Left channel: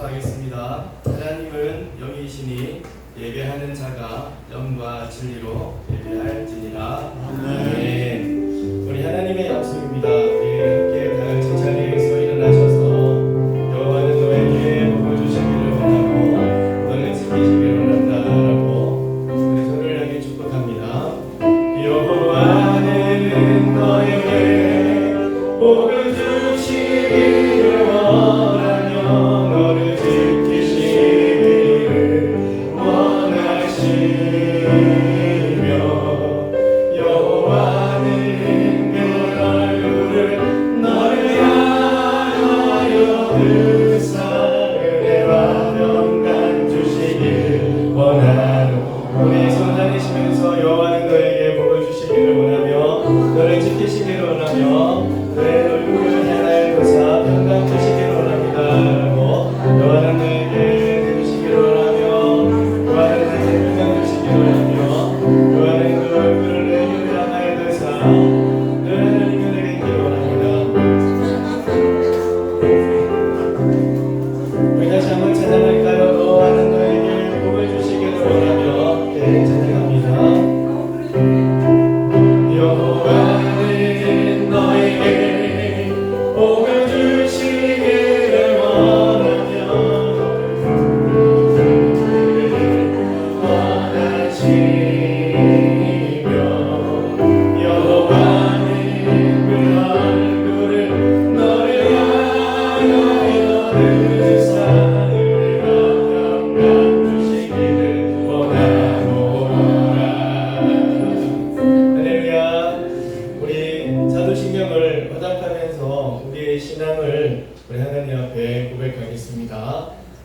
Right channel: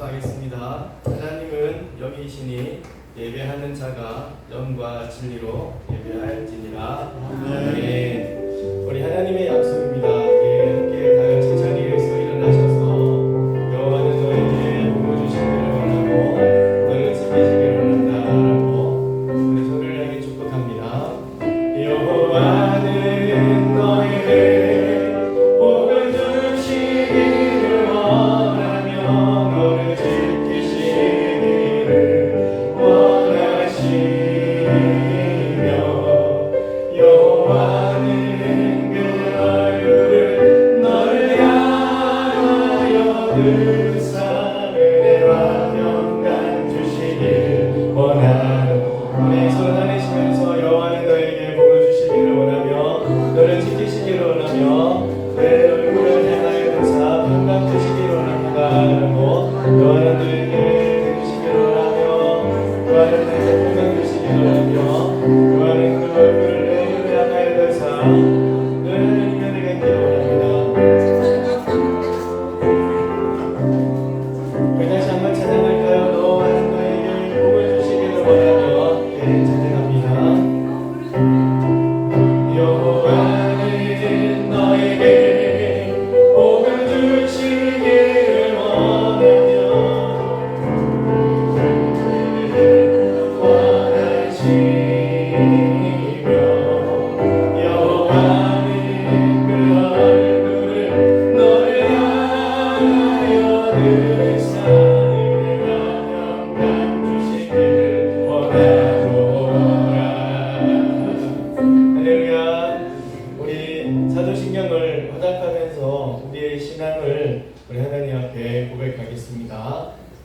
선포하겠습니다. 하나님은 영이시니 예배하는 자가 영과 진리로 예배할지니라. 아멘. 우리 하나님의 약속입니다. 우리 함께 다 같이 자리에서 일어나셔서 여호와는 너에게 복을 주시기를 원하고 너를 지키시기를 원한다라고 우리 손을 향해 축복합니다. 여호와는 너에게 복을 주시기를 원하며 너를 지키시기를 원하시며 여호와는 그 얼굴을 너를 향하여 드사 은혜와 평강 주시기를 원하노. 우리 손 내리시면서 여호와는 너에게 복을 주시기를 원하며 너를 지키시기를 원하며 내 얼굴을 향하여 드사 평강 주시기를 원합니다. 여호와는 너에게 해주시기를 원하며 여호와는 내게 평강 주시기를 원하며 여호와는 그 얼굴을 내게 향하여 드사 너를 인연에게 있기를 원합니다. 우리 다시 한번 찬양할까요? 여호와는 너에게 복을 주시기를 원하며 찬양합니다. 여호와는 너에게 복을 주시기를 원하며 원하시며 여호와는 그 얼굴을 너를 향하여 드사 은혜와 평강 주시기를 원하노라. 할렐루야. 우리 사도신경을 허락하면서 우리의 신앙을 우리 하나님 앞에 고백하겠습니다.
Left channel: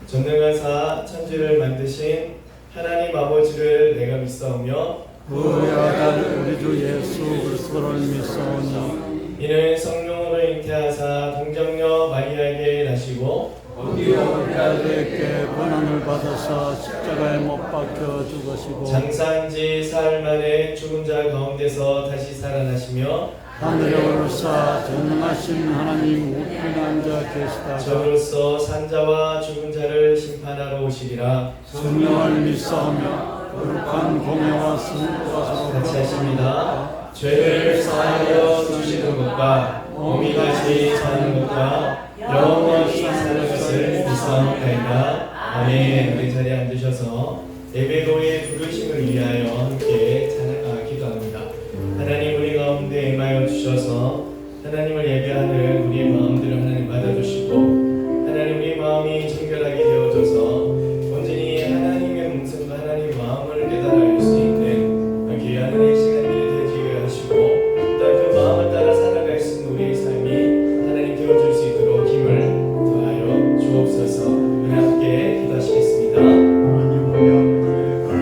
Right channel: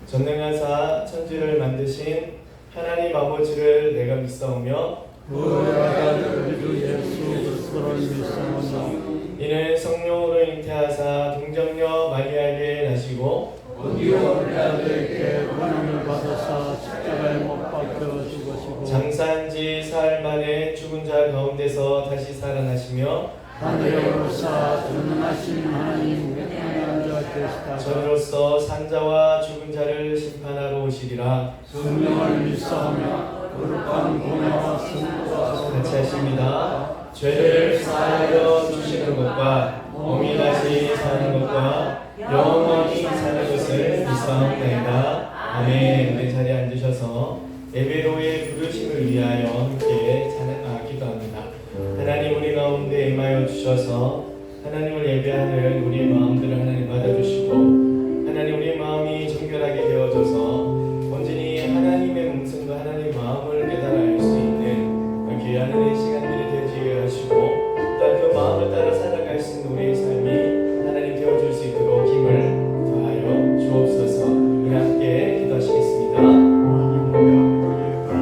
전능하사 천지를 만드신 하나님 아버지를 내가 믿사오며 부활하신 우리 주 예수 그리스도를 믿사오니 이는 성령으로 잉태하사 동정녀 마리아에게 나시고 우리의 아들에게 고난을 받아사 십자가에 못 박혀 죽으시고 장사한 지 사흘 만에 죽은 자 가운데서 다시 살아나시며 하늘에 오르사 전능하신 하나님 우편에 앉아 계시다가 저로서 산자와 죽은 자를 심판하러 오시리라. 성령을 믿사오며 거룩한 공예와 승부가 서로 같이 하십니다. 죄를 사하여 주시는 것과 몸이 다시 사는 것과 영원히 사는 것을 믿사옵나이다. 아멘. 내 자리에 앉으셔서 예배로의 부르심을 위하여 함께 기도합니다. 하나님 우리 가운데 임하여 주셔서 하나님을 예배하는 우리 마음들을 하나님 받아주시고 하나님 우리 마음이 정결하게 되어져서 온전히 하나님의 목숨과 하나님의 마음을 깨달아 수 있는 귀한 은혜의 시간들이 되게 하시고 또 그 마음을 따라 살아갈 수 있는 우리의 삶이 하나님 되어줄 수 있도록 힘을 더하여 주옵소서. 우리 함께 기도하시겠습니다. 하나님 우리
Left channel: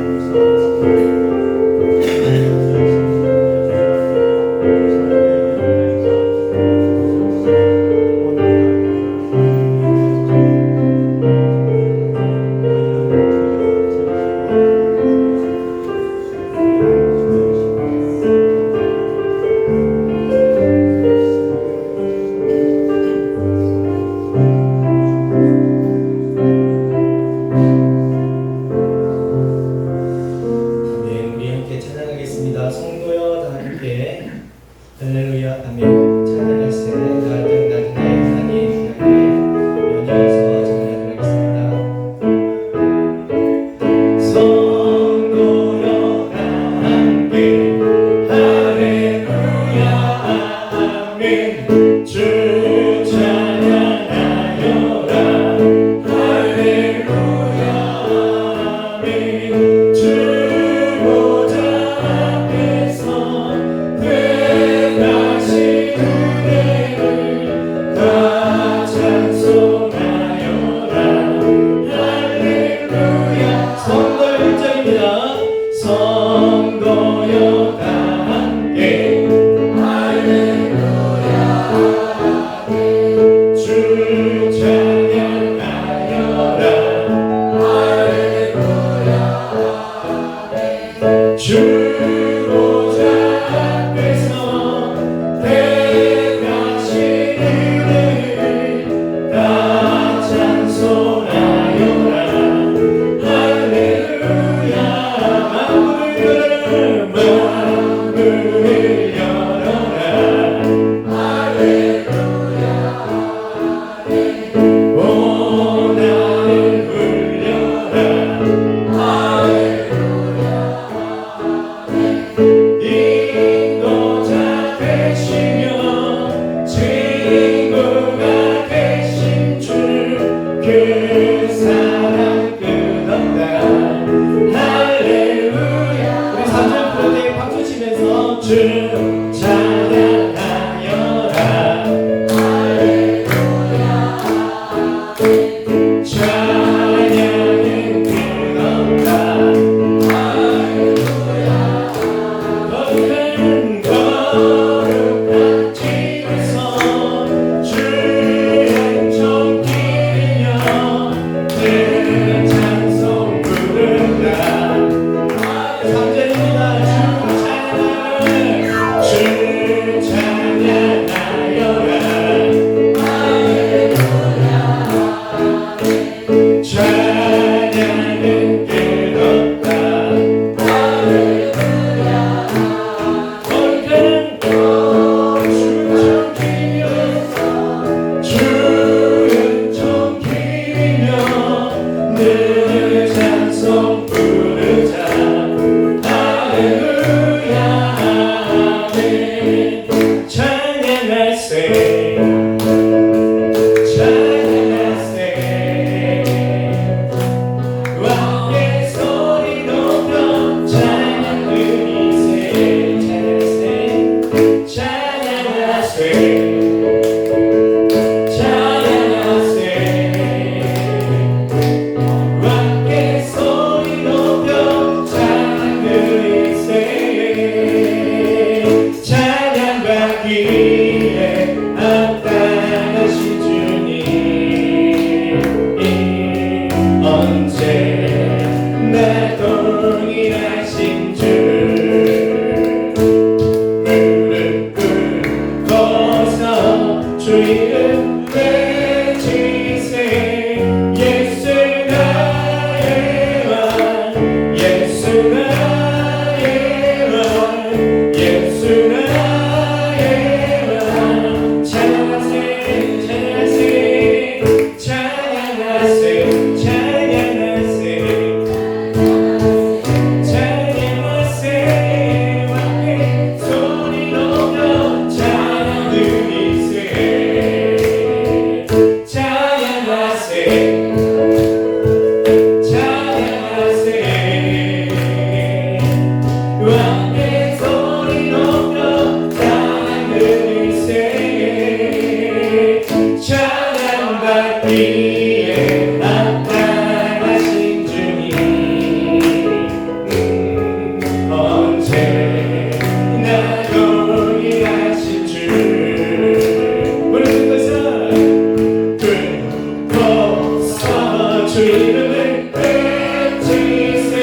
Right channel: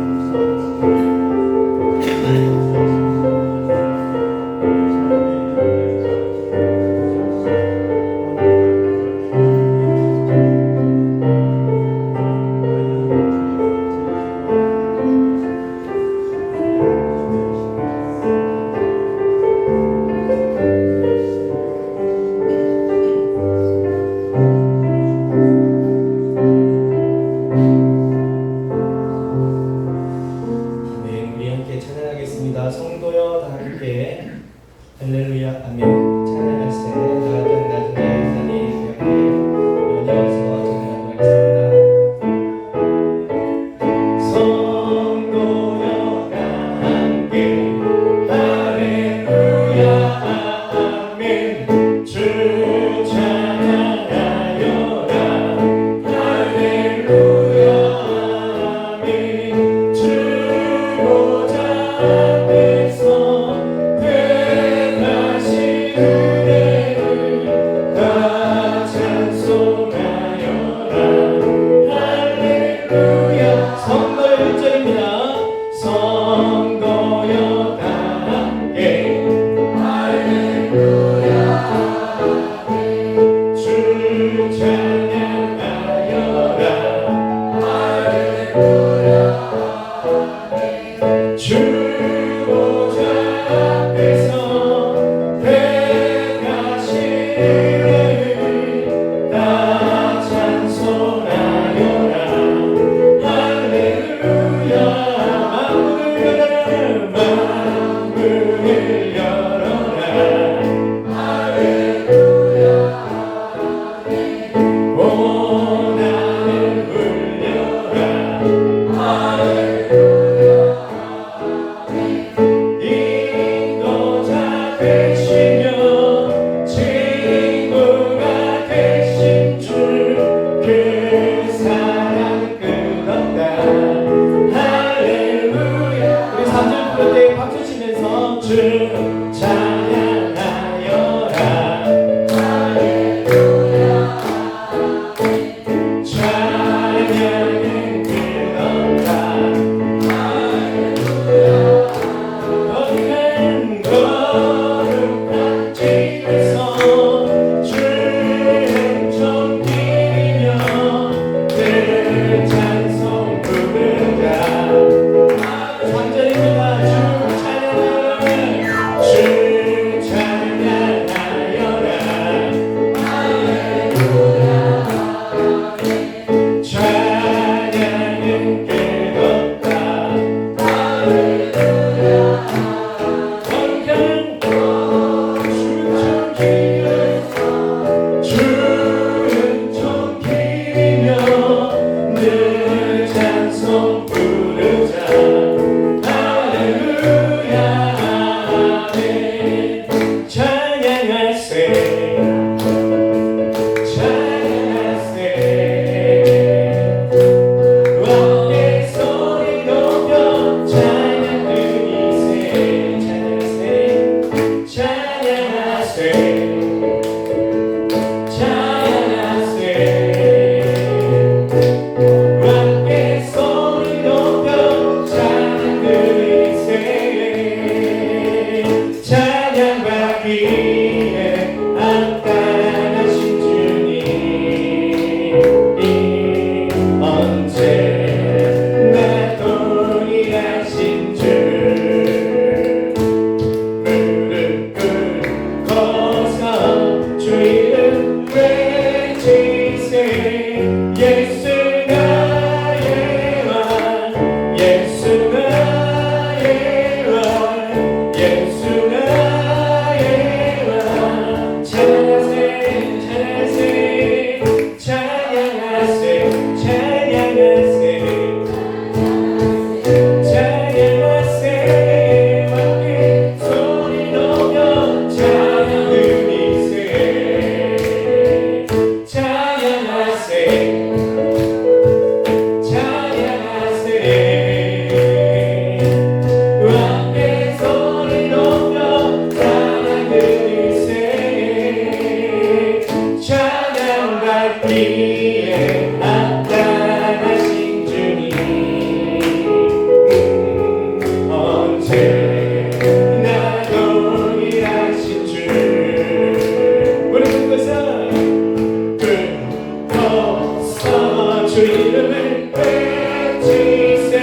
이름을 외치세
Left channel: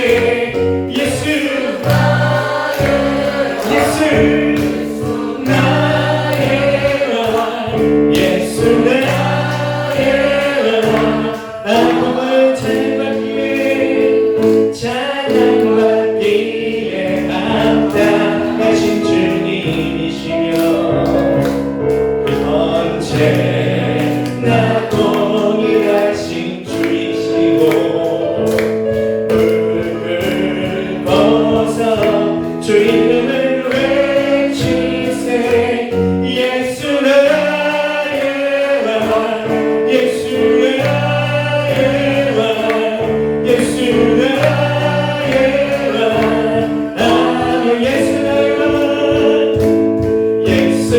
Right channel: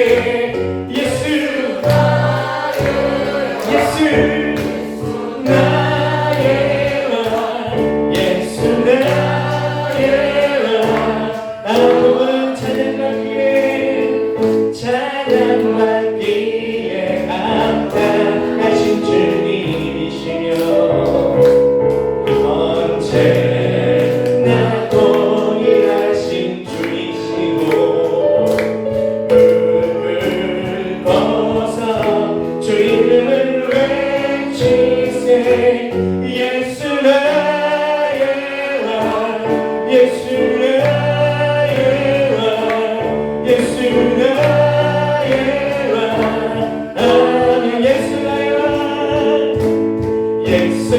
예수 예수 나의 왕 예수 나의 왕 아무은 찬양받기에 찬양받기에 합당하신 주님이시며 언제나 동일하신 주이시고 무릎을 벗어 주 이름을 외치세 예수 나의 왕 예수 나의 왕 예수 나의 왕 아멘 예수 나의 왕 예수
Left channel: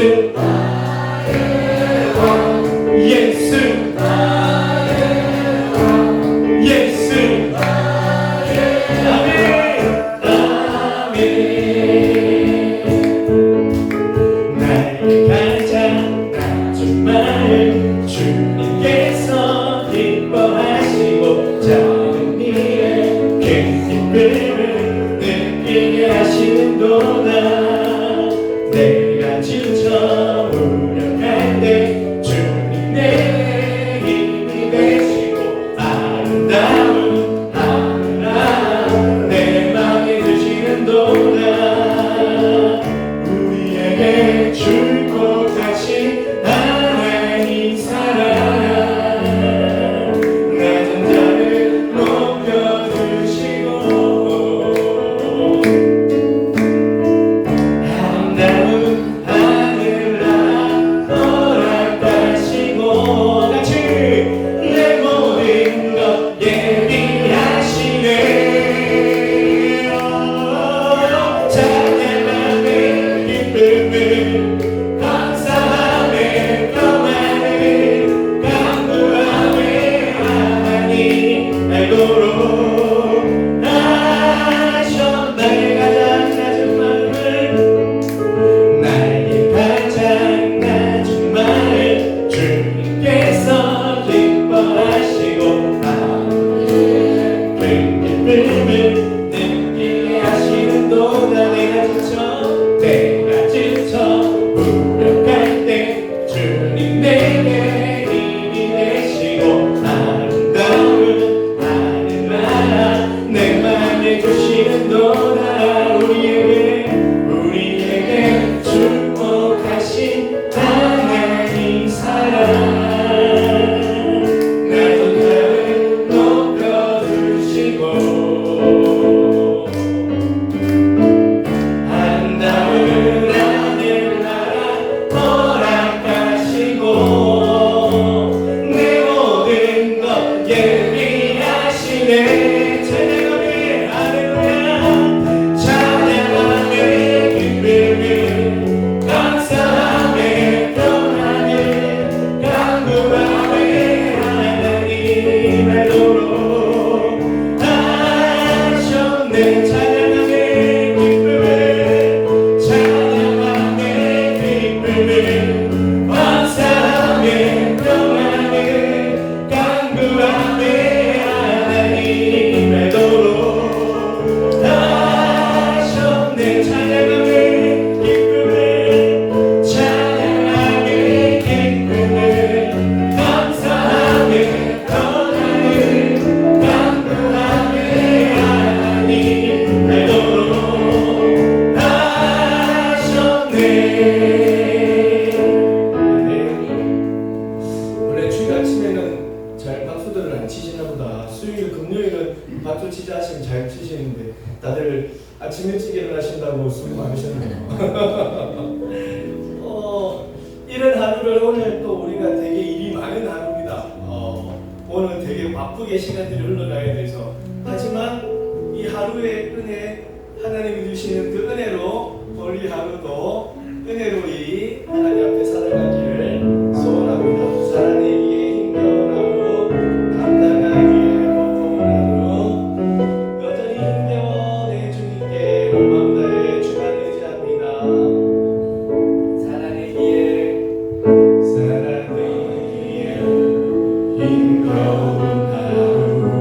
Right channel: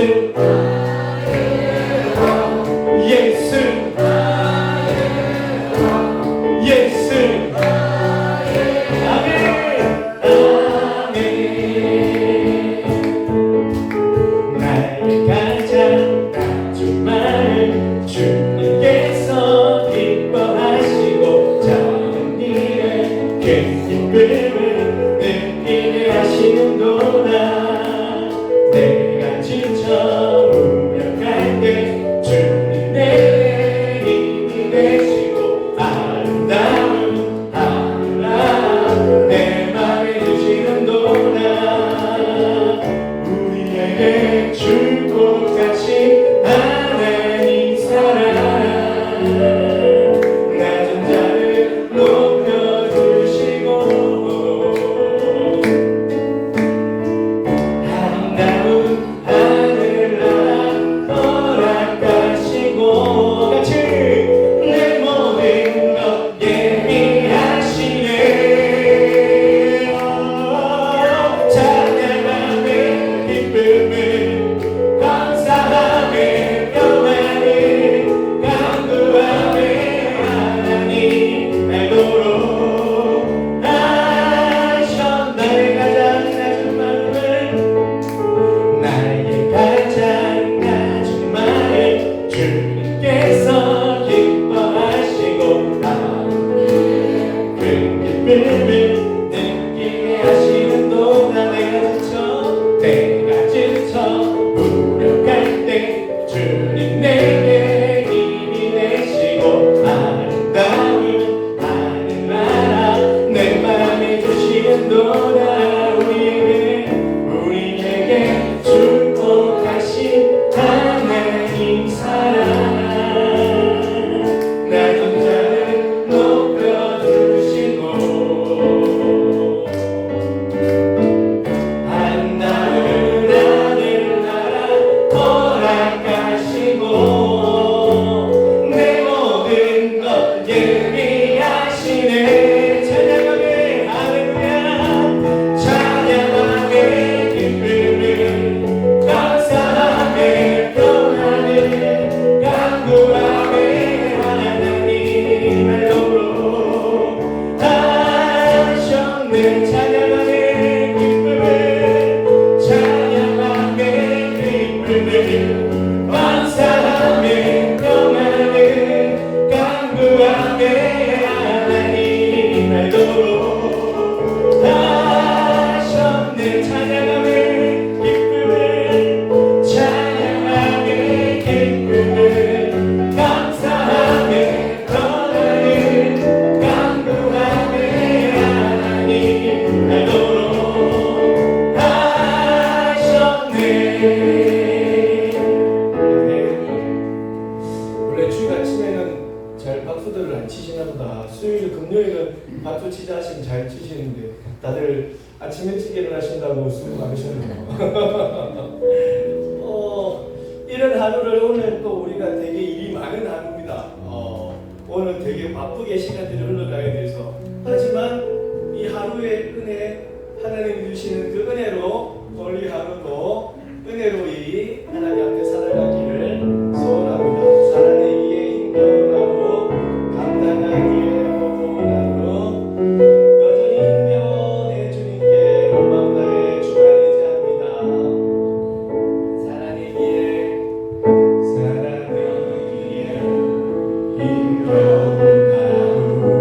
예수 예수 아멘 아멘 나의 가장 낮은 말을 주님께서 기뻐하시고 작은 일에 큰 기쁨을 느끼게 하시는도다 내가 지쳐 무력할 때 주님 내게 힘이 되시고 아름다운 하늘나라 내 맘에 주시는도다 우리에게 주고 가신 하나님 사랑 낮은 자를 높여주시고 아름다운 하늘나라 허락하시고 같이 내 모든 것 예비하시네 찬양함에 기쁨을 감사함에 평안을 간구함에 하나님 알도록 하셨네 나의 가장 낮은 말을 주님께서 기뻐하시고 큰 기쁨을 느끼게 하시는도다 내가 지쳐 무력할 때 주님 내게 힘이 되시고 아름다운 하늘나라 내 맘에 주시는도다 우리에게 축복하신 하나님 사랑 낮은 자를 높여주시고 아름다운 하늘나라 허락하시고 내 모든 것 예비하시네 찬양하며 할렐루야 찬양하며 기쁨을 감사하며 평안을 간구하며 하나님 알도록 하셨네 찬양하며 기쁨을 찬양하며 기쁨을 감사하며 평안을 간구하며 하나님 알도록 하셨네 찬양하며 기쁨을 찬양하며 기쁨을 감사하며 평안을 간구하며 하나님 알도록 하셨네 원래 주일 아침에는 잘 박수들을 안 치시나 보다 수요일 금요일은 박수 치자 하시면 잘 치시는데 다들 아침 일찍 일어나신다고 수고 많으셨네요 이런 하루를 오늘 또 우리가 되게 일이 많은 하루입니다 오늘 되게 바쁘게 시간들이 흘러가야 돼서 하지만 이 하루의 은혜 하나님이 주시는 그 은혜로 오늘 이 하루도 은혜로이 하나님 앞에 살아가기를 소원합니다 살아내기에 힘겨운 하루 감당하기에 어려운 하루 여전히 힘겨운 내 주님께 온 마음 다해 주만 의지합니다 살아내기에 힘겨운 하루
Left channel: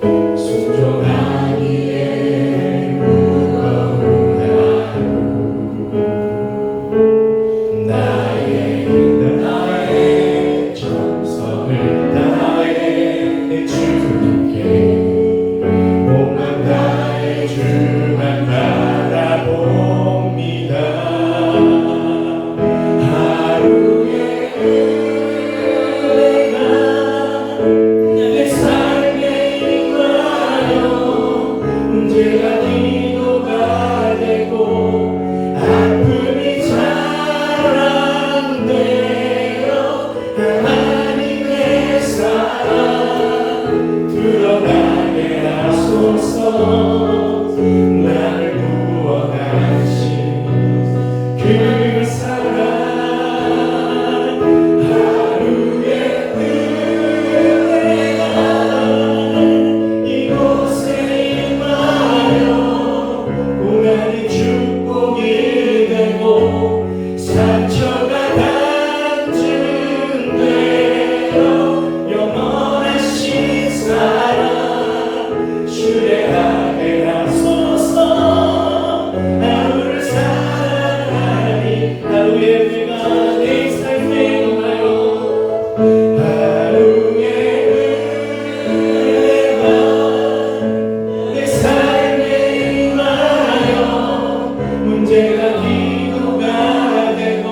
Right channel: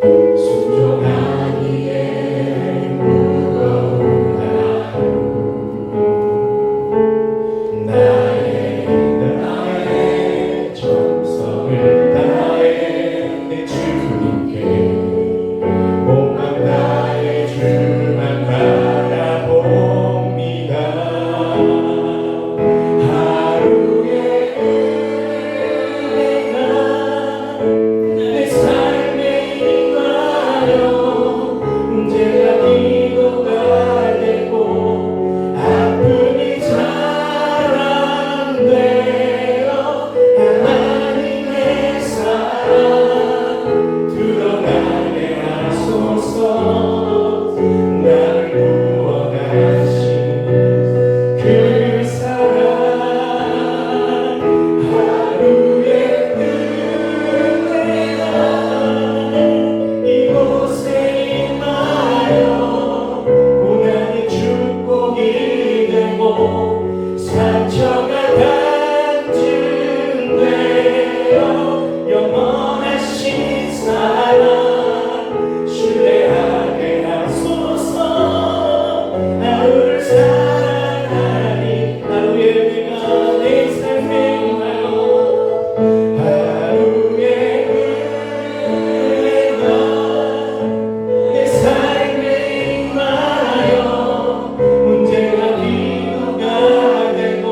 순종하기에 무거운 하루 나의 정성을 다해 주님께 몸만 다해 주만 바라봅니다. 하루의 은혜가 내 삶에 임하여 문제가 위로가 되고 아픔이 자랑되어 하나님의 사랑 드러나게 하소서. 나를 구원하신 그 사랑 하루의 은혜가 이곳에 임하여 고난이 축복이 되고 상처가 간증되어 영원하신 사랑 신뢰하게 하소서. 하루를 살아가니 하루의 은혜가 내 삶에 임하여 하루의 은혜가 내 삶에 임하여 문제가 위로가 되고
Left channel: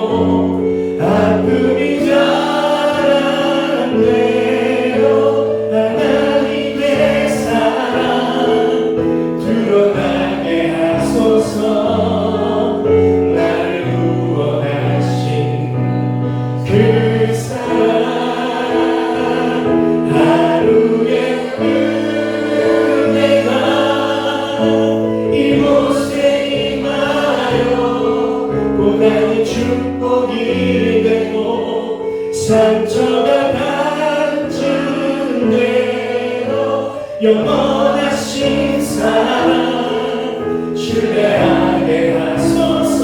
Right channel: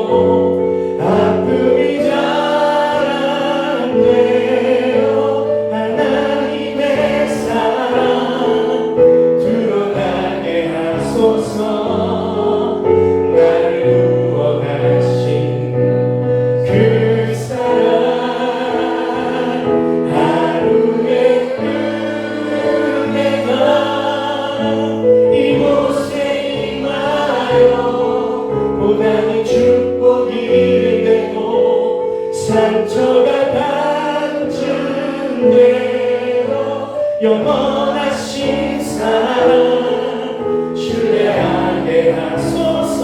아픔이 자랑되어 하나님의 사랑 드러나게 하소서. 나를 구원하신 그 사랑 하루의 은혜가 이곳에 임하여 고난이 축복이 되고 상처가 간증되어 영원하신 사랑 신뢰하게 하소서.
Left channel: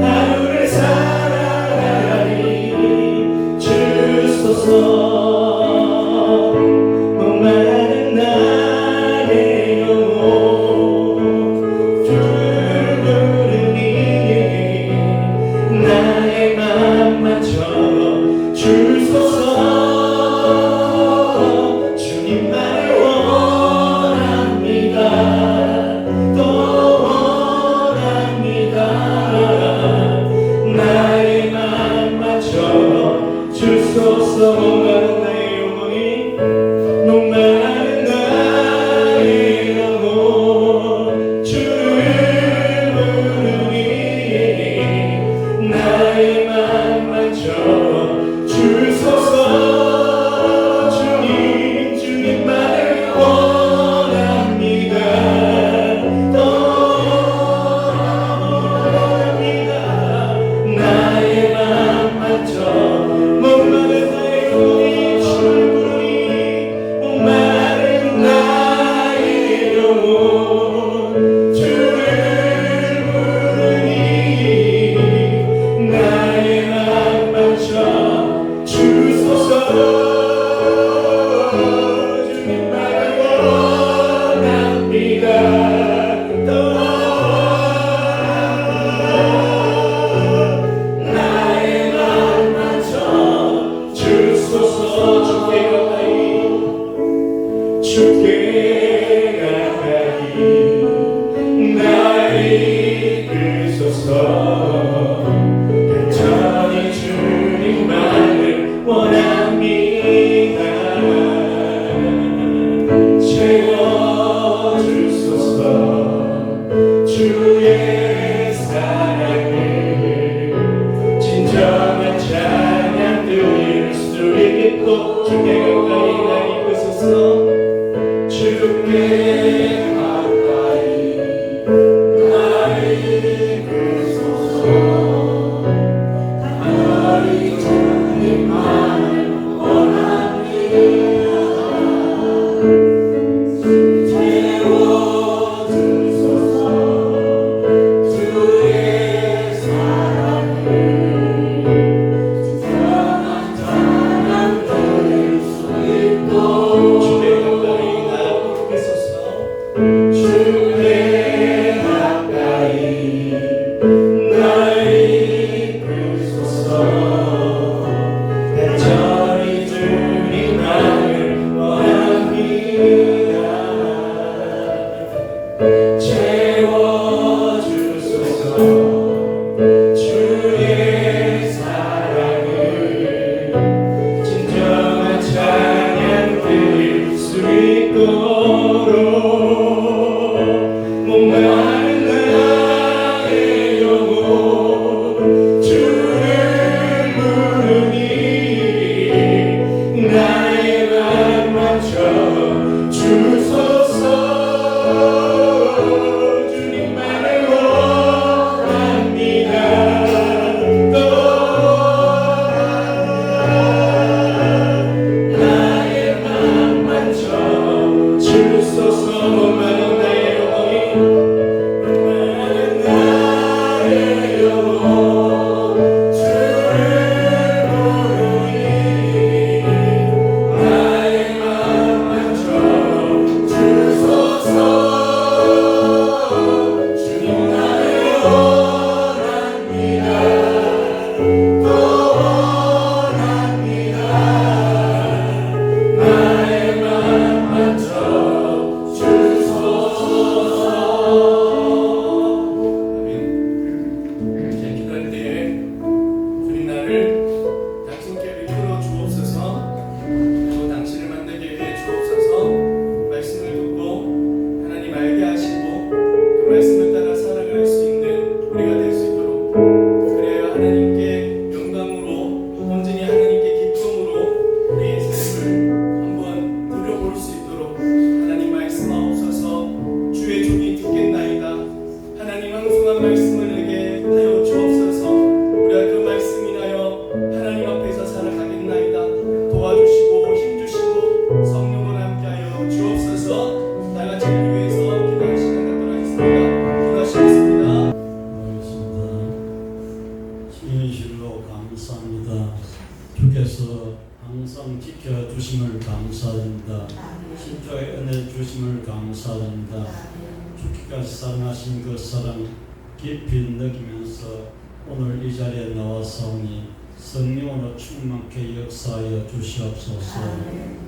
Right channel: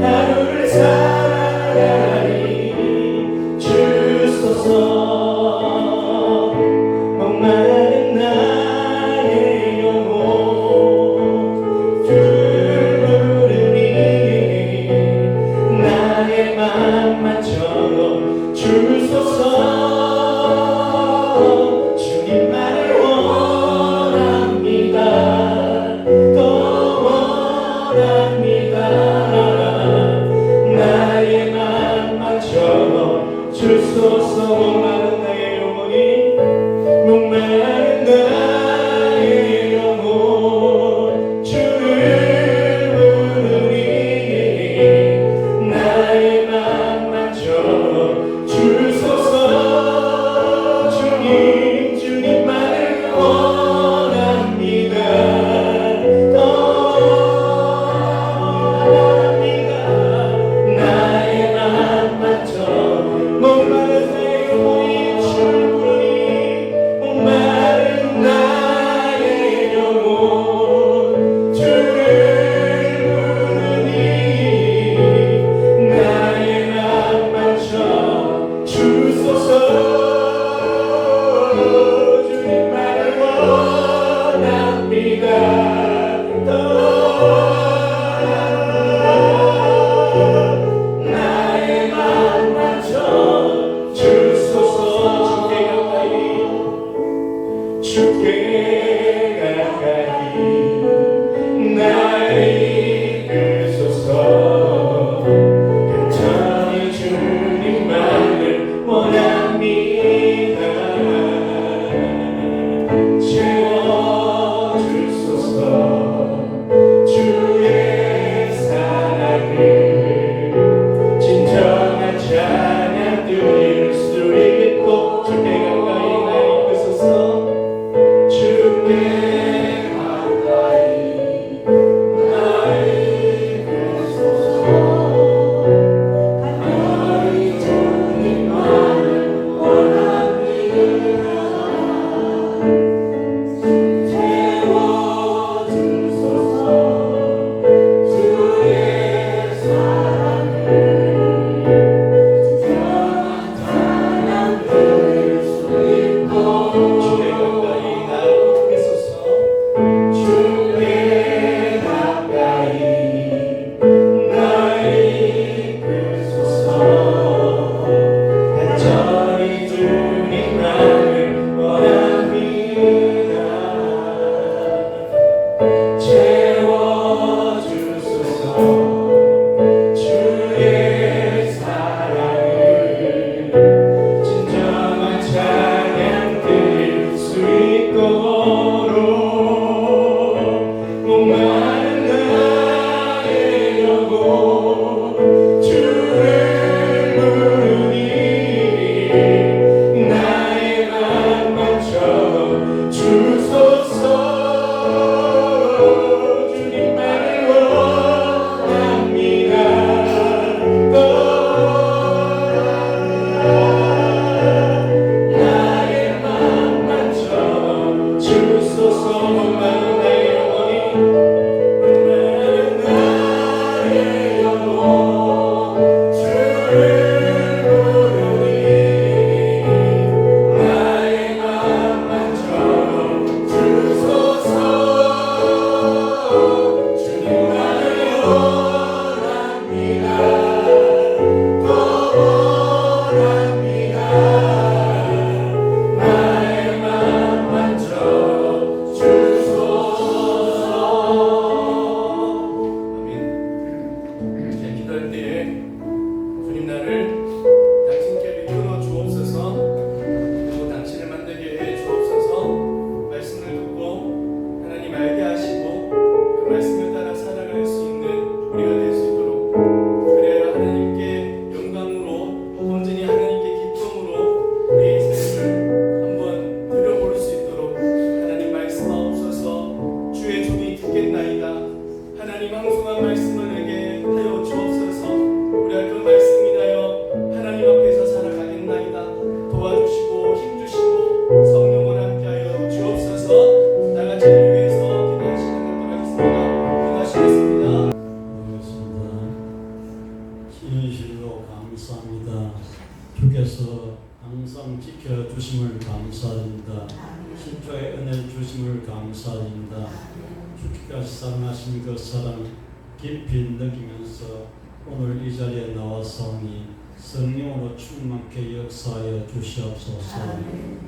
하루를 살아가니 주소서. 목마른 나의 영혼 부르니 나의 맘만처럼 주소서. 주님만을 원합니다. 또 원합니다. 나의 맘만처럼 주소서. 목마른 나의 영혼이 목마른 나의 영혼 주를 부르니 나의 맘만처럼 주소서. 주님만을 원합니다. 더 원합니다. 나의 맘만처럼 목마른 나의 영혼이 주를 부르니 목마른 나의 영혼 주를 부르니 나의 맘만처럼 주소서. 주님만을 원합니다. 더 나의 맘만처럼 주소서. 주께 가까이 나를 이끌소서. 간절히 주님만을 원합니다. 채워주소서. 주의 사랑을 진정한 찬양 드릴 수 있고 주께 가까이 나 이끄소서. 주께 가까이 나 이끄소서. 간절히 주님만을 원합니다. 채워주소서. 주의 사랑을 진정한 찬양 드릴 수 있고 주께 가까이 주소서 주님만을 원합니다. 나의 맘 만져 주소서. 나의 영혼이 나의 영혼 주를 부르니 나의 맘 만져 주소서. 주님만을 원합니다. 더 원합니다. 나의 맘 만져 주소서. 아멘. 이제 기도할 때에 주님 나를 당신께로 이끌어 주옵소서. 그리고 당신을 만들게 해 주옵소서. 말씀을 듣고 하나님 알게 하시고 그 말씀을 따라 살아갈 수 있는 우리가 될 수 있도록, 그래야 하나님께 영광으로 온전히 하나님께 기쁨으로 우리의 삶을 한번 들어볼 수 있도록 하나님 말씀하옵소서. 주의 종이 듣겠나이다. 하나님 황송한 말씀을 내게 하여 주옵소서. 우리가 그 말씀 인하여 하나님 앞에서 살아가겠나이다. 도와주시고 힘주시고 성령을 함께하여 주옵소서. 다같이 위해서 기도할 시간 갖도록 하겠습니다. 기도하시겠습니다. 진실로 감사합니다. 주께서 항상 지켜주심을 감사드립니다. 십자의 은혜 주심을 감사드립니다. 죽기까지 사랑하신 그 사랑 깊이 느끼면서 오늘 이 자리에 나와서니 성령으로 충만케 역사하여 주시옵소서.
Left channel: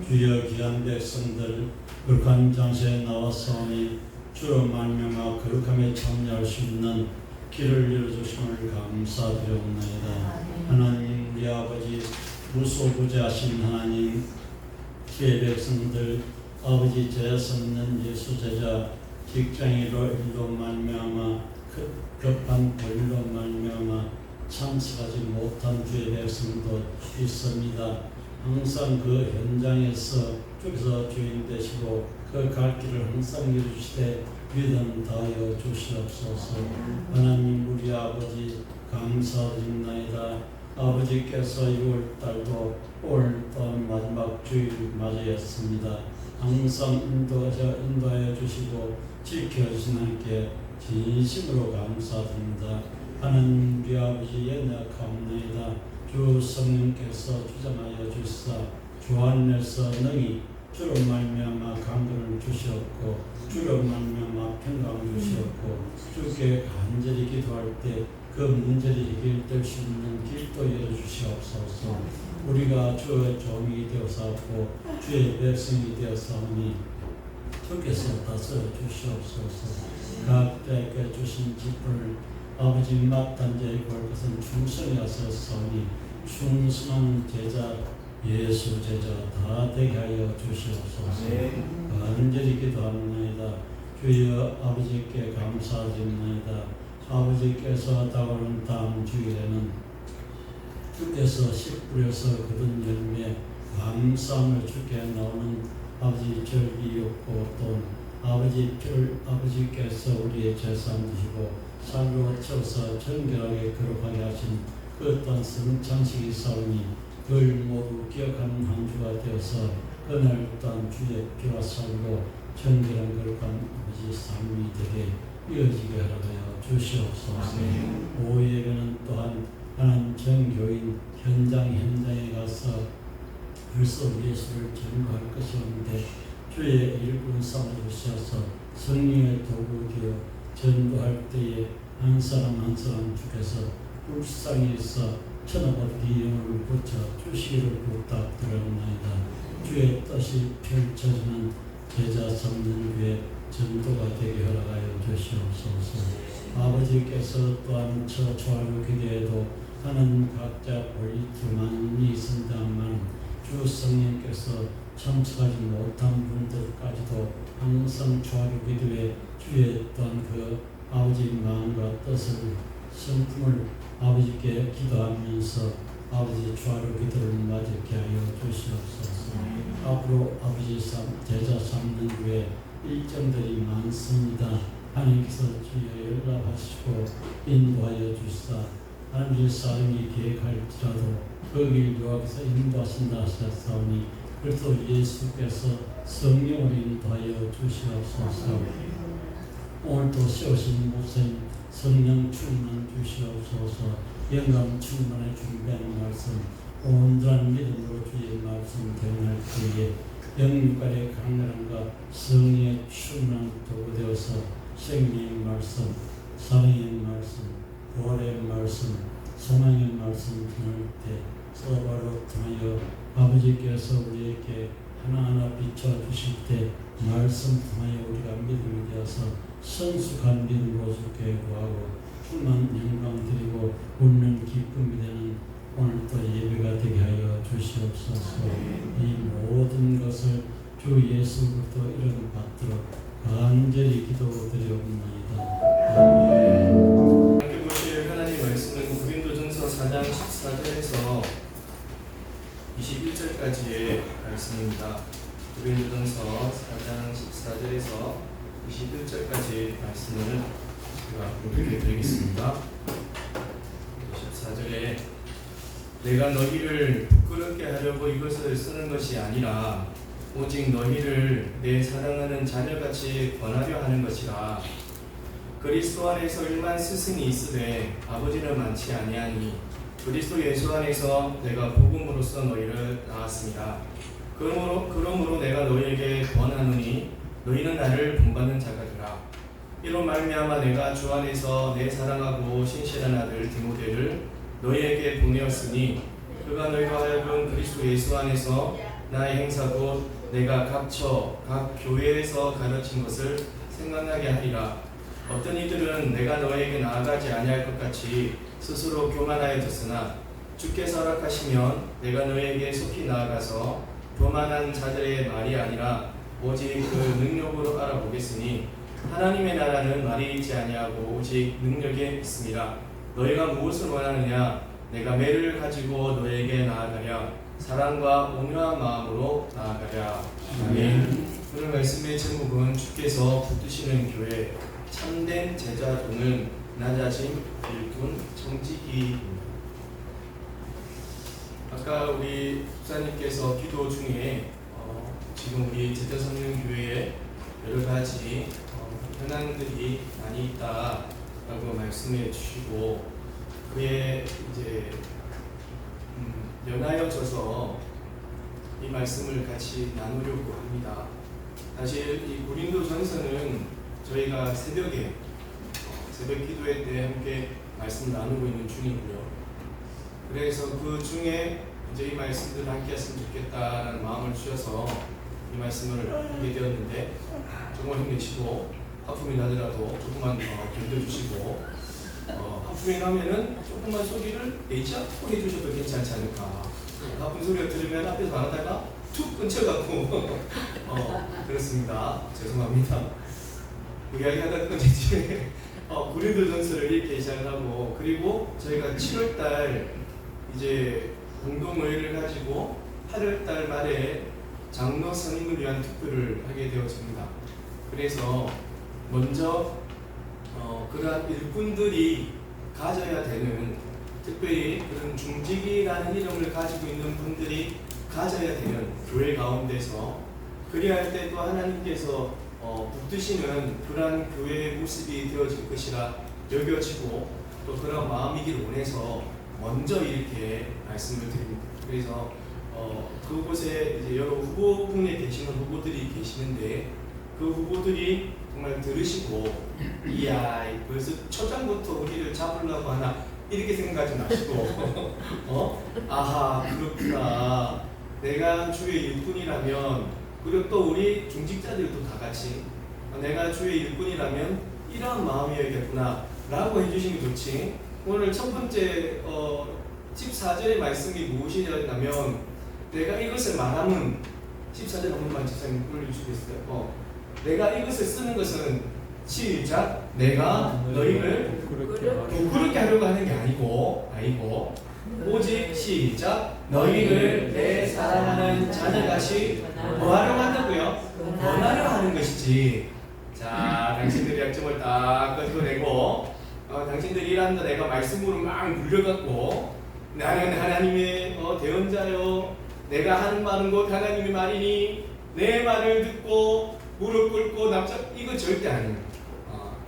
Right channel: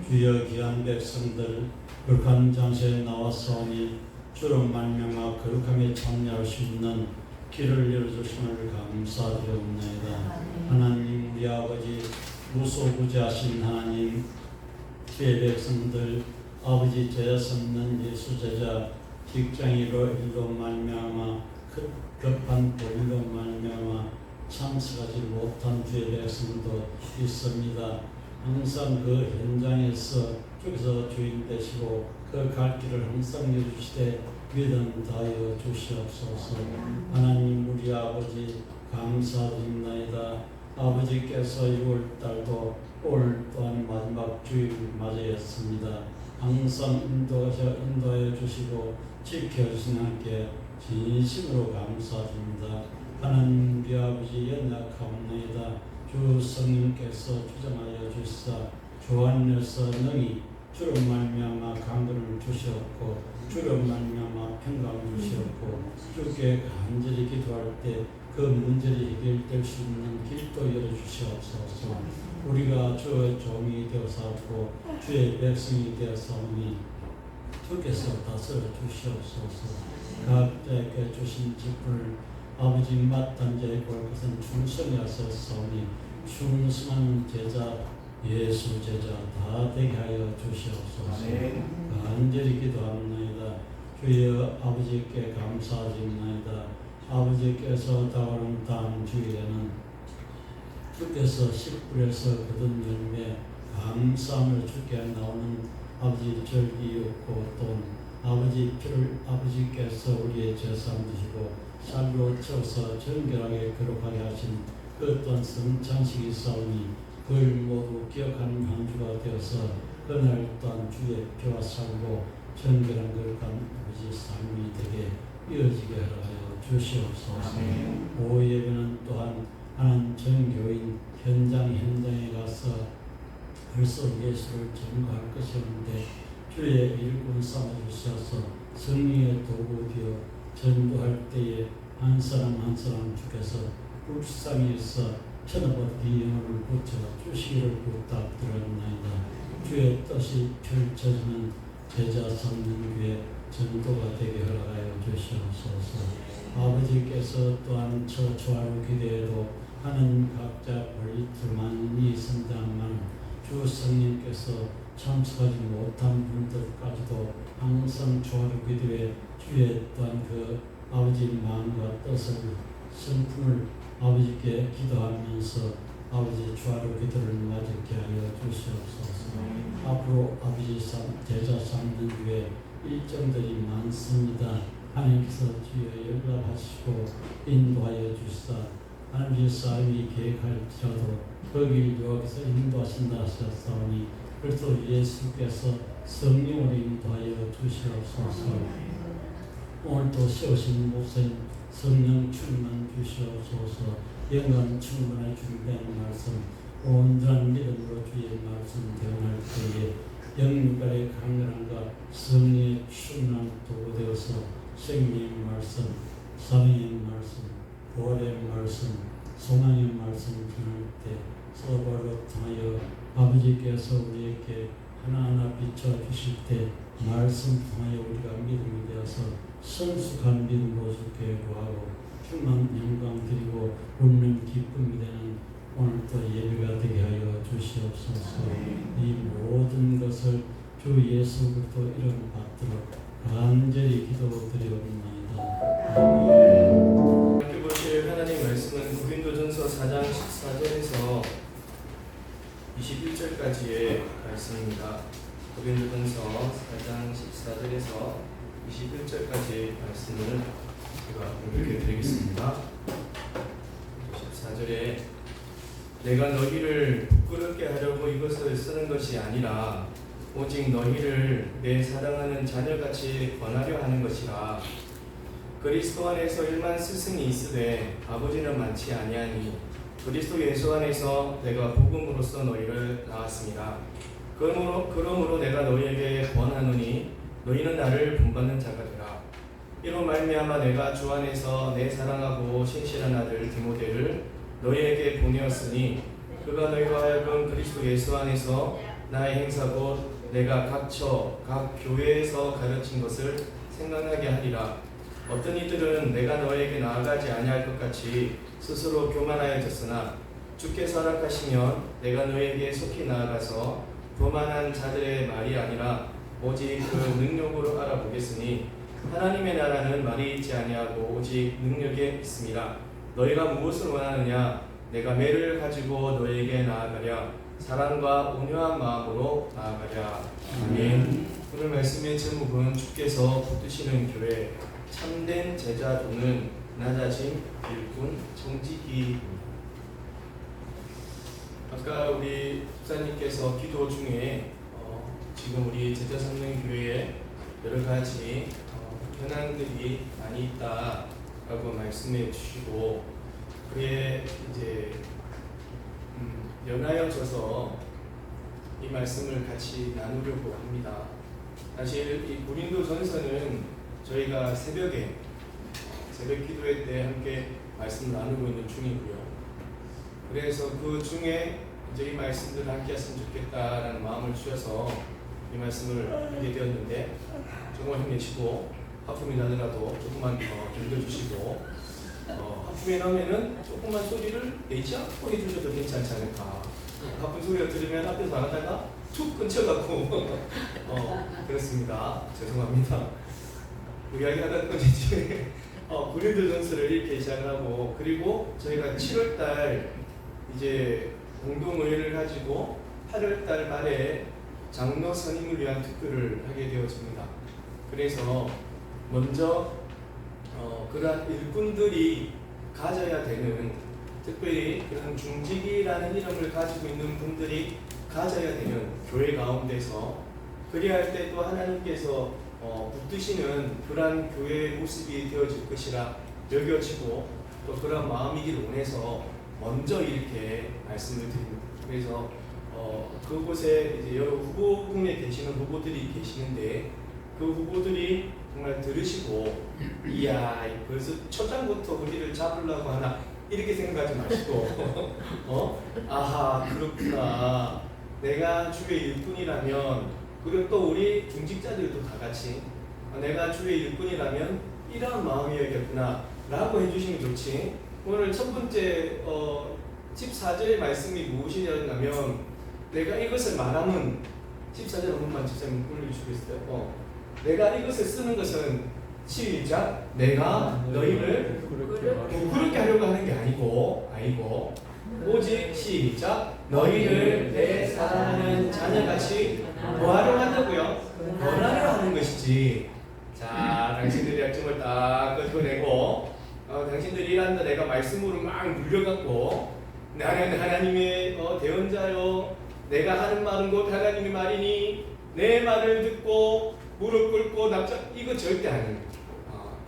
주여 귀한 백성들 거룩한 장소에 나와서니 주로 말미암아 거룩함에 참여할 수 있는 길을 열어주심을 감사드리옵나이다. 하나님 우리 아버지 무소부재하신 하나님, 주의 백성들 아버지 죄성있는 예수 제자 직장이로 일로 말미암아 급한 일로 말미암아 참석하지 못한 주의 백성도 있습니다. 항상 그 현장에서 주께서 주인 되시고 그 갈 길을 항상 열어주시되 믿음 다하여 주시옵소서. 하나님 우리 아버지 감사드립나이다. 아버지께서 6월달도 오늘 또한 마지막 주일 맞이했습니다. 항상 인도하여 주시고 지켜주신 하나님께 진심으로 감사드립니다. 하나님 우리 아버지 연약하옵나이다. 주 성령께서 주장하여 주시사 주 안에서 능히 주로 말미암아 강건을 주시옵고 주로 말미암아 평강을 주시옵고 주께 간절히 기도할 때 그 문제를 해결될 수 있는 길도 열어주시옵소서. 우리가 주의 종이 되어서고 주의 백성이 되어서니 주께서 다스려 주시옵소서. 각자에게 주신 집을 아버지 마땅히 볼 것은 충성히 하셨사오니 충성한 제자 예수 제자 다 되게 하여 주시옵소서. 간절히 기도합니다. 주여 아버지께 감사드립니다. 아버지께서 다가오는 다음 주일에는 주께서 씨뿔에서 거둔 열매 감사함을 주께 나오는 아버지 절기였고 또 아버지께서 우리의 재산 되시고 살로 채워서 정결하게 거룩하게 하신 그 어떤 성찬식이 있사오니 그걸 모두 기억하는 한 주가 되어서 그날 또한 주의 피와 살로 정결한 거룩한 아버지 삶이 되게 이어지게 하여 주시옵소서. 오후 예배는 또한 하나님 정교인 현장에 가서 그리스도 예수를 전거할 것이었는데 주의 일꾼 삼아주셔서 성령의 도구 되어 전도할 때에 한 사람 한 사람 주께서 불쌍히서 천하고 비영을 붙여 주시기를 부탁드렸나이다. 주의 뜻이 펼쳐지는 제자 성령 위에 전도가 되게 허락하여 주시옵소서. 아버지께서 또한 저 초하루 기도에도 하는 각자 볼트만이 성장만 주 성령께서 참석하지 못한 분들까지도 항상 초하루 기도에 주의 또한 그 아버지 마음과 뜻을 성품을 아버지께 기도하면서 아버지 초하루 기도를 맞게 하여 주시옵소서. 앞으로 아버지 제자 삼는 후에 일정들이 많습니다. 하나님께서 주여 연락하시고 인도하여 주시사 하나님의 사람이 계획할지라도 거길 여호와께서 인도하신다 하셨사오니 그리스도 예수께서 성령으로 인도하여 주시옵소서. 오늘도 세우신 목생 성령 충만 주시옵소서. 영광 충만에 준비하는 말씀 온전한 믿음으로 주의 말씀 대응할 때에 영육간의 강렬함과 성령의 충만한 도구 되어서 생명의 말씀, 사랑의 말씀, 부활의 말씀, 소망의 말씀 전할 때 서바로 통하여 아버지께서 우리에게 하나하나 비춰주실 때 말씀 통하여 우리가 믿음이 되어서 선숙한 믿음으로 주께 구하고 충만 영광 드리고 웃는 기쁨이 되는 오늘도 예배가 되게 하여 주시옵소서. 이 모든 것을 주 예수 그리스도 이름 받도록 간절히 기도드리옵나이다. 아멘. 함께 보실 하나님 말씀은 고린도전서 4장 14절에서 21절까지의 말씀입니다. 고린도전서 4장 14절에서 21절까지의 말씀을 제가 공부해 드리겠습니다. 14절에 내가 너희를 부끄럽게 하려고 이것을 쓰는 것이 아니라 오직 너희를 내 사랑하는 자녀같이 권하려 하는 것이라. 그리스도 안에서 일만 스승이 있으되 아버지는 많지 아니하니 그리스도 예수 안에서 내가 복음으로써 너희를 낳았습니다. 그러므로 내가 너희에게 권하노니 너희는 나를 본받는 자가 되라. 이로 말미암아 내가 주 안에서 내 사랑하고 신실한 아들 디모데를 너희에게 보내었으니 그가 너희가 하여금 그리스도 예수 안에서 나의 행사고 내가 각 교회에서 가르친 것을 생각나게 하리라. 어떤 이들은 내가 너에게 나아가지 아니할 것 같이 스스로 교만하여졌으나 주께서 허락하시면 내가 너에게 속히 나아가서 교만한 자들의 말이 아니라 오직 그 능력으로 알아보겠으니 하나님의 나라는 말이 있지 아니하고 오직 능력에 있습니다. 너희가 무엇을 원하느냐? 내가 매를 가지고 너에게 나아가랴. 사랑과 온유한 마음으로 나아가랴. 아멘. 오늘 말씀의 제목은 주께서 붙드시는 교회 참된 제자 도는 낮아짐 일꾼 정직이. 아까 우리 목사님께서 기도 중에 지금 우리 제자 삼는 교회에 여러 가지 현안들이 많이 있다라고 말씀해 주시고 그에 이제 연하여져서 이 말씀을 같이 나누려고 합니다. 사실 이 고린도전서는 저희가 새벽 기도회 때 함께 말씀 나누고 있는 중이고요. 그래서 그 중에 이제 이 말씀들을 함께 했으면 좋겠다라는 마음을 주셔서 이 말씀을 하게 되었는데 조금만 힘내시고 하품이 나더라도 조금만 견뎌주시고 하품이 나면은 조금만 소리를 내지 않고 해주셔도 괜찮지 않을까. 하품 소리를 들으면 앞에서 말하다가 툭 끊쳐갖고 그렇습니다. 죄송합니다. 그 이야기하던 건지 고린도전서를 이렇게 시작을 하고 그리고 저희가 7월달 이제 공동의회를 가지고 8월달 말에 장로 선임을 위한 투표를 하게 되었습니다. 그래서 먼저 그러한 일꾼들이 가져야 되는, 특별히 그런 중직이라는 이름을 가지고 있는 분들이 가져야 되는 교회 가운데서 그래야 할 때 또 하나님께서 붙드시는 그러한 교회의 모습이 되어질 것이라 여겨지고 또 그런 마음이기를 원해서 먼저 이렇게 말씀을 드립니다. 그래서 그곳에 이제 여러 후보군에 계시는 후보들이 계시는데 그 후보들이 정말 들으시고 이야 벌써 초장부터 우리를 잡으려고 하나 이렇게 생각하지 마시고 아하 그렇구나, 내가 주의 일꾼이라면, 그리고 또 우리 중직자들도 다 같이 내가 주의 일꾼이라면 이러한 마음이어야겠구나 라고 해주시면 좋지. 오늘 첫 번째 14절의 말씀이 무엇이냐면 내가 이것을 말하면 14절 한 번만 집사님 올려주시겠어요? 내가 이것을 쓰는 것은 시작 내가 너희를 부끄럽게 하려고 하는 게 아니고 오직 시작 너희를 내 사랑하는 자녀같이 뭐하려 한다고요? 권하려 하는 것이지. 자, 당신들이 약점을 딱 끄집어내고 당신들이 일한다 내가 말씀으로 막 물려갖고 나는 하나님의 대언자요, 내가 하는 말은 곧 하나님의 말이니 내 말을 듣고 무릎 꿇고 납작, 이거 절대 아니에요.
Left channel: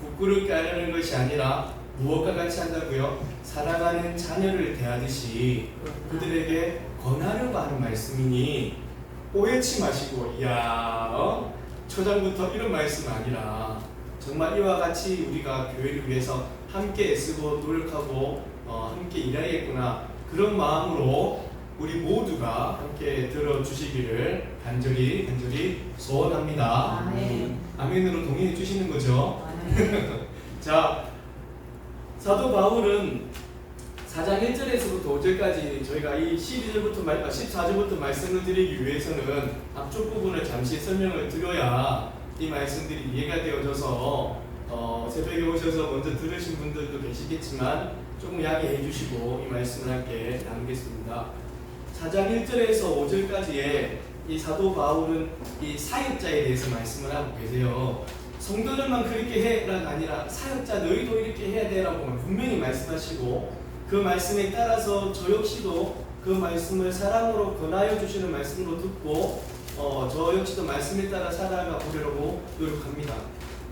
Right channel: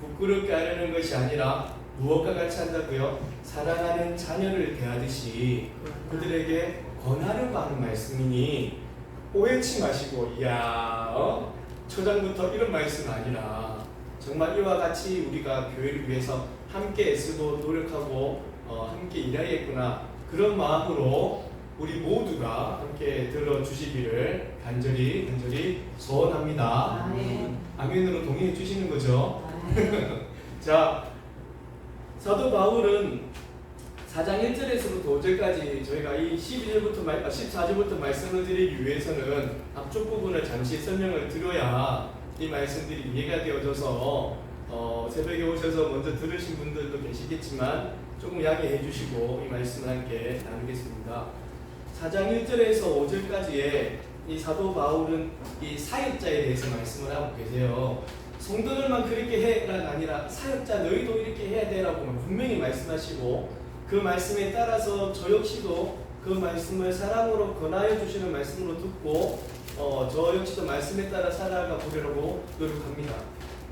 부끄럽게 하려는 것이 아니라 무엇과 같이 한다고요? 사랑하는 자녀를 대하듯이 그들에게 권하려고 하는 말씀이니 오해치 마시고, 이야, 초장부터 이런 말씀 아니라 정말 이와 같이 우리가 교회를 위해서 함께 애쓰고 노력하고 함께 일해야겠구나, 그런 마음으로 우리 모두가 함께 들어주시기를 간절히 소원합니다. 아멘으로 동의해 주시는 거죠? 자, 사도 바울은 4장 1절에서부터 5절까지 저희가 이 14절부터 말씀을 드리기 위해서는 앞쪽 부분을 잠시 설명을 드려야 이 말씀들이 이해가 되어져서 새벽에 오셔서 먼저 들으신 분들도 계시겠지만 조금 양해해 주시고 이 말씀을 함께 나누겠습니다. 4장 1절에서 5절까지의 이 사도 바울은 이 사역자에 대해서 말씀을 하고 계세요. 성도들만 그렇게 해라가 아니라 사역자 너희도 이렇게 해야 되라고 분명히 말씀하시고, 그 말씀에 따라서 저 역시도 그 말씀을 사랑으로 권하여 주시는 말씀으로 듣고 저 역시도 말씀에 따라 살아가 보려고 노력합니다.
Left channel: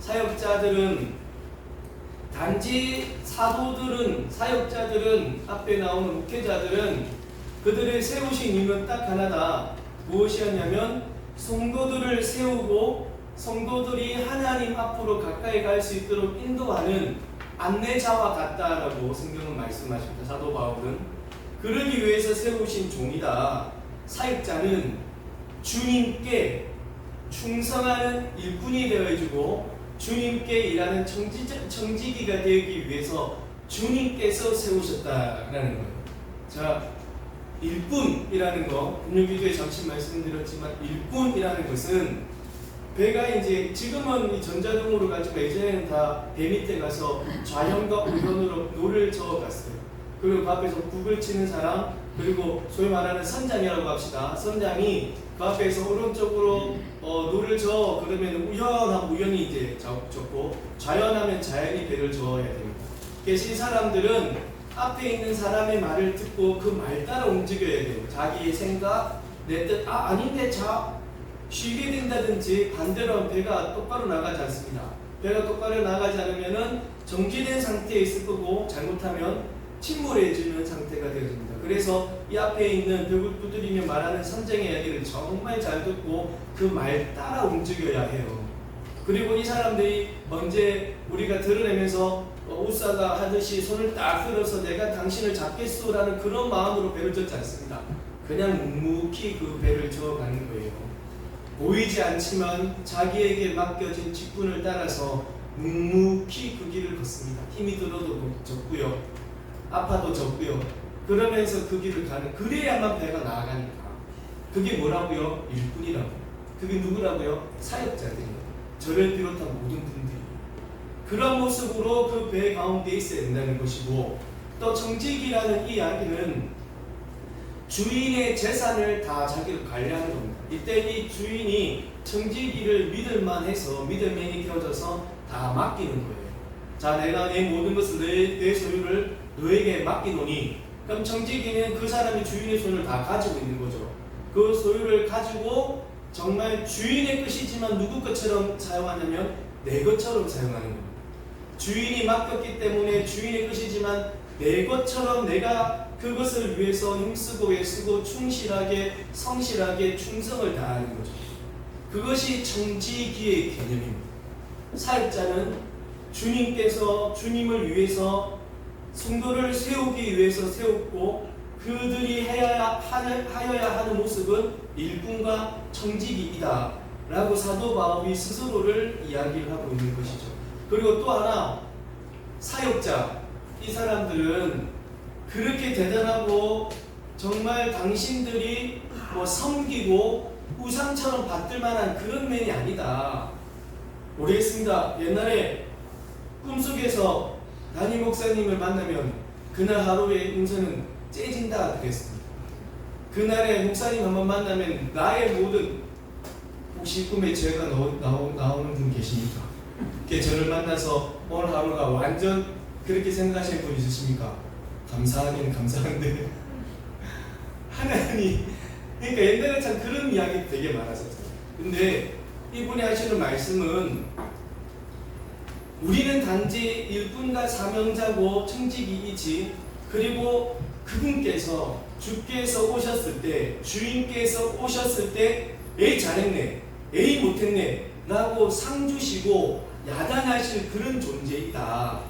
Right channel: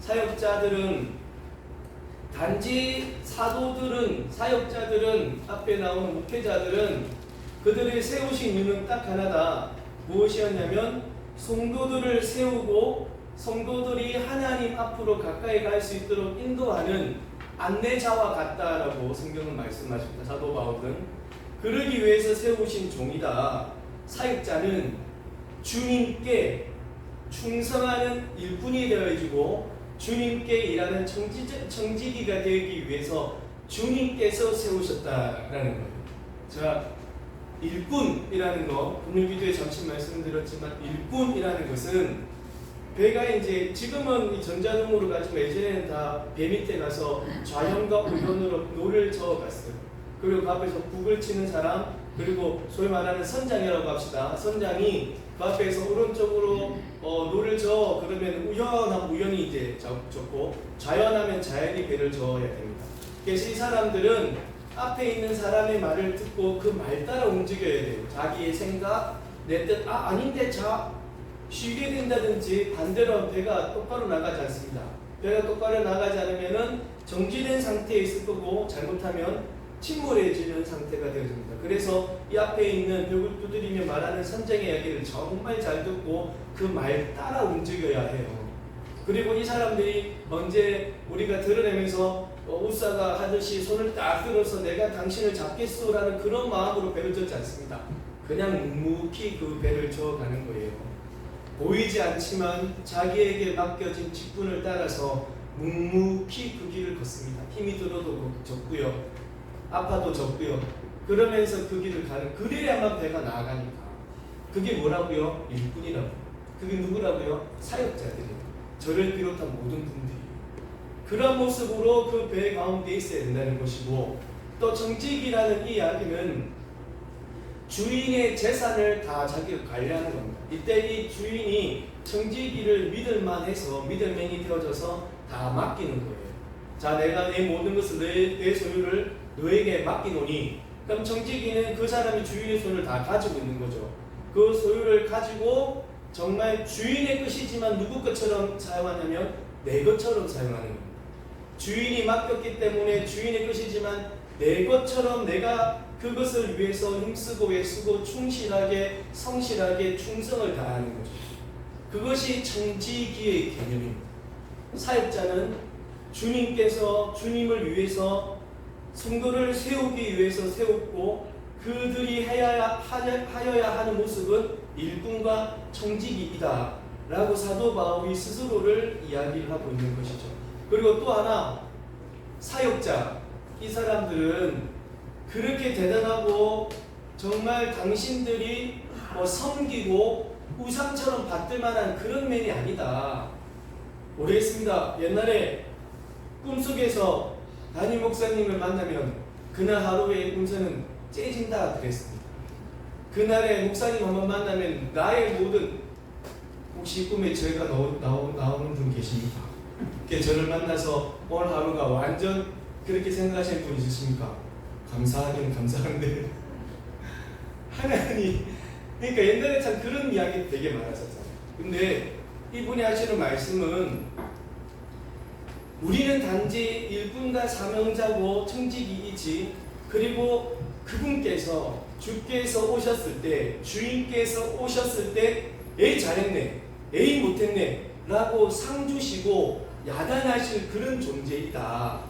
사역자들은 단지 사역자들은 앞에 나오는 목회자들은 그들을 세우신 이유는 딱 하나다. 무엇이었냐면 성도들을 세우고 성도들이 하나님 앞으로 가까이 갈 수 있도록 인도하는 안내자와 같다라고 성경은 말씀하십니다. 사도 바울은 그러기 위해서 세우신 종이다. 사역자는 주님께 충성하는 일꾼이 되어주고 주님께 일하는 청지기가 되기 위해서 주님께서 세우셨다라는 거예요. 자, 일꾼이라는 거 금요기도에 잠시 말씀드렸지만 일꾼이라는 것은 배가 이제 지금은 전자동으로 가지고 예전에는 다 배 밑에 가서 좌현과 우현으로 노를 저어갔어요. 그리고 그 앞에서 북을 치는 사람, 그리고 소위 말하는 선장이라고 합시다. 선장이 그 앞에서 오른쪽으로 노를 저어 그러면 우현하면 우현이 이제 적고 좌현하면 좌현이 배를 저어야 됩니다. 그래서 이 사람들은 앞에 있는 사람의 말을 듣고 그 말 따라 움직여야 돼요. 자기의 생각, 내 뜻, 아닌데 쉬게 된다든지 반대로 배가 똑바로 나가지 않습니다. 배가 똑바로 나가지 않으면은 정지된 상태에 있을 거고 잘못하면 침몰해지는 상태가 되어집니다. 그래서 이 앞에 있는 벽을 두드리며 말하는 선장의 이야기를 정말 잘 듣고 그 말 따라 움직여야 해요. 그리고 이 사람들이 언제 우리가 드러내면서 우사가 하듯이 손을 딱 들어서 내가 당신을 잡겠소라는 그런 마음으로 배를 젓지 않습니다. 그냥 묵묵히 그 배를 저어가는 거예요. 보이지 않지만 자기에게 맡겨진 직분을 따라서 묵묵히 그 길을 걷습니다. 힘이 들어도 졌고요, 아파도 졌고요. 그러면서 그 길을 가는, 그래야만 배가 나아가니까. 그게 뭐라고요? 일꾼이라고. 그게 누구라고요? 사역자들이에요. 저를 비롯한 모든 분들이 그런 모습으로 그 배 가운데 있어야 된다는 것이고, 또 정직이라는 이 이야기는 주인의 재산을 다 자기가 관리하는 겁니다. 이때 이 주인이 청지기를 믿을만해서 믿을만이 되어져서 다 맡기는 거예요. 자, 내가 내 모든 것을 내 소유를 너에게 맡기노니, 그럼 청지기는 그 사람이 주인의 손을 다 가지고 있는 거죠. 그 소유를 가지고 정말 주인의 것이지만 누구 것처럼 사용하냐면 내 것처럼 사용하는 겁니다. 주인이 맡겼기 때문에 주인의 것이지만 내 것처럼 내가 그것을 위해서 힘쓰고 애쓰고 충실하게 성실하게 충성을 다하는 거죠. 그것이 청지기의 개념입니다. 사역자는 주님께서 주님을 위해서 성도를 세우기 위해서 세웠고, 그들이 하여야 하는 모습은 일꾼과 청지기이다 라고 사도 바울이 스스로를 이야기를 하고 있는 것이죠. 그리고 또 하나, 사역자, 이 사람들은 그렇게 대단하고 정말 당신들이 섬기고 우상처럼 받들 만한 그런 면이 아니다. 모르겠습니다. 옛날에 꿈속에서 담임 목사님을 만나면 그날 하루의 운세는 째진다 그랬습니다. 그날에 목사님 한번 만나면 나의 모든 혹시 꿈에 제가 나오는 분 계십니까? 저를 만나서 오늘 하루가 완전 그렇게 생각하시는 분 있으십니까? 감사하긴 감사한데 하나님, 그러니까 옛날에 참 그런 이야기 되게 많았었잖아요. 근데 이분이 하시는 말씀은 우리는 단지 일꾼과 사명자고 청지기이지, 그리고 그분께서 주께서 오셨을 때, 주인께서 오셨을 때 에이 잘했네, 에이 못했네 라고 상 주시고 야단하실 그런 존재이다.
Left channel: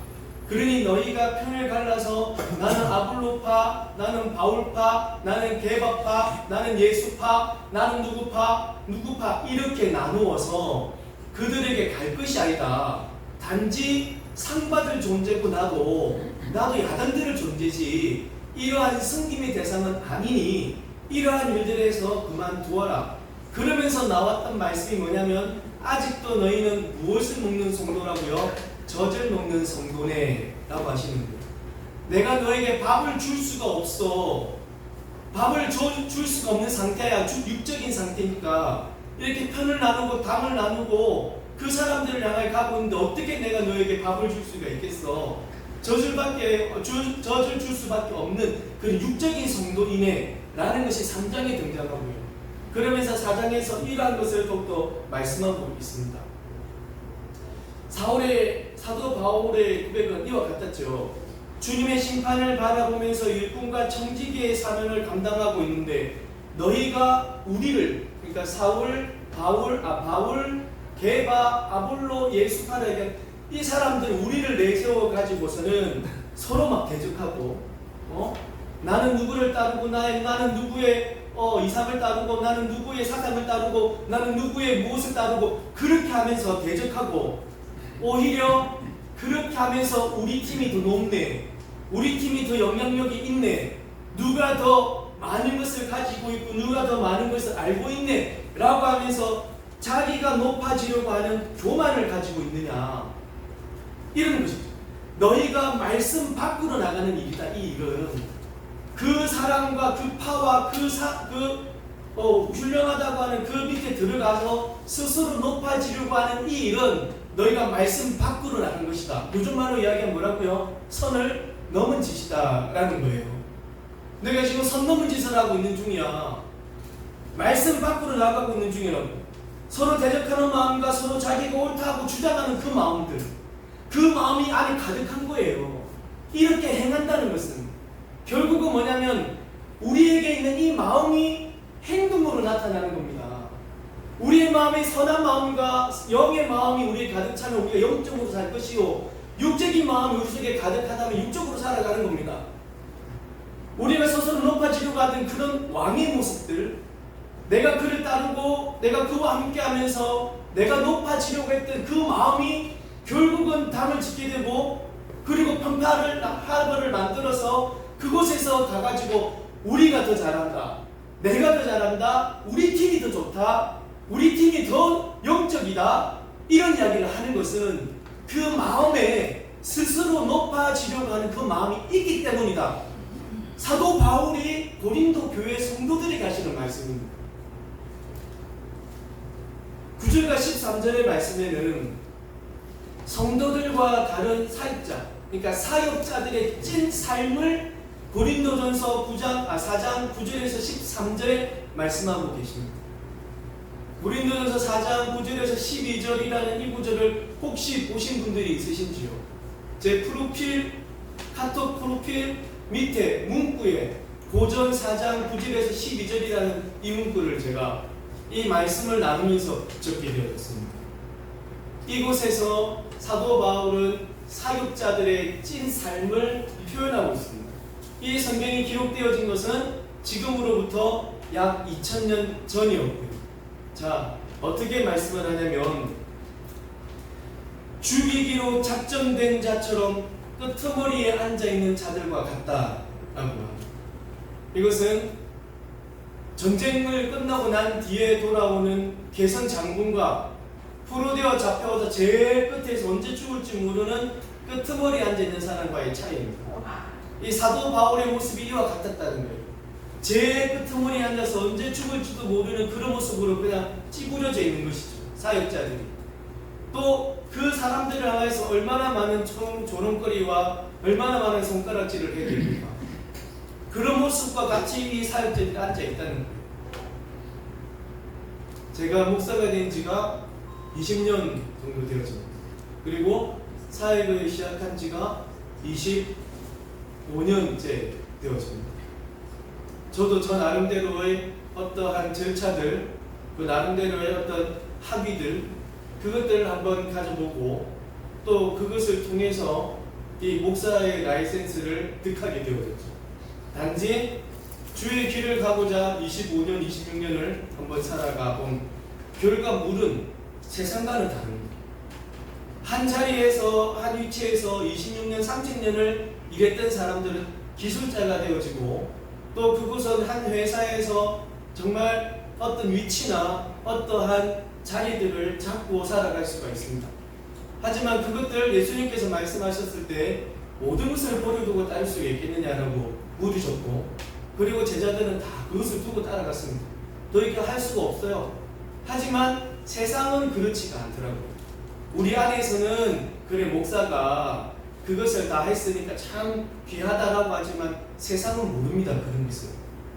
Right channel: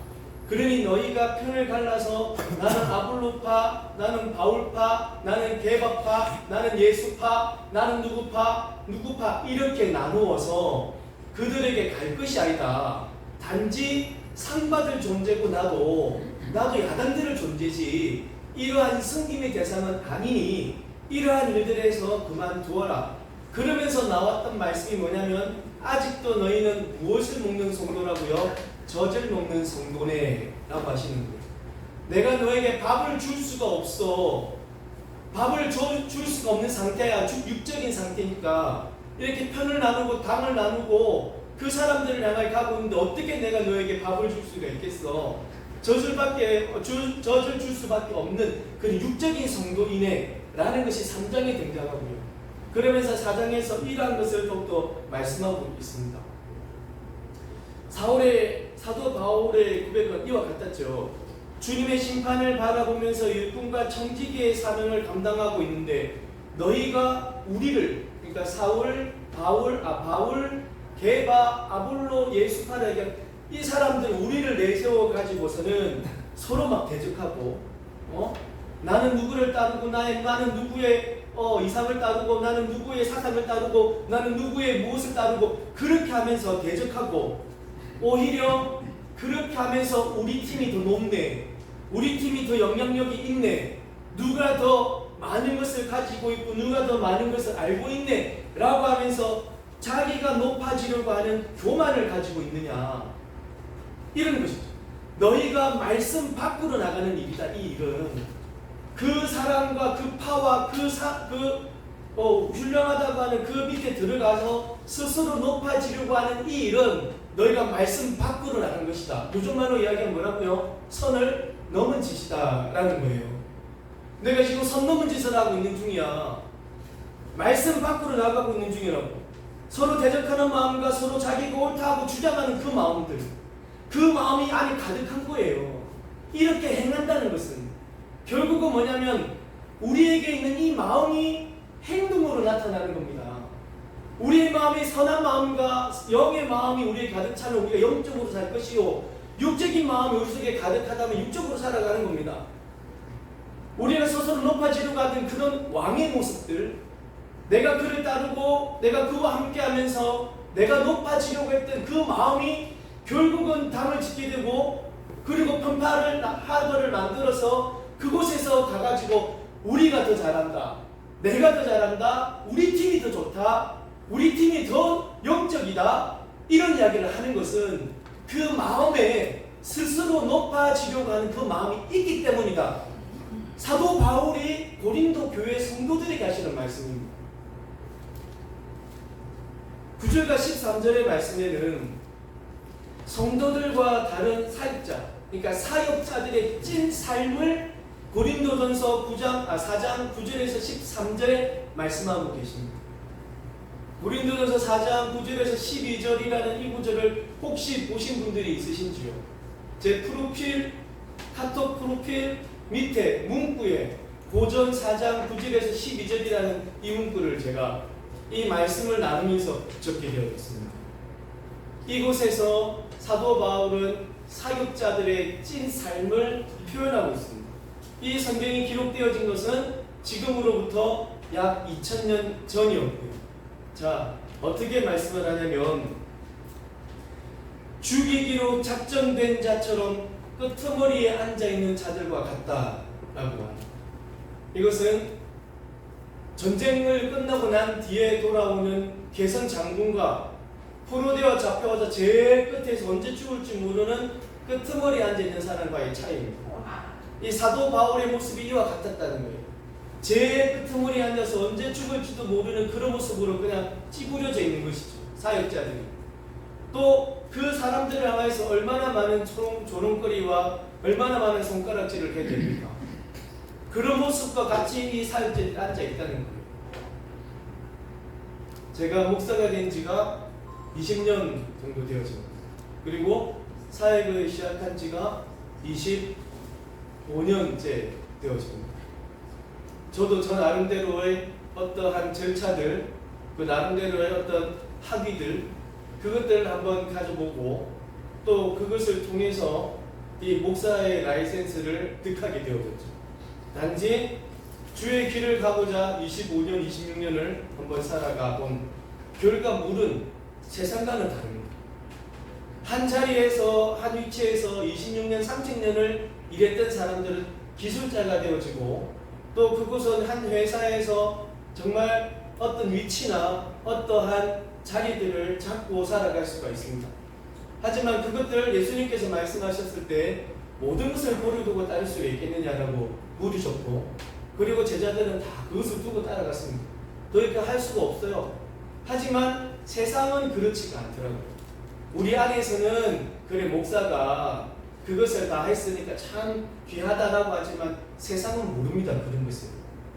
그러니 너희가 편을 갈라서 나는 아볼로파, 나는 바울파, 나는 게바파, 나는 예수파, 나는 누구파 이렇게 나누어서 그들에게 갈 것이 아니다. 단지 상 받을 존재고 나도 야단들을 존재지 이러한 승김의 대상은 아니니 이러한 일들에서 그만두어라. 그러면서 나왔던 말씀이 뭐냐면 아직도 너희는 무엇을 먹는 성도라고요? 젖을 먹는 성도네 라고 하시는 거예요. 내가 너에게 밥을 줄 수가 없어. 밥을 줄 수가 없는 상태야. 육적인 상태니까 이렇게 편을 나누고 당을 나누고 그 사람들을 향해 가고 있는데 어떻게 내가 너에게 밥을 줄 수가 있겠어. 젖을 줄 수밖에 없는 그런 육적인 성도이네 라는 것이 3장에 등장하고요. 그러면서 4장에서 이러한 것을 더욱더 말씀하고 있습니다. 사도 바울의 고백은 이와 같았죠. 주님의 심판을 바라보면서 일꾼과 청지기의 사명을 감당하고 있는데 너희가 우리를, 그러니까 바울, 게바, 아볼로, 예수파를 이 사람들 우리를 내세워 가지고서는 서로 막 대적하고, 나는 누구를 따르고 나는 누구의 이상을 따르고 나는 누구의 사상을 따르고 나는 누구의 무엇을 따르고 그렇게 하면서 대적하고, 오히려 그렇게 하면서 우리 팀이 더 높네, 우리 팀이 더 영향력이 있네, 누가 더 많은 것을 가지고 있고 누가 더 많은 것을 알고 있네 라고 하면서 자기가 높아지려고 하는 교만을 가지고 있느냐, 이런 것이죠. 너희가 말씀 밖으로 나가는 일이다. 이 일은 그 사람과 그 파와 훌륭하다고 하는 그 밑에 들어가서 스스로 높아지려고 하는 이 일은 너희가 말씀 밖으로 나간 것이다. 요즘 말로 이야기하면 뭐라고요? 선을 넘은 짓이다 라는 거예요. 내가 지금 선 넘은 짓을 하고 있는 중이야. 말씀 밖으로 나가고 있는 중이라고. 서로 대적하는 마음과 서로 자기가 옳다고 주장하는 그 마음들, 그 마음이 안에 가득한 거예요. 이렇게 행한다는 것은 결국은 뭐냐면 우리에게 있는 이 마음이 행동으로 나타나는 겁니다. 우리의 마음이 선한 마음과 영의 마음이 우리에 가득 차면 우리가 영적으로 살 것이요, 육적인 마음이 우리 속에 가득하다면 육적으로 살아가는 겁니다. 우리가 스스로 높아지려고 하던 그런 왕의 모습들, 내가 그를 따르고 내가 그와 함께 하면서 내가 높아지려고 했던 그 마음이 결국은 당을 짓게 되고, 그리고 하버를 만들어서 그곳에서 가가지고 우리가 더 잘한다, 내가 더 잘한다, 우리 팀이 더 좋다, 우리 팀이 더 영적이다, 이런 이야기를 하는 것은 그 마음에 스스로 높아지려고 하는 그 마음이 있기 때문이다. 사도 바울이 고린도 교회 성도들에게 하시는 말씀입니다. 9절과 13절의 말씀에는 성도들과 다른 사역자, 그러니까 사역자들의 찐 삶을 고린도전서 4장 9절에서 13절에 말씀하고 계십니다. 고린도전서 4장 9절에서 12절이라는 이 구절을 혹시 보신 분들이 있으신지요? 제 카톡 프로필 밑에 문구에 고전 4장 9절에서 12절이라는 이 문구를 제가 이 말씀을 나누면서 적게 되었습니다. 이곳에서 사도 바울은 사역자들의 찐 삶을 표현하고 있습니다. 이 성경이 기록되어진 것은 지금으로부터 약 2000년 전이었고요. 자, 어떻게 말씀을 하냐면 죽이기로 작정된 자처럼 끄트머리에 앉아있는 자들과 같다라고 합니다. 이것은 전쟁을 끝나고 난 뒤에 돌아오는 개선 장군과 포로되어 잡혀와서 제일 끝에서 언제 죽을지 모르는 끄트머리에 앉아있는 사람과의 차이입니다. 이 사도 바울의 모습이 이와 같았다는 거예요. 제 끄트머리에 앉아서 언제 죽을지도 모르는 그런 모습으로 그냥 찌그러져 있는 것이죠. 사역자들이. 또 그 사람들을 향해서 얼마나 많은 조롱거리와 얼마나 많은 손가락질을 해야 됩니까? 그런 모습과 같이 이 사역자들이 앉아 있다는 거예요. 제가 목사가 된 지가 20년 정도 되었습니다. 그리고 사역을 시작한 지가 25년째 되었습니다. 저도 저 나름대로의 어떠한 절차들, 그 나름대로의 어떤 학위들, 그것들을 한번 가져보고 또 그것을 통해서 이 목사의 라이센스를 득하게 되어졌죠. 단지 주의 길을 가고자 25년, 26년을 한번 살아가 본 결과물은 세상과는 다릅니다. 한 자리에서, 한 위치에서 26년, 30년을 일했던 사람들은 기술자가 되어지고 또 그곳은 한 회사에서 정말 어떤 위치나 어떠한 자리들을 잡고 살아갈 수가 있습니다. 하지만 그것들 예수님께서 말씀하셨을 때 모든 것을 버려두고 따를 수가 있겠느냐라고 물으셨고, 그리고 제자들은 다 그것을 두고 따라갔습니다. 더 이렇게 할 수가 없어요. 하지만 세상은 그렇지가 않더라고요. 우리 안에서는 그래 목사가 그것을 다 했으니까 참 귀하다라고 하지만 세상은 모릅니다. 그런 것을.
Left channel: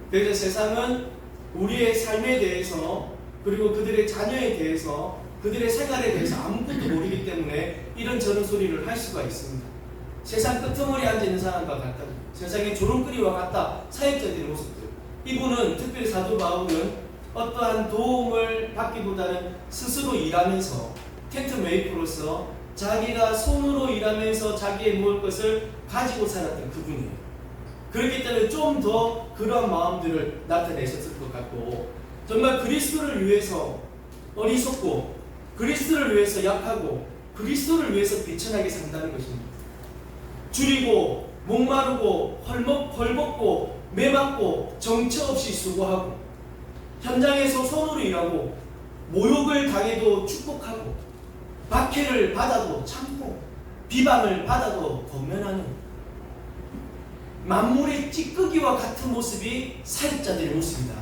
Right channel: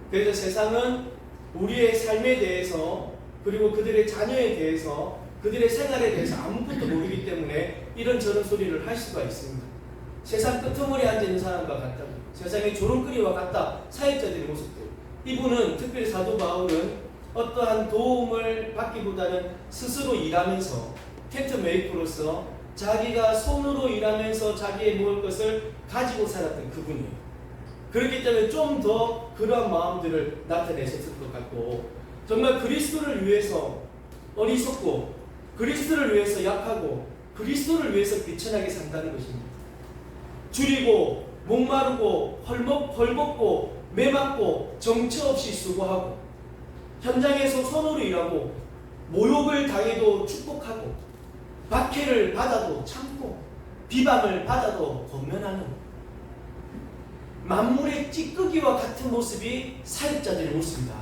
그래서 세상은 우리의 삶에 대해서 그리고 그들의 자녀에 대해서 그들의 생활에 대해서 아무것도 모르기 때문에 이런저런 소리를 할 수가 있습니다. 세상 끄트머리에 앉아있는 사람과 같다. 세상의 조롱거리와 같다. 사역자들의 모습들. 이분은 특별히 사도 바울은 어떠한 도움을 받기보다는 스스로 일하면서 텐트 메이커로서 자기가 손으로 일하면서 자기의 먹을 것을 가지고 살았던 그분이에요. 그렇기 때문에 좀 더 그러한 마음들을 나타내셨을 것 같고, 정말 그리스도를 위해서 어리석고 그리스도를 위해서 약하고 그리스도를 위해서 비천하게 산다는 것입니다. 줄이고 목마르고 헐벗고 매맞고 정처 없이 수고하고 현장에서 손으로 일하고 모욕을 당해도 축복하고 박해를 받아도 참고 비방을 받아도 권면하는 만물의 찌꺼기와 같은 모습이 사역자들의 모습이다.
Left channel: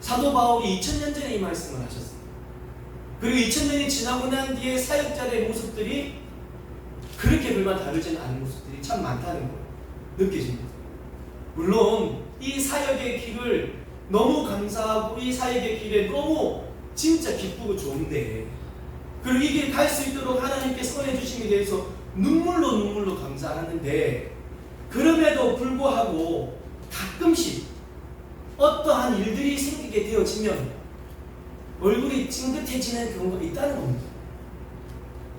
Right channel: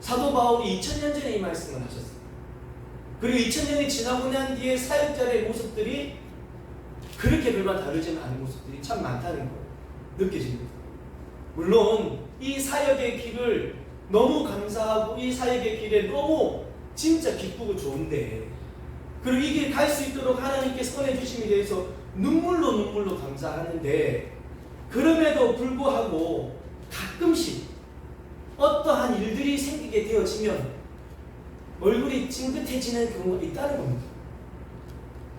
사도 바울이 2000년 전에 이 말씀을 하셨어요. 그리고 2000년이 지나고 난 뒤에 사역자들의 모습들이 그렇게 별반 다르지는 않은 모습들이 참 많다는 거예요. 느껴집니다. 물론 이 사역의 길을 너무 감사하고 이 사역의 길에 너무 진짜 기쁘고 좋은데, 그리고 이 길 갈 수 있도록 하나님께 선해 주심에 대해서 눈물로 감사하는데, 그럼에도 불구하고 가끔씩 어떠한 일들이 생기게 되어지면 얼굴이 찡긋해지는 경우가 있다는 겁니다.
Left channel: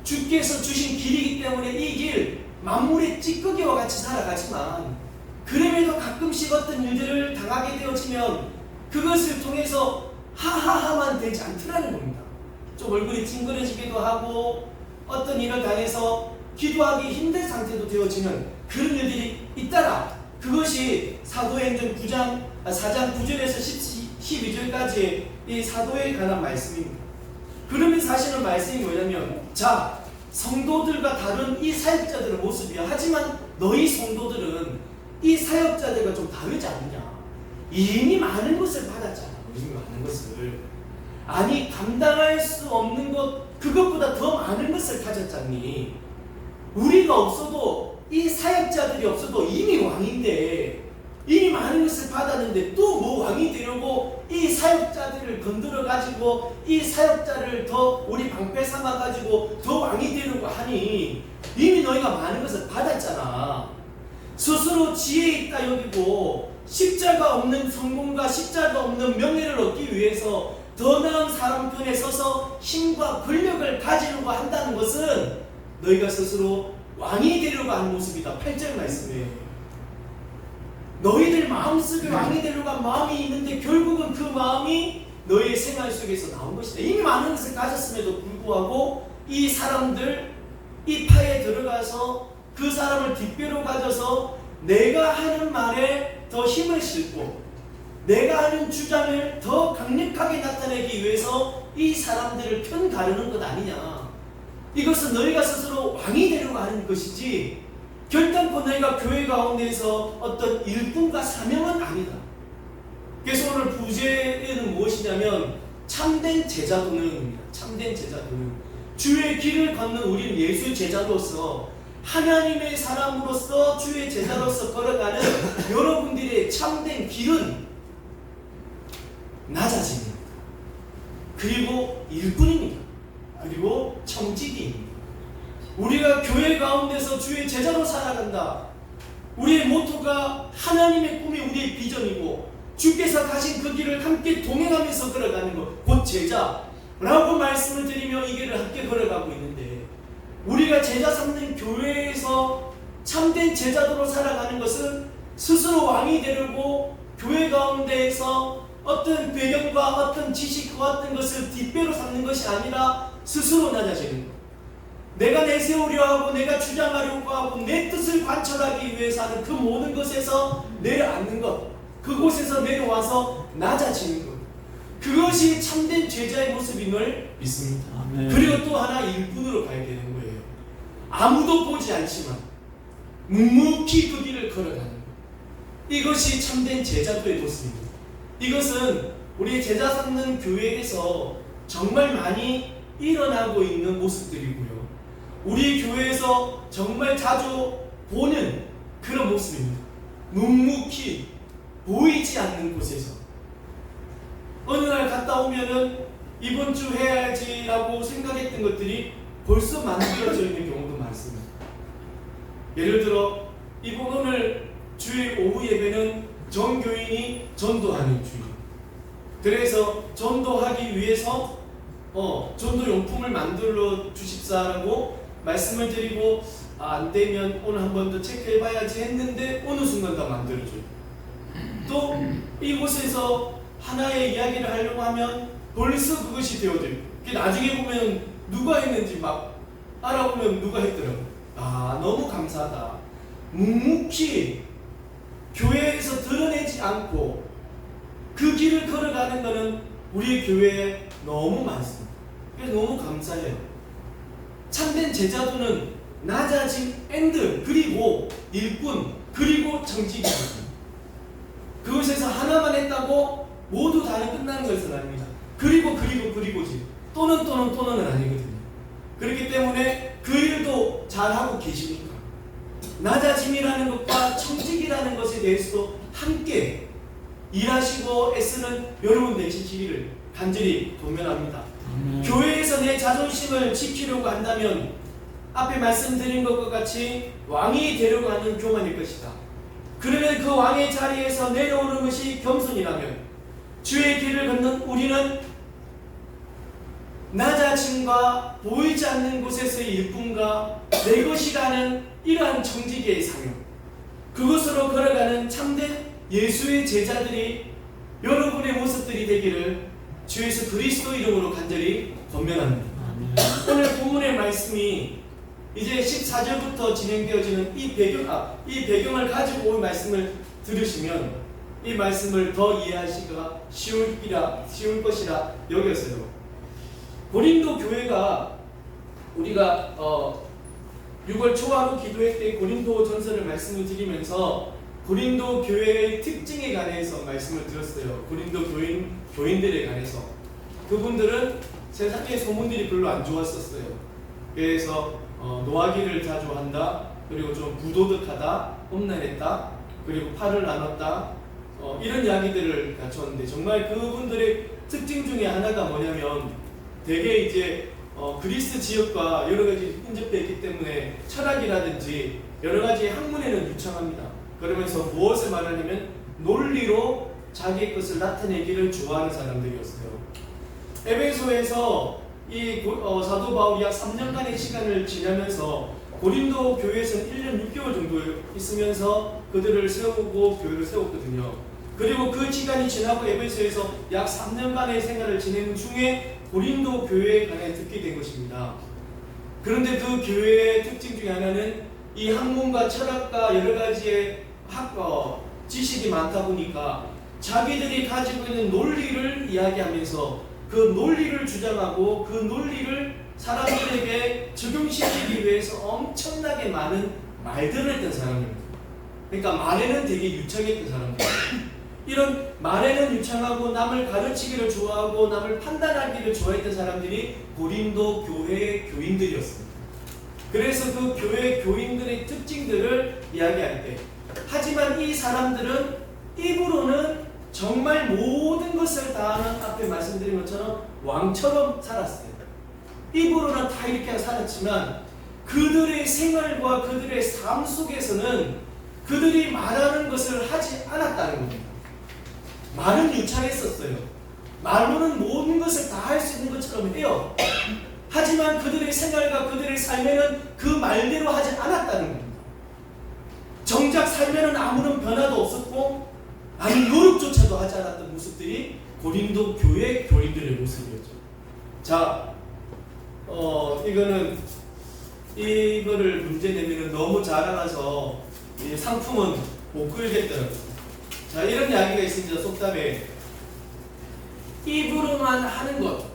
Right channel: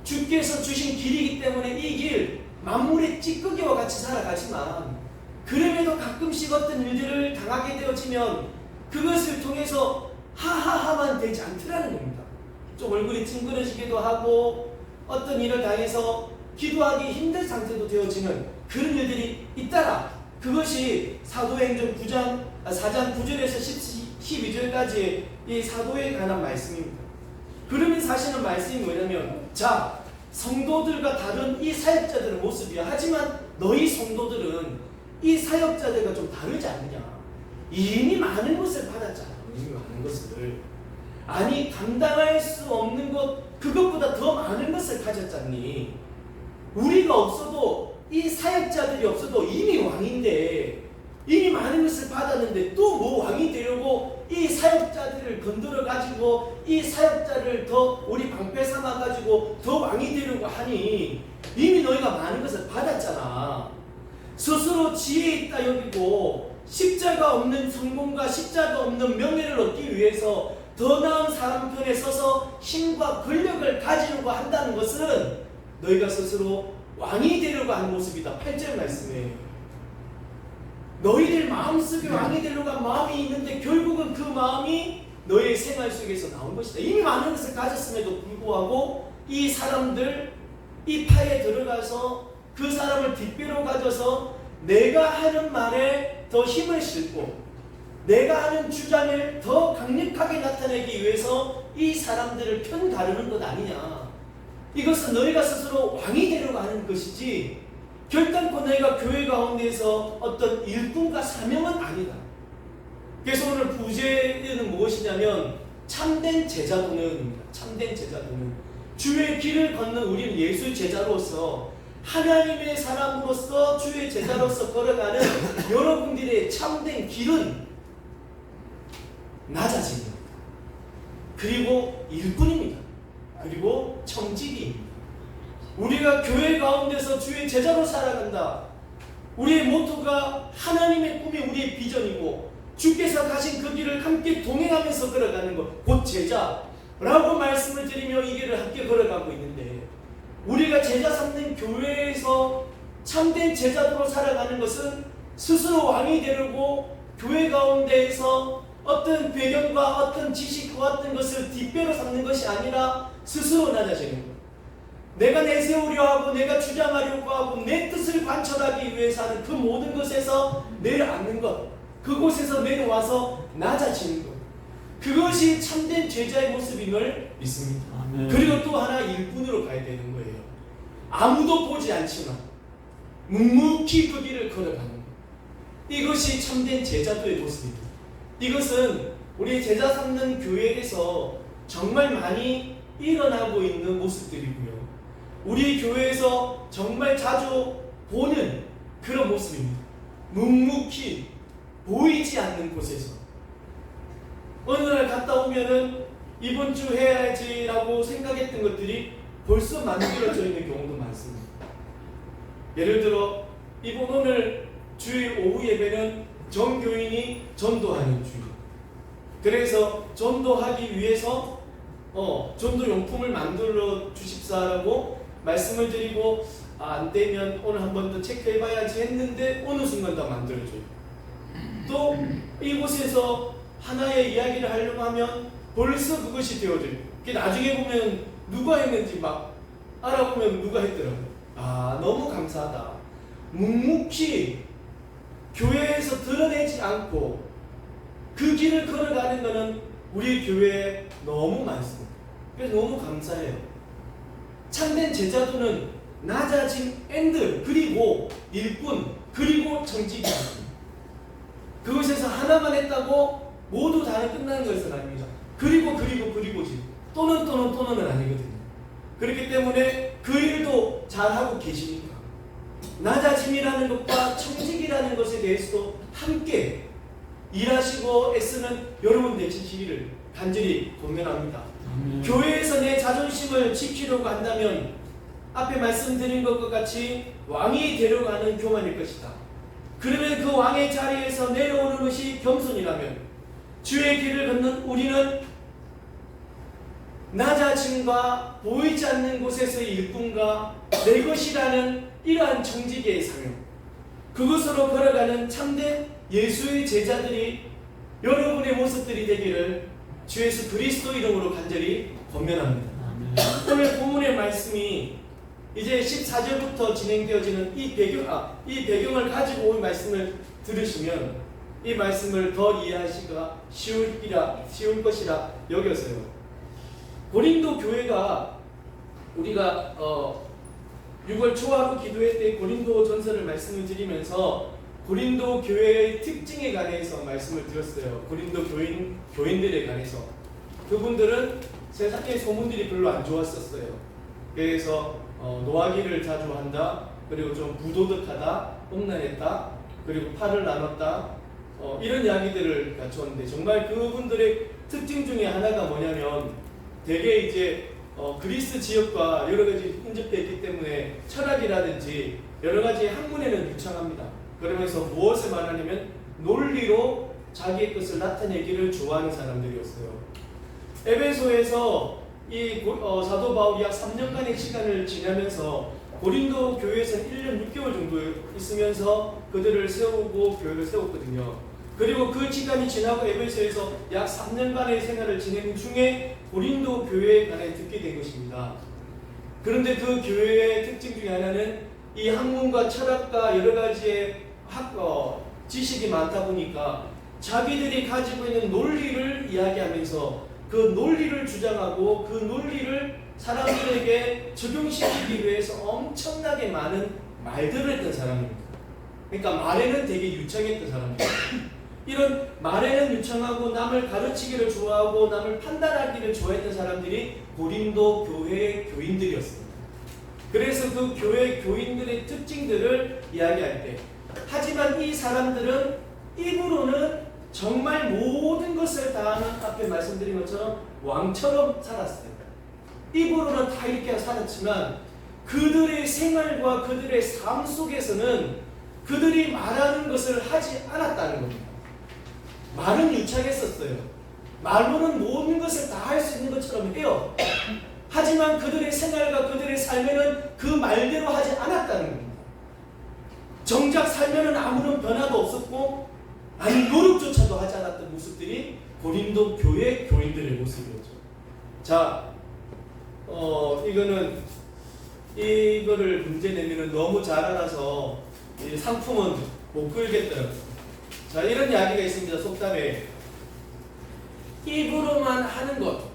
주께서 주신 길이기 때문에 이 길 만물의 찌꺼기와 같이 살아가지만, 그럼에도 가끔씩 어떤 일들을 당하게 되어지면 그것을 통해서 하하하만 되지 않더라는 겁니다. 좀 얼굴이 찡그러지기도 하고 어떤 일을 당해서 기도하기 힘든 상태도 되어지면 그런 일들이 있다라. 그것이 사도행전 4장 9절에서 12절까지의 이 사도에 관한 말씀입니다. 그러면서 하시는 말씀이 뭐냐면, 자, 성도들과 다른 이 사역자들의 모습이야. 하지만 너희 성도들은 이 사역자들과 좀 다르지 않느냐. 이미 많은 것을 받았잖아. 이미 많은 것을. 아니, 감당할 수 없는 것, 그것보다 더 많은 것을 가졌잖니. 우리가 없어도, 이 사역자들이 없어도 이미 왕인데, 이미 많은 것을 받았는데 또 뭐 왕이 되려고 이 사역자들을 건드려 가지고 이 사역자를 더 우리 방패 삼아 가지고 더 왕이 되려고 하니, 이미 너희가 많은 것을 받았잖아. 스스로 지혜 있다 여기고 십자가 없는 성공과 십자가 없는 명예를 얻기 위해서 더 나은 사람 편에 서서 힘과 권력을 가지려고 한다는 것은 너희가 스스로 왕이 되려고 하는 모습이다. 8절 말씀이에요. 너희들 마음속에 왕이 되려고 한 마음이 있는데 결국은 그 마음이 너희의 생활 속에서 나온 것이다. 이미 많은 것을 가졌음에도 불구하고 이 사람들, 이 파에 들어가서 그 사람을 뒷배로 가져서 내가 하는 말에 더 힘을 싣고 내가 하는 주장을 더 강력하게 나타내기 위해서 이 사람들을 편 가르는 것 아니냐. 이것은 너희가 스스로 왕이 되려고 하는 것이지 결단코 너희가 교회 가운데에서 어떤 일꾼과 사명은 아니다. 그래서 오늘 부제는 무엇이냐면 참된 제자도는입니다. 참된 제자도는 주의 길을 걷는 우리는 예수의 제자로서 하나님의 사람으로서 주의 제자로서 걸어가는 여러분들의 참된 길은 낮아집니다. 그리고 일꾼입니다. 그리고 청지기입니다. 우리가 교회 가운데서 주의 제자로 살아간다. 우리의 모토가 하나님의 꿈이 우리의 비전이고 주께서 가신 그 길을 함께 동행하면서 걸어가는 것, 곧 제자라고 말씀을 드리며 이 길을 함께 걸어가고 있는데, 우리가 제자 삼는 교회에서 참된 제자도로 살아가는 것은 스스로 왕이 되려고 교회 가운데에서 어떤 배경과 어떤 지식과 어떤 것을 뒷배로 삼는 것이 아니라 스스로 낮아지는 것. 내가 내세우려 하고 내가 주장하려고 하고 내 뜻을 관철하기 위해서 하는 그 모든 것에서 내려앉는 것, 그곳에서 내려와서 낮아지는 것, 그것이 참된 제자의 모습임을 믿습니다. 아멘. 그리고 또 하나 일꾼으로 가야 되는 거예요. 아무도 보지 않지만 묵묵히 그 길을 걸어가는 것, 이것이 참된 제자도의 모습입니다. 이것은 우리 제자 삼는 교회에서 정말 많이 일어나고 있는 모습들이고요, 우리 교회에서 정말 자주 보는 그런 모습입니다. 묵묵히 보이지 않는 곳에서 어느 날 갔다 오면은 이번 주 해야지라고 생각했던 것들이 벌써 만들어져 있는 경우도 많습니다. 예를 들어 이번 오늘 주일 오후 예배는 전교인이 전도하는 주일, 그래서 전도하기 위해서 전도용품을 만들어 주십사라고 말씀을 드리고, 안 되면 오늘 한 번 더 체크해봐야지 했는데 어느 순간 다 만들어줘요. 또 이곳에서 하나의 이야기를 하려고 하면 벌써 그것이 되어져요. 나중에 보면 누가 했는지 막 알아보면 누가 했더라고요. 너무 감사하다. 묵묵히 교회에서 드러내지 않고 그 길을 걸어가는 것은 우리 교회에 너무 많습니다. 그래서 너무 감사해요. 참된 제자도는 낮아진 앤드, 그리고 일꾼, 그리고 정직입니다. 그것에서 하나만 했다고 모두 다는 끝나는 것은 아닙니다. 그리고지 또는 아니거든요. 그렇기 때문에 그 일도 잘하고 계십니까? 낮아짐이라는 것과 청직이라는 것에 대해서도 함께 일하시고 애쓰는 여러분 되시기를 간절히 권면합니다. 교회에서 내 자존심을 지키려고 한다면 앞에 말씀드린 것과 같이 왕이 되려고 하는 교만일 것이다. 그러면 그 왕의 자리에서 내려오는 것이 겸손이라면 주의 길을 걷는 우리는 낮아짐과 보이지 않는 곳에서의 일꾼과 내 것이라는 이러한 청지기의 사명, 그것으로 걸어가는 참된 예수의 제자들이 여러분의 모습들이 되기를 주 예수 그리스도 이름으로 간절히 권면합니다. 오늘 본문의 말씀이 이제 14절부터 진행되어지는 이 배경을 가지고 온 말씀을 들으시면 이 말씀을 더 이해하시기가 쉬울 것이라 여겨서요. 고린도 교회가 우리가 6월 초하루 기도회 때 고린도 전서를 말씀을 드리면서 고린도 교회의 특징에 관해서 말씀을 드렸어요. 고린도 교인들에 관해서. 그분들은 세상의 소문들이 별로 안 좋았었어요. 그래서 노하기를 자주 한다, 그리고 좀 부도덕하다, 험난했다, 그리고 팔을 나눴다, 이런 이야기들을 갖췄는데, 정말 그분들의 특징 중에 하나가 뭐냐면 대개 이제 그리스 지역과 여러 가지 인접되어 있기 때문에 철학이라든지 여러 가지 학문에는 유창합니다. 그러면서 무엇을 말하냐면 논리로 자기의 것을 나타내기를 좋아하는 사람들이었어요. 에베소에서 이 사도 바울이 약 3년간의 시간을 지나면서 고린도 교회에서는 1년 6개월 정도 있으면서 그들을 세우고 교회를 세웠거든요. 그리고 그 시간이 지나고 에베소에서 약 3년간의 생활을 지내는 중에 고린도 교회에 관해 듣게 된 것입니다. 그런데 그 교회의 특징 중에 하나는 이 학문과 철학과 여러 가지의 지식이 많다 보니까 자기들이 가지고 있는 논리를 이야기하면서 그 논리를 주장하고 그 논리를 사람들에게 적용시키기 위해서 엄청나게 많은 말들을 했던 사람입니다. 그러니까 말에는 되게 유창했던 사람들. 이런 말에는 유창하고 남을 가르치기를 좋아하고 남을 판단하기를 좋아했던 사람들이 고린도 교회의 교인들이었습니다. 그래서 그 교회 교인들의 특징들을 이야기할 때, 하지만 이 사람들은 입으로는 정말 모든 것을 다하는, 앞에 말씀드린 것처럼 왕처럼 살았어요. 입으로는 다 이렇게 살았지만 그들의 생활과 그들의 삶 속에서는 그들이 말하는 것을 하지 않았다는 겁니다. 말은 유창했었어요. 말로는 모든 것을 다 할 수 있는 것처럼 해요. 하지만 그들의 생활과 그들의 삶에는 그 말대로 하지 않았다는 겁니다. 정작 삶에는 아무런 변화도 없었고 아니 노력조차도 하지 않았던 모습들이 고린도 교회 교인들의 모습이었죠. 자, 이거를 문제 내면은 너무 잘 알아서 이 상품은 못 끌겠더라고요. 자, 이런 이야기가 있습니다. 속담에 입으로만 하는 것,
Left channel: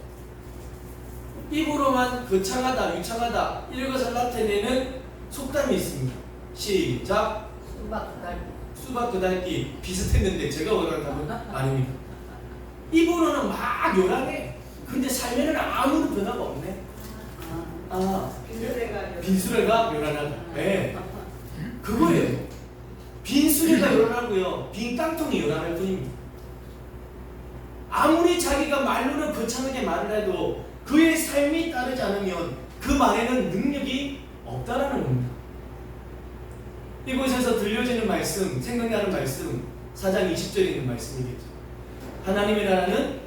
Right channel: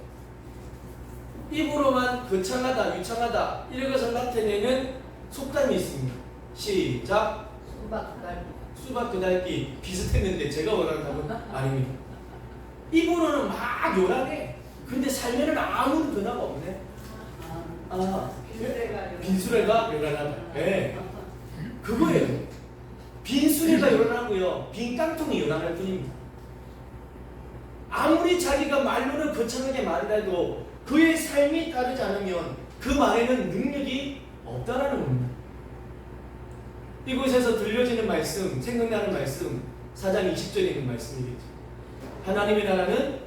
입으로만 거창하다, 유창하다 이런 것을 나타내는 속담이 있습니다. 시작. 수박 그달기 비슷했는데 제가 원하는 답은 아닙니다. 입으로는 막 요란해. 근데 삶에는 아무런 변화가 없네. 빈수레가 요란하다. 네. 그거예요. 빈수레가 요란하고요. 빈 깡통이 요란할 뿐입니다. 아무리 자기가 말로는 거창하게 말을 해도 그의 삶이 따르지 않으면 그 말에는 능력이 없다라는 겁니다. 이곳에서 들려지는 말씀, 생각나는 말씀 4장 20절에 있는 말씀이겠죠. 하나님의 나라는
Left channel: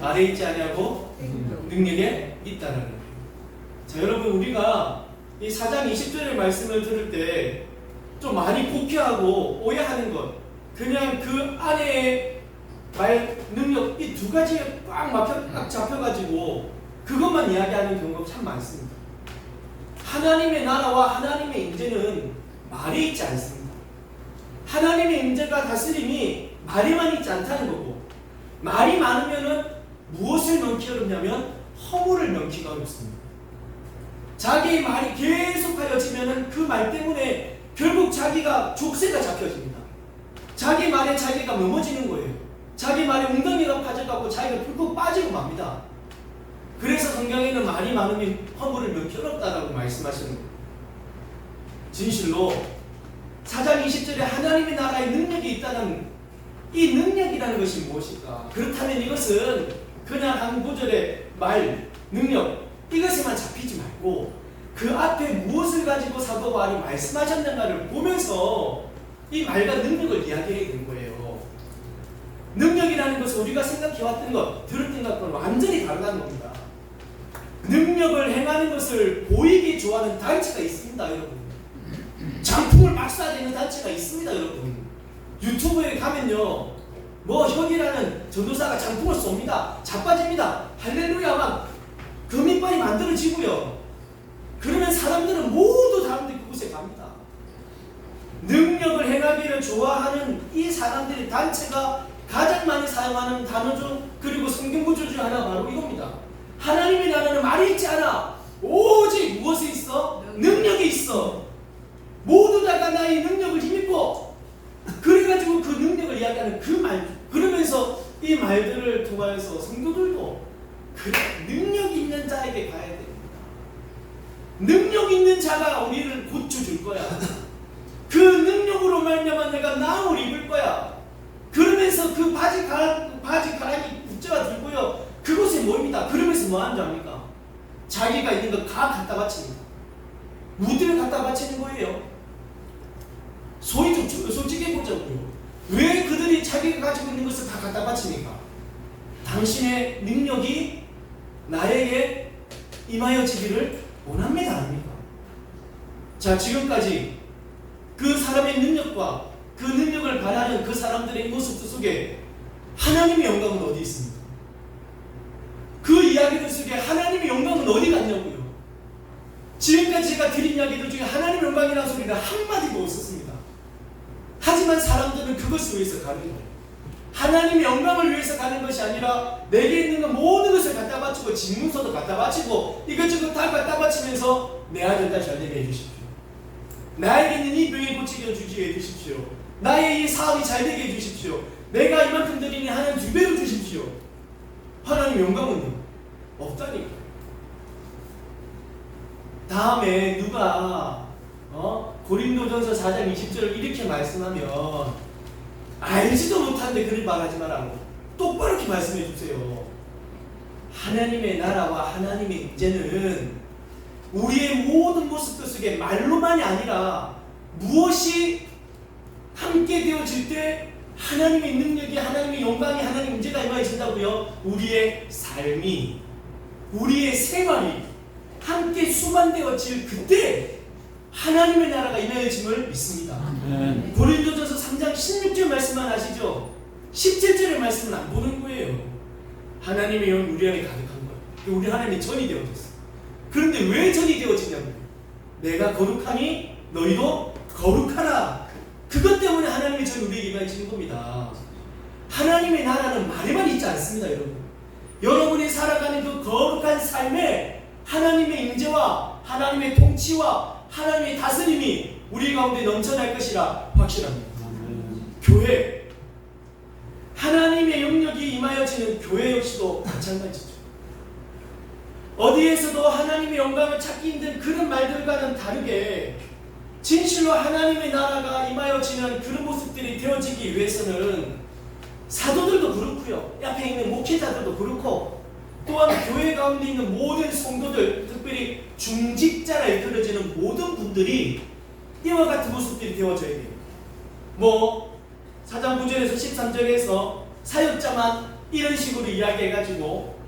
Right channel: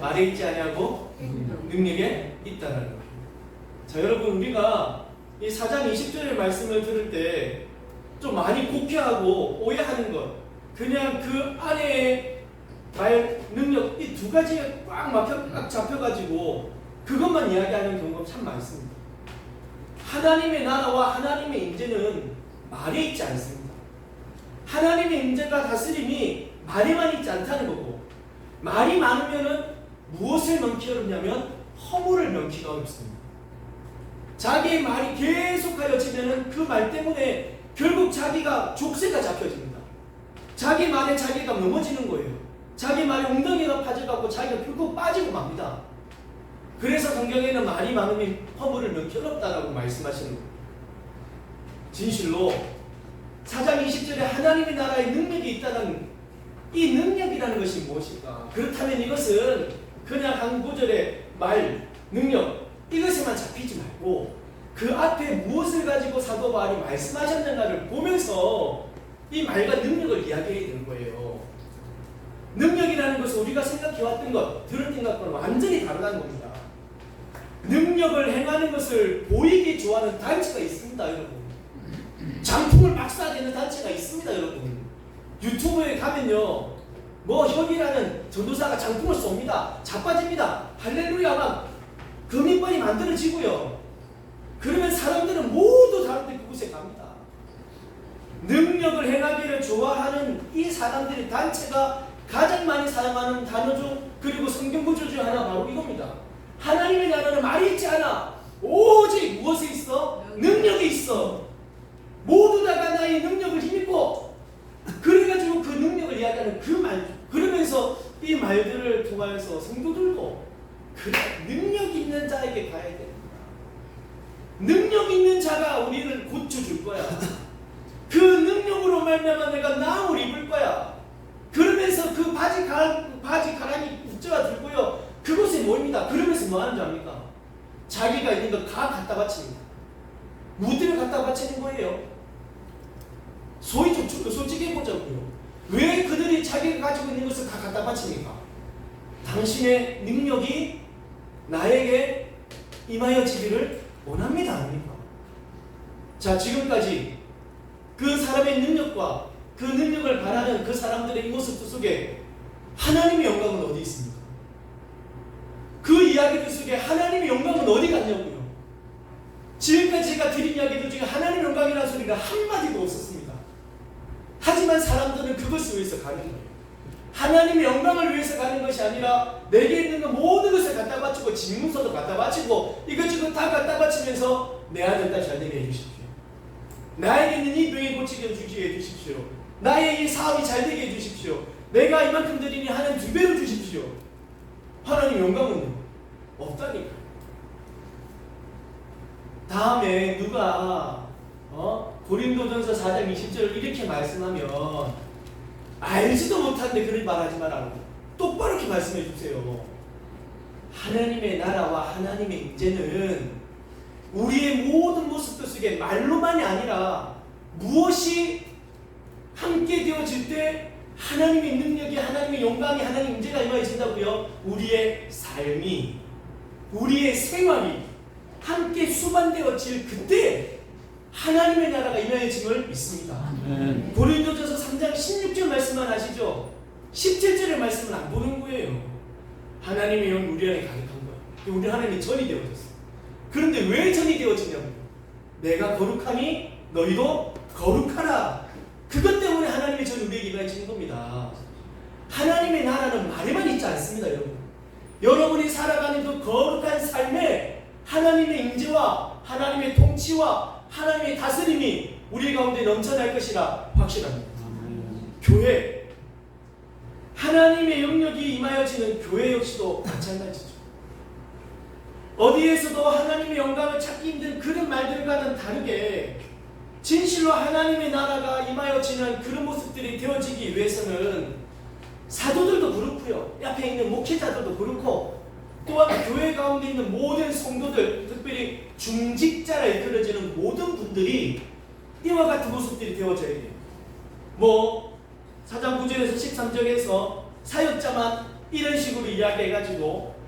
말에 있지 아니하고 능력에 있다라는 거예요. 자, 여러분, 우리가 이 4장 20절의 말씀을 들을 때 좀 많이 곡해하고 오해하는 것, 그냥 그 안에 말 능력 이 두 가지에 꽉 잡혀가지고 그것만 이야기하는 경우가 참 많습니다. 하나님의 나라와 하나님의 임재는 말에 있지 않습니다. 하나님의 임재가 다스림이 말에만 있지 않다는 거고, 말이 많으면은 무엇을 명키 어렵냐면 허물을 명키가 어렵습니다. 자기의 말이 계속하여지면은 그 말 때문에 결국 자기가 족쇄가 잡혀집니다. 자기 말에 자기가 넘어지는 거예요. 자기 말에 웅덩이가 파져갖고 자기가 결국 빠지고 맙니다. 그래서 성경에는 말이 많으면 허물을 명키 어렵다라고 말씀하시는 거예요. 진실로 4장 20절에 하나님의 나라의 능력이 있다는 이 능력이라는 것이 무엇일까? 그렇다면 이것은 그냥 한 구절의 말, 능력 이것에만 잡히지 말고 그 앞에 무엇을 가지고 사도 바울이 말씀하셨는가를 보면서 이 말과 능력을 이야기해야 되는 거예요. 능력이라는 것은 우리가 생각해왔던 것, 들었던 것과는 완전히 다르다는 겁니다. 능력을 행하는 것을 보이기 좋아하는 단체가 있습니다, 여러분. 장풍을 막 쏴대는 단체가 있습니다, 여러분. 유튜브에 가면요, 뭐 혁이라는 전도사가 장풍을 쏩니다. 자빠집니다. 할렐루야 막 금이빨이 만들어지고요. 그러면 사람들은 모두 사람들이 그곳에 갑니다. 능력을 행하기를 좋아하는 이 사람들의 단체가 가장 많이 사용하는 단어 중, 그리고 성경 구절 중 하나 바로 이겁니다. 하나님의 나라는 말이 있지 않아. 오직 무엇이 있어? 능력이 있어. 모두 다가 나의 능력을 힘입어. 그래가지고 그 능력을 이야기하는 그 말, 그러면서 이 말들을 통하여서 성도들도 그래, 능력 있는 자에게 가야 됩니다. 능력 있는 자가 우리를 고쳐줄 거야. 그 능력으로 말미암아 내가 나음을 입을 거야. 그러면서 그 바지가랑이 국자가 들고요, 그곳에 모입니다. 그러면서 뭐 하는 줄 압니까? 자기가 있는 거 다 갖다 바칩니다. 무드를 갖다 바치는 거예요. 소위 좀 솔직히 해보자고요. 왜 그들이 자기가 가지고 있는 것을 다 갖다 바칩니까? 당신의 능력이 나에게 임하여지기를 원합니다, 아닙니까? 자, 지금까지 그 사람의 능력과 그 능력을 바라는 그 사람들의 모습 속에 하나님의 영광은 어디 있습니까? 그 이야기들 속에 하나님의 영광은 어디 갔냐고요? 지금까지 제가 드린 이야기들 중에 하나님의 영광이라는 소리가 한마디도 없었습니다. 하지만 사람들은 그것을 위해서 가는 거예요. 하나님의 영광을 위해서 가는 것이 아니라 내게 있는 것 모든 것을 갖다 바치고 집문서도 갖다 바치고 이것저것 다 갖다 바치면서 내 아들 딸 잘되게 해주십시오. 나에게 있는 이 병이 고치게 해주십시오. 나의 이 사업이 잘되게 해주십시오. 내가 이만큼 드리니 하나님 2배로 주십시오. 하나님 영광은요? 없다니까. 다음에 누가 고린도전서 4장 20절을 이렇게 말씀하면 알지도 못하는데 그를 말하지 말라고 똑바로 이렇게 말씀해 주세요. 하나님의 나라와 하나님의 임재는 우리의 모든 모습들 속에 말로만이 아니라 무엇이 함께 되어질 때 하나님의 능력이, 하나님의 영광이, 하나님의 임재가 임하신다고요. 우리의 삶이, 우리의 생활이 함께 수반되어질 그때 하나님의 나라가 임하여짐을 믿습니다. 고린도전서 3장 16절 말씀만 아시죠? 17절의 말씀은 안 보는 거예요. 하나님의 영이 우리 안에 가득한 거예요. 우리 하나님이 전이 되어졌어요. 그런데 왜 전이 되어지냐고요? 내가 거룩하니 너희도 거룩하라. 그것 때문에 하나님의 전이 우리에게 임하시는 겁니다. 하나님의 나라는 말에만 있지 않습니다, 여러분. 여러분이 살아가는 그 거룩한 삶에 하나님의 임재와 하나님의 통치와 하나님의 다스림이 우리 가운데 넘쳐날 것이라 확신합니다. 교회, 하나님의 영역이 임하여지는 교회 역시도 마찬가지죠. 어디에서도 하나님의 영광을 찾기 힘든 그런 말들과는 다르게 진실로 하나님의 나라가 임하여지는 그런 모습들이 되어지기 위해서는 사도들도 그렇고요, 옆에 있는 목회자들도 그렇고, 또한 교회 가운데 있는 모든 성도들, 특별히 중직자라 이끌어지는 모든 분들이 이와 같은 모습들이 되어져야 돼요. 4장 9절에서 13절에서 사역자만 이런 식으로 이야기해가지고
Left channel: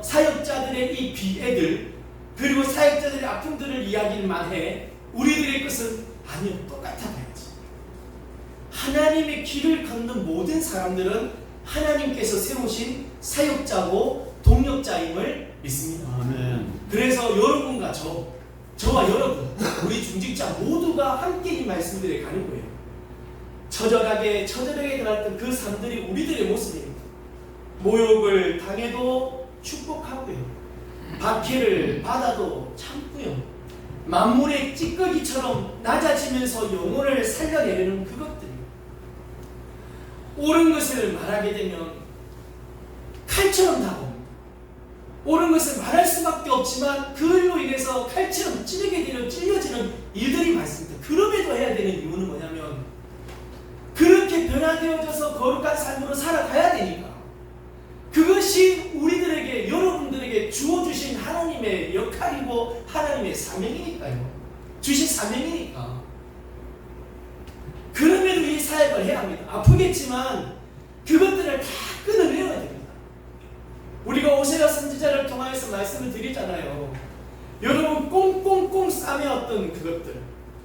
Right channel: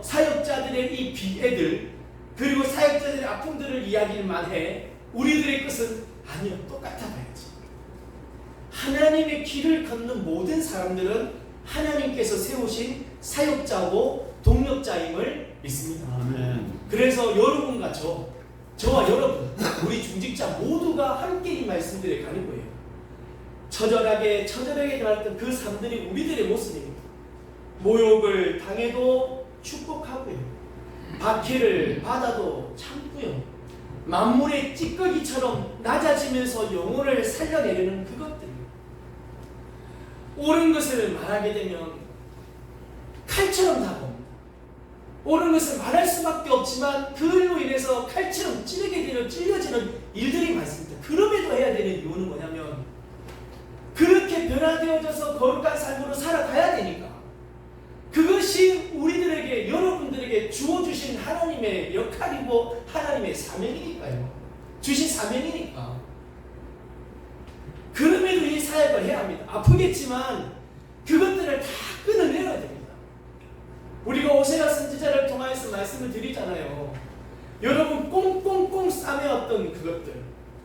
사역자들의 이 비애들, 그리고 사역자들의 아픔들을 이야기만 해. 우리들의 것은 아니요, 똑같아 봐야지. 하나님의 길을 걷는 모든 사람들은 하나님께서 세우신 사역자고 동역자임을 믿습니다. 아멘. 그래서 여러분과 저와 여러분, 우리 중직자 모두가 함께 이 말씀들에 가는 거예요. 처절하게 당했던 그 삶들이 우리들의 모습입니다. 모욕을 당해도 축복하고요, 박해를 받아도 참고요, 만물의 찌꺼기처럼 낮아지면서 영혼을 살려내려는 그것들이, 옳은 것을 말하게 되면 칼처럼 다가옵니다. 옳은 것을 말할 수밖에 없지만 그로 인해서 칼처럼 찔려지는 일들이 많습니다. 그럼에도 해야 되는 이유는 뭐냐면 그렇게 변화되어져서 거룩한 삶으로 살아가야 되니까. 그것이 우리들에게, 여러분들에게 주어주신 하나님의 역할이고 하나님의 사명이니까요. 주신 사명이니까. 그럼에도 이 사역을 해야 합니다. 아프겠지만 그것들을 다 끊어내야 됩니다. 우리가 오세라 선지자를 통하여서 말씀을 드리잖아요. 여러분, 꽁꽁꽁 싸매었던 그것들,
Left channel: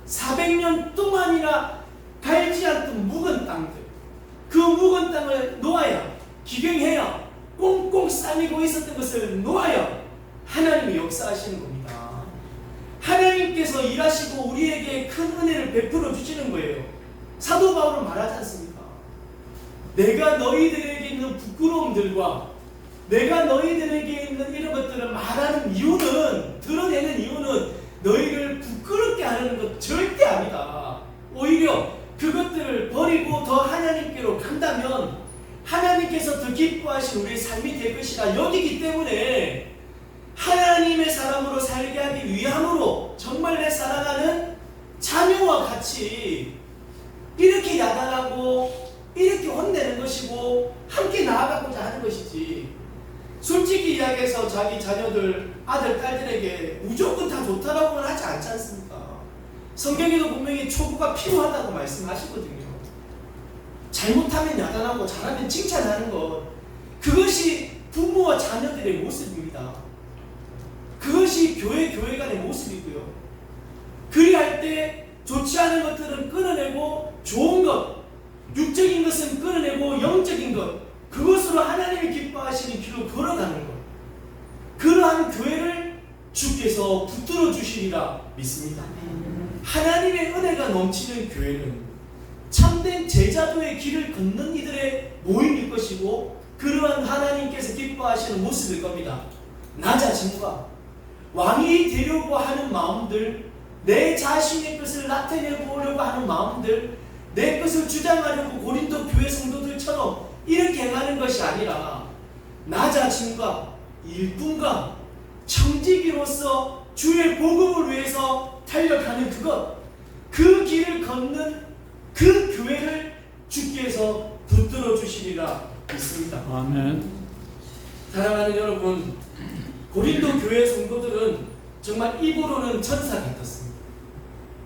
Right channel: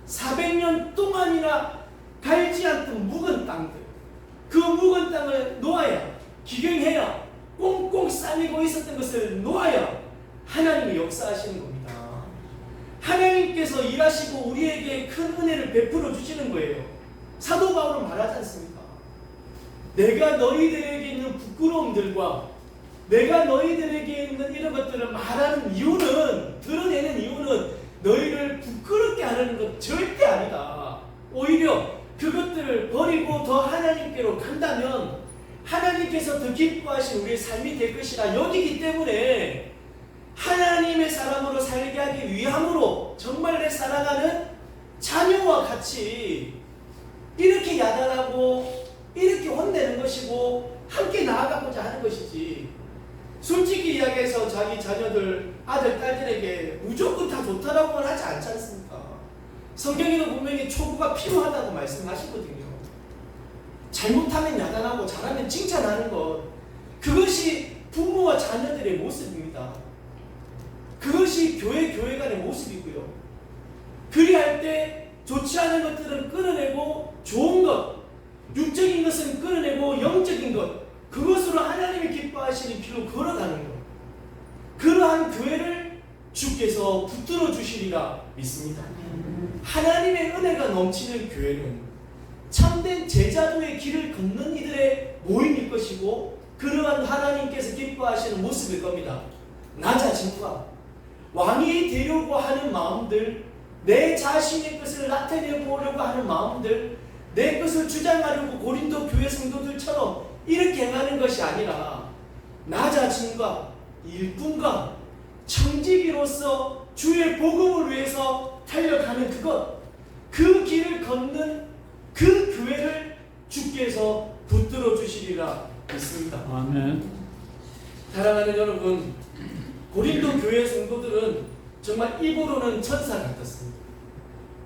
400년 동안이나 갈지 않던 묵은 땅들, 그 묵은 땅을 놓아야, 기경해야, 꽁꽁 싸매고 있었던 것을 놓아야 하나님이 역사하시는 겁니다. 하나님께서 일하시고 우리에게 큰 은혜를 베풀어 주시는 거예요. 사도 바울은 말하지 않습니까? 내가 너희들에게 있는 부끄러움들과 내가 너희들에게 있는 이런 것들을 말하는 이유는, 드러내는 이유는 너희를 부끄럽게 하는 것 절대 아니다. 오히려 그것들을 버리고 더 하나님께로 간다면 하나님께서 더 기뻐하신 우리의 삶이 될 것이라 여기기 때문에 하나님의 사람으로 살게 하기 위함으로 정말 내 사랑하는 자녀와 같이 이렇게 야단하고 이렇게 혼내는 것이고 함께 나아가고자 하는 것이지, 솔직히 이야기해서 자기 자녀들, 아들, 딸들에게 무조건 다 좋다라고는 하지 않지 않습니까? 성경에도 분명히 초구가 필요하다고 말씀하시거든요. 잘못하면 야단하고 잘하면 칭찬하는 것, 그것이 부모와 자녀들의 모습입니다. 그것이 교회 간의 모습이고요. 그리할 때 좋지 않은 것들은 끊어내고 좋은 것, 육적인 것은 끊어내고 영적인 것, 그것으로 하나님이 기뻐하시는 길로 걸어가는 것, 그러한 교회를 주께서 붙들어 주시리라 믿습니다. 하나님의 은혜가 넘치는 교회는 참된 제자도의 길을 걷는 이들의 모임일 것이고, 그러한 하나님께서 기뻐하시는 모습일 겁니다. 낮아짐과 왕이 되려고 하는 마음들, 내 자신의 것을 나타내보려고 하는 마음들, 내 것을 주장하려고 고린도 교회 성도들처럼 이렇게 행하는 것이 아니라 나 자신과 일꾼과 청지기로서 주의 복음을 위해서 달려가는 그것, 그 길을 걷는 그 교회를 주께서 붙들어 주시리라 믿습니다. 아멘. 사랑하는 여러분, 고린도 교회 성도들은 정말 입으로는 천사 같았습니다.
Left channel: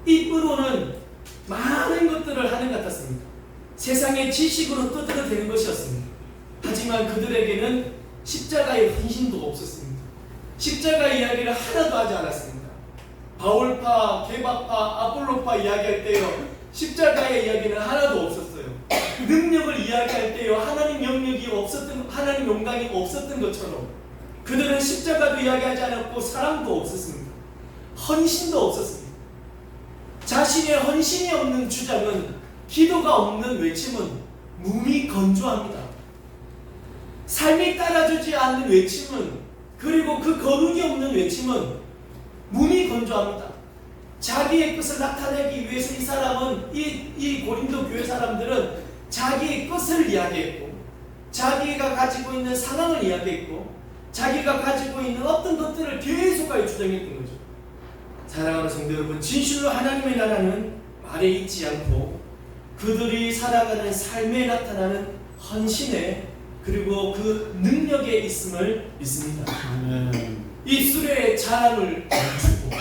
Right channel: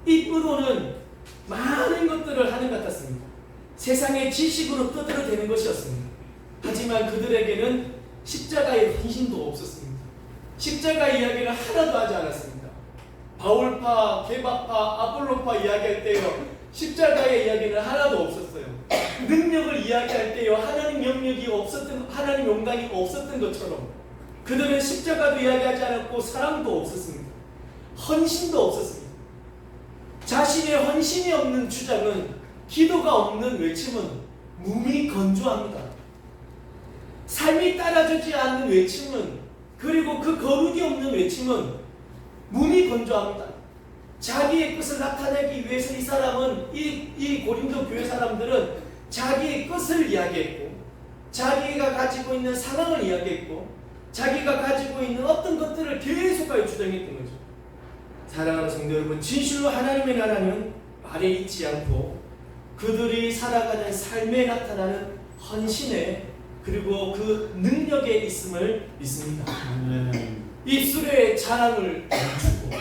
입으로는 많은 것들을 하는 것 같았습니다. 세상의 지식으로 떠들어대는 것이었습니다. 하지만 그들에게는 십자가의 헌신도 없었습니다. 십자가 이야기를 하나도 하지 않았습니다. 바울파, 게바파, 아볼로파 이야기할 때요, 십자가의 이야기는 하나도 없었어요. 능력을 이야기할 때요, 하나님 영역이 없었던, 하나님 영광이 없었던 것처럼 그들은 십자가도 이야기하지 않았고 사랑도 없었습니다. 헌신도 없었습니다. 자신의 헌신이 없는 주장은, 기도가 없는 외침은 몸이 건조합니다. 삶이 따라주지 않는 외침은, 그리고 그 거룩이 없는 외침은 몸이 건조합니다. 자기의 것을 나타내기 위해서 이 사람은, 이 고린도 교회 사람들은 자기의 것을 이야기했고, 자기가 가지고 있는 상황을 이야기했고, 자기가 가지고 있는 어떤 것들을 계속하여 주장했던 거죠. 사랑하는 성도 여러분, 진실로 하나님의 나라는 말에 있지 않고 그들이 살아가는 삶에 나타나는 헌신에, 그리고 그 능력에 있음을 믿습니다. 아멘. 입술의 자랑을 멈추고,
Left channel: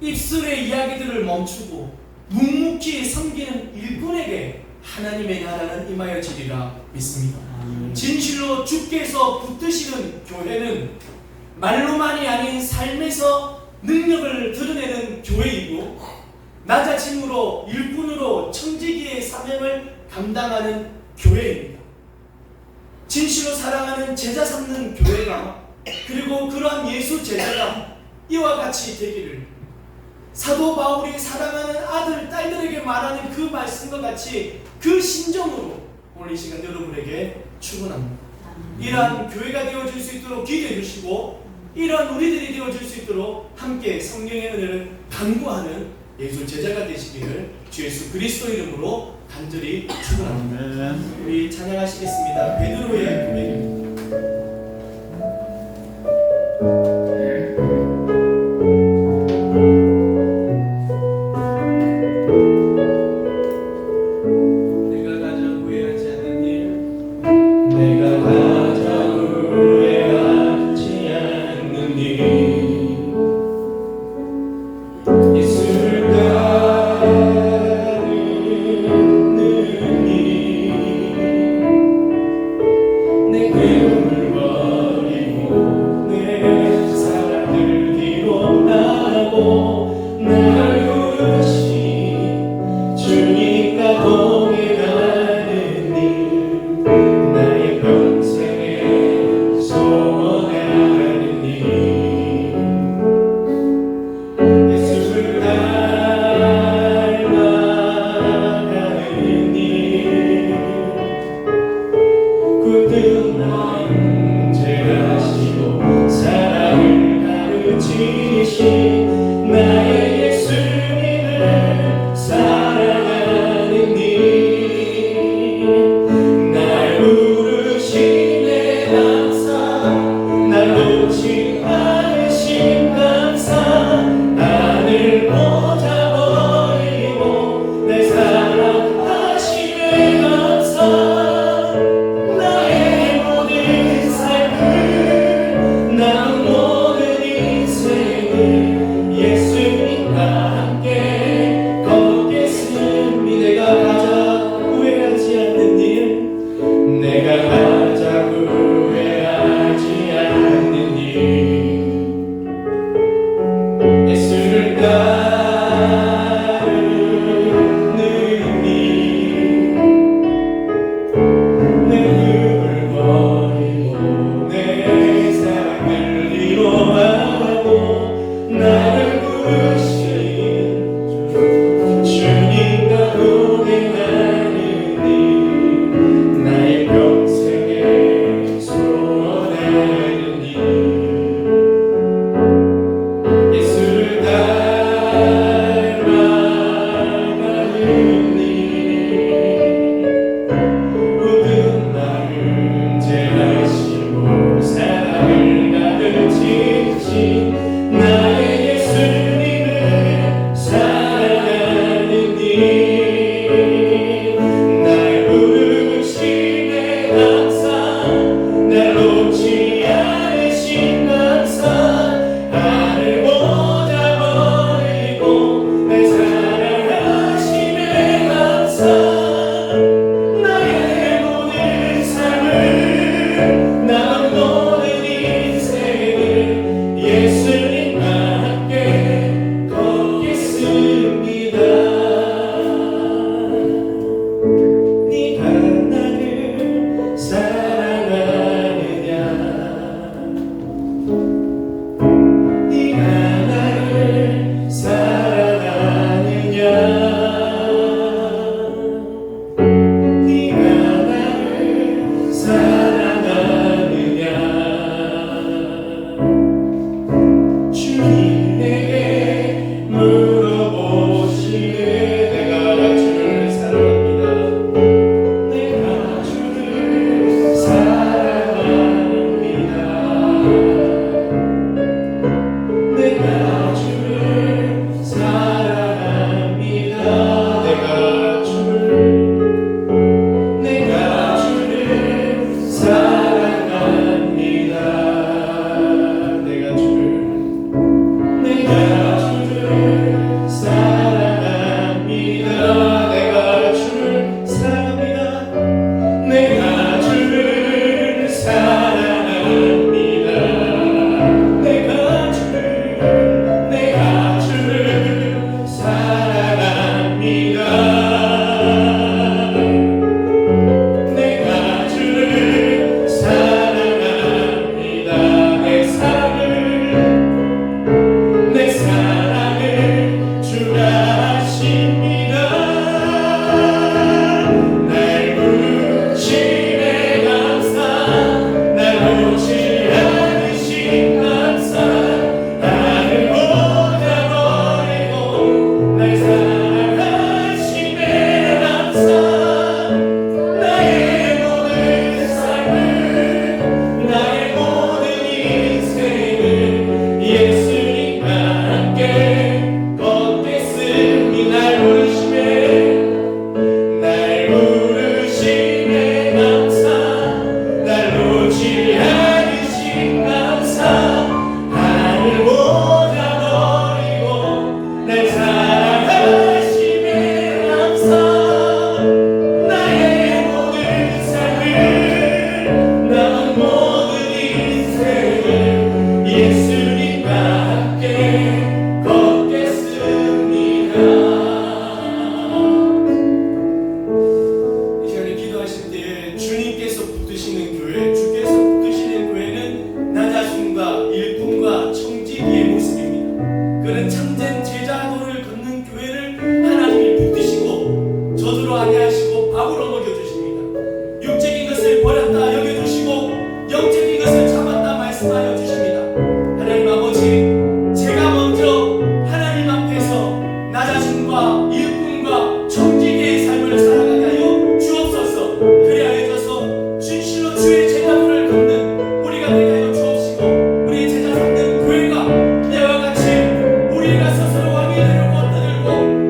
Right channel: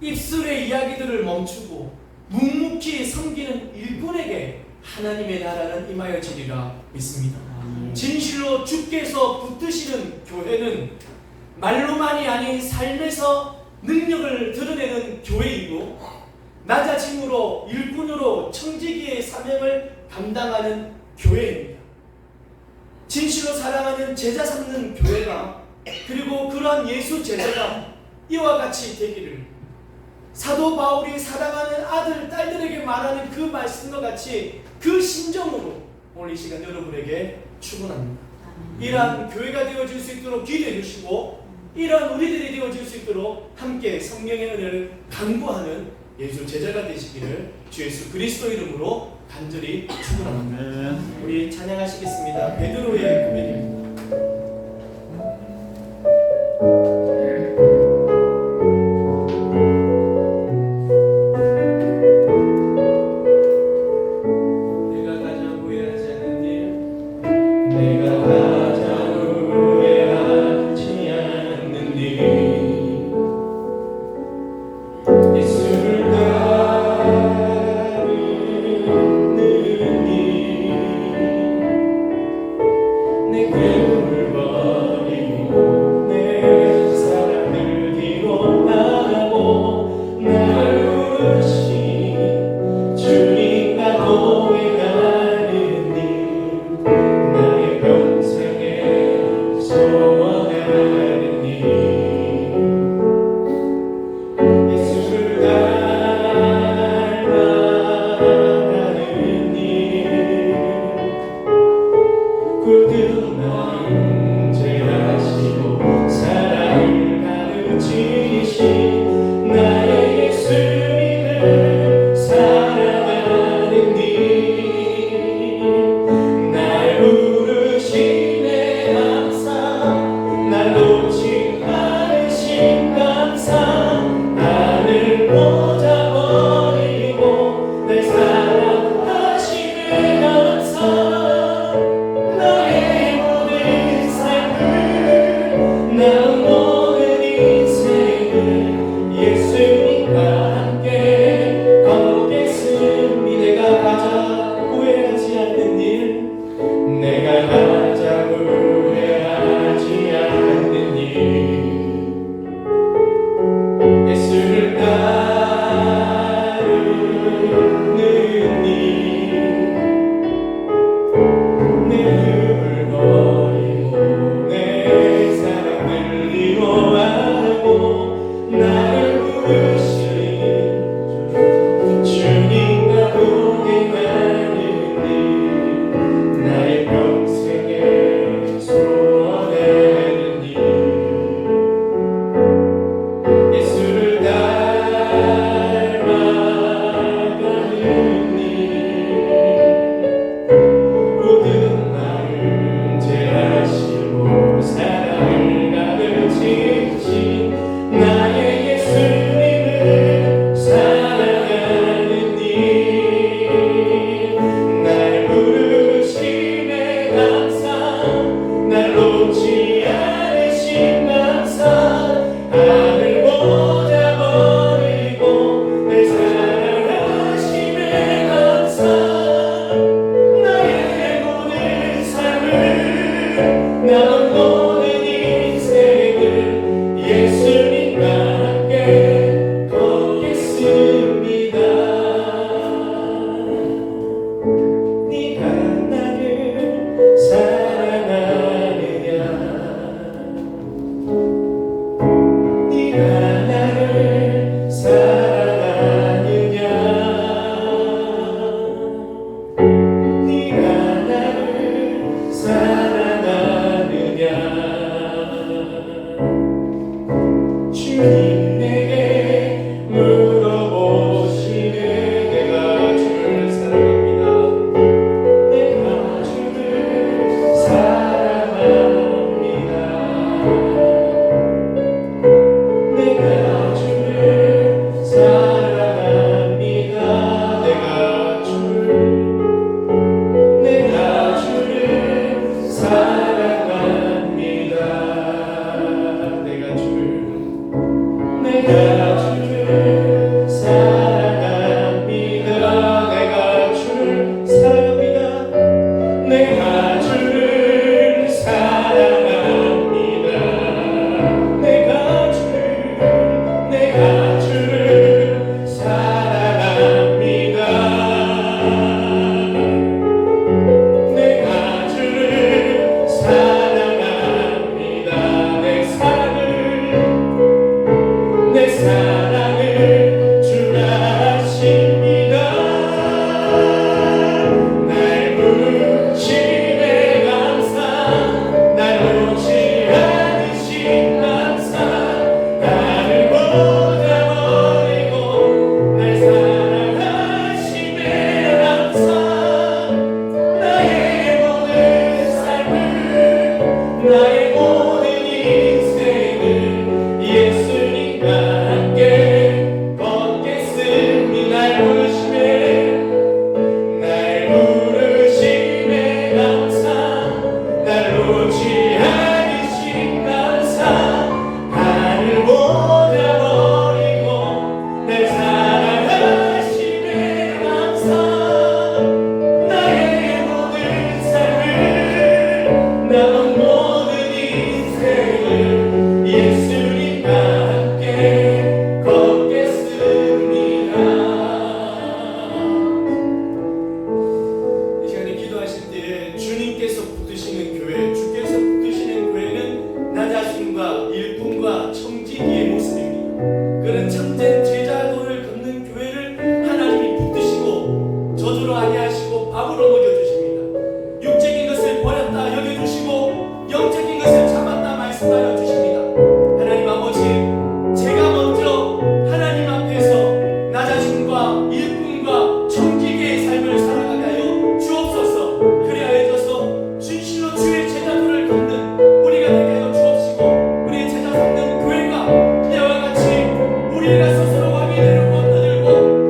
입술의 이야기들을 멈추고 묵묵히 섬기는 일꾼에게 하나님의 나라는 임하여지리라 믿습니다. 진실로 주께서 붙드시는 교회는 말로만이 아닌 삶에서 능력을 드러내는 교회이고, 나 자신으로 일꾼으로 청지기의 사명을 감당하는 교회입니다. 진실로 사랑하는 제자 삼는 교회가, 그리고 그러한 예수 제자가 이와 같이 되기를, 사도 바울이 사랑하는 아들, 딸들에게 말하는 그 말씀과 같이 그 심정으로 오늘 이 시간 여러분에게 축원합니다. 이러한 교회가 되어질 수 있도록 기도해 주시고, 이러한 우리들이 되어질 수 있도록 함께 성령의 은혜를 간구하는 예수 제자가 되시기를 주 예수 그리스도 이름으로 간절히 축원합니다. 아멘. 우리 찬양하시겠습니다. 베드로의 고백입니다. 내가 가장 후회하지 않는 일, 내가 가장 후회하지 않는 일, 예수를 따르는 일, 내 괴로움을 버리고 내 사랑을 뒤로 하고 날 부르신 주님과 동행하는 일, 나의 평생에 소원하는 일, 예수를 닮아가는 일, 굳은 마음 제하시고 사랑을 가르치신 나의 예수님을 사랑하는 일, 날 부르시네 감사, 날 놓지 않으신 감사, 하늘 보자 버리고 내 사랑하시네 감사, 나의 모든 삶을, 나 모든 인생을 예수님과 함께 걷겠습니다. 내가 가장 후회하지 않는 일, 내가 가장 후회하지 않는 일, 예수를 따르는 일, 내 흙을 버리고 내 사랑을 이뤄하고 나를 부르신 주님과 동행하는 일, 나의 평생에 소원하는 일, 예수를 닮아가는 일, 내가 주를 사랑합니다. 내가 주를 사랑합니다. 내 사랑을 주가 아십니다. 날 부르심에 감사, 날 놓지 않으신 감사, 나를 못 버리고 날 사랑하심에 감사. 나의 모든 삶을, 나의 모든 인생을 예수님과 함께 걷겠습니다. 날 부르심에 감사, 날 놓지 않으신 감사, 나를 못 버리고 날 사랑하심에 감사. 나의 모든 삶을, 남은 모든 인생을 예수님과 함께 걷겠습니다. 이 시간에 기도하실 때에 주님께서 붙드시는 교회, 주께서 붙드시는 교회는 나 자신과 일꾼과 청지기의 모습입니다. 그는 참된 제자도를 걷는 교회를 하나님이 붙드시고 저주로 아니하시고 밥으로 먹여주십니다. 육적인 것을 버렸다 여겨주시고 영적인 것을 참았다 말씀하여 주십니다. 하나님 아버지, 제가 먼저 하나님 앞에서 나 자신과 일꾼과 청지기의 삶을 살아가게 하여 주옵소서. 그리하여져서 진실로 주의 제자도를 걷는 우리가 되게 하여 주옵시고, 우리의 제자 삼는 교회가 이와 같이 우리가 스스로 왕이 되려고 떠들고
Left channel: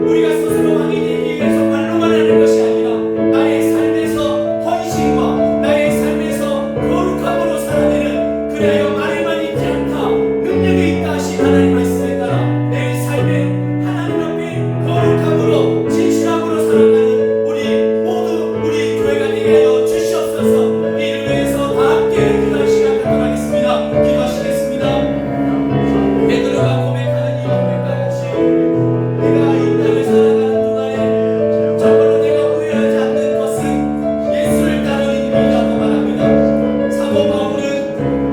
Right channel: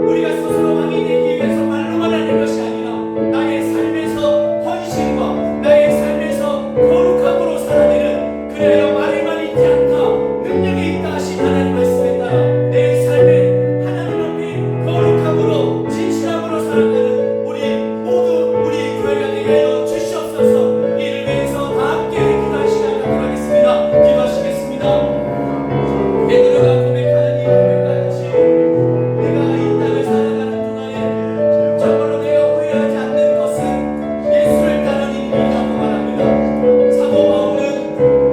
우리가 스스로 왕이 되기 위해서 말로만 하는 것이 아니라 나의 삶에서 헌신과 나의 삶에서 거룩함으로 살아내는, 그리하여 말에만 있지 않다 능력에 있다 하신 하나님 말씀에 따라 내 삶에 하나님 앞에 거룩함으로 진실함으로 살아가는 우리 모두 우리 교회가 되게 하여 주시옵소서. 이를 위해서 다 함께 기도할 시간 갖도록 하겠습니다. 기도하시겠습니다. 베드로가 고백하는 이 고백과 같이 내가 이 땅을 살아가는 동안에 정말로 내가 후회하지 않는 것은 예수를 따르는 일이라고 말합니다. 사도 바울은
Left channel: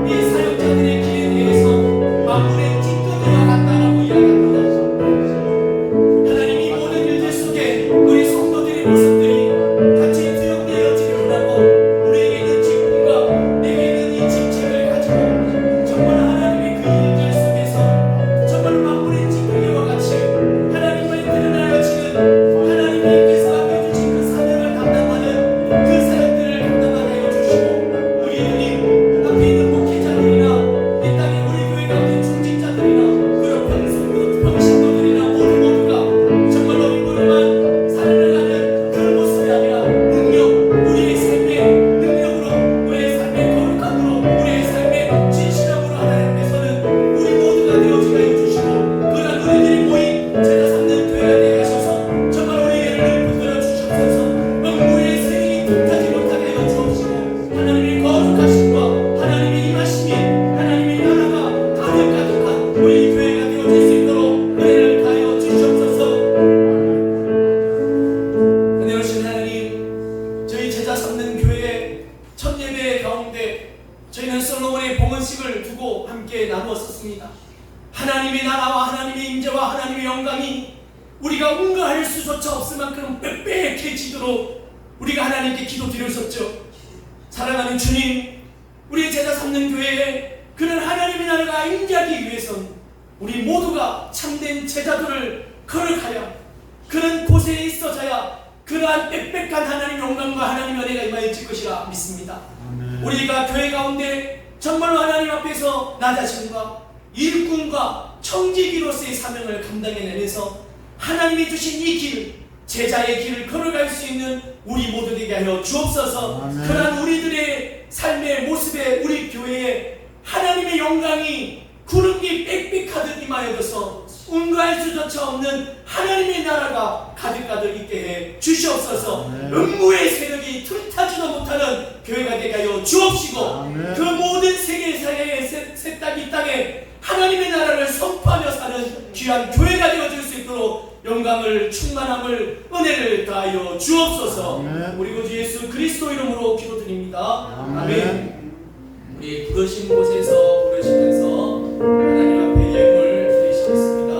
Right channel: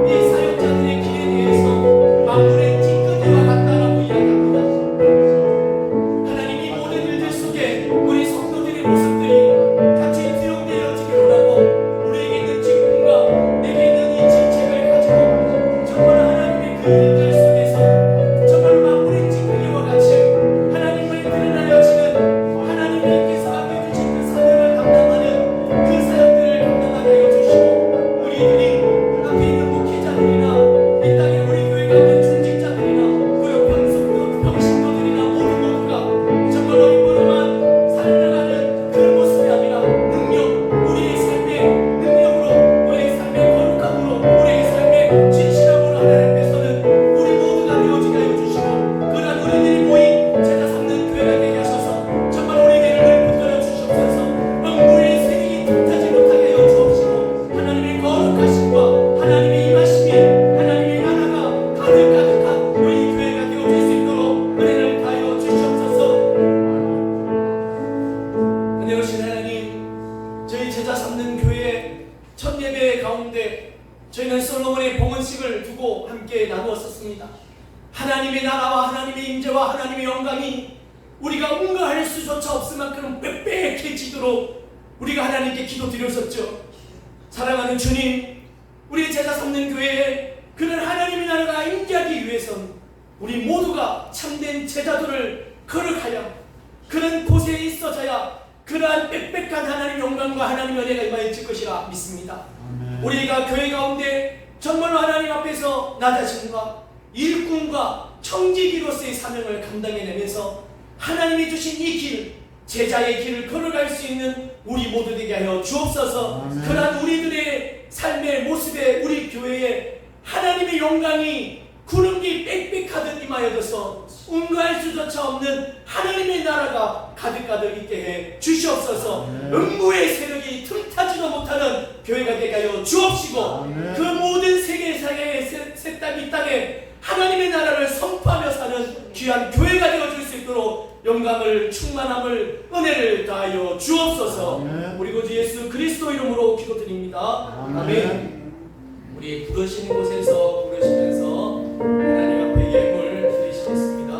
이 사역자들의 길에 대해서 만물의 찌꺼기와 같다라고 이야기합니다. 하나님, 이 모든 일들 속에 우리 성도들의 모습들이 같이 투영되어지기를 원하고, 우리에게 있는 직분과 내게 있는 이 직책을 가지고 정말 하나님의 그 일들 속에서 정말 만물의 찌꺼기와 같이 하나님만 드러나여지는, 하나님께서 맡겨주신 그 사명을 감당하는 그 사역들을 감당하게 하여 주시고, 우리들이 앞에 있는 목회자들이나 이 땅에 우리 교회 가운데 중직자들이나 그리고 평신도들이나 모두가 정말 어림으로만 살아가는 그 모습이 아니라 능력, 우리의 삶의 능력으로, 우리의 삶의 거룩함으로, 우리의 삶의 진실함으로 하나님 앞에서는 우리 모두가 되어지게 하여 주시고, 그러한 우리들이 모인 제자 삼는 교회가 되게 하셔서 정말 우리에게를 붙들어 주시옵소서. 음부의 세력이 틈타지 못하게 하여 주옵시고, 하나님의 거룩하심과 하나님의 임하심이, 하나님의 나라가 가득가득한 우리 교회가 되어질 수 있도록 은혜를 가하여 주시옵소서. 은혜로우신 하나님, 저희 제자 삼는 교회의 첫 예배 가운데 저희는 솔로몬의 봉헌식을 두고 함께 나누었었습니다. 하나님의 나라와 하나님의 임재와 하나님의 영광이 우리가 응가할 수조차 없을 만큼 빽빽해지도록 우리가 하나님께 기도드렸었죠. 사랑하는 주님, 우리 제자 삼는 교회에 그는 하나님의 나라가 임재하기 위해서는 우리 모두가 참된 제자도를 걸어가야, 그는 곳에 있어져야 그러한 빽빽한 하나님의 영광과 하나님의 은혜가 임하여질 것이라 믿습니다. 우리가 교회 가운데 정말로 하나님 앞에서 나 자신과 일꾼과 청지기로서의 사명을 감당해내면서 하나님이 주신 이 길, 제자의 길을 걸어갈 수 있는 우리 모두 되게 하여 주옵소서. 그러한 우리들의 삶의 모습에 우리 교회에 하나님의 영광이 구름이 빽빽하듯 임하여져서 응가할 수조차 없는 하나님의 나라가 가득가득 있게 해 주시옵소서. 음부의 세력이 틈타지도 못하는 교회가 되게 하여 주옵시고, 그 모든 세계사의 새 땅 이 땅에 하나님의 나라를 선포하며 사는 귀한 교회가 되어줄 수 있도록 영광을 충만함을 은혜를 다하여 주옵소서. 아멘. 우리 구주 예수 그리스도 이름으로 기도드립니다. 아멘. 아멘. 우리 부르신 곳에서 부르시면서 하나님 앞에 예물 드리시겠습니다.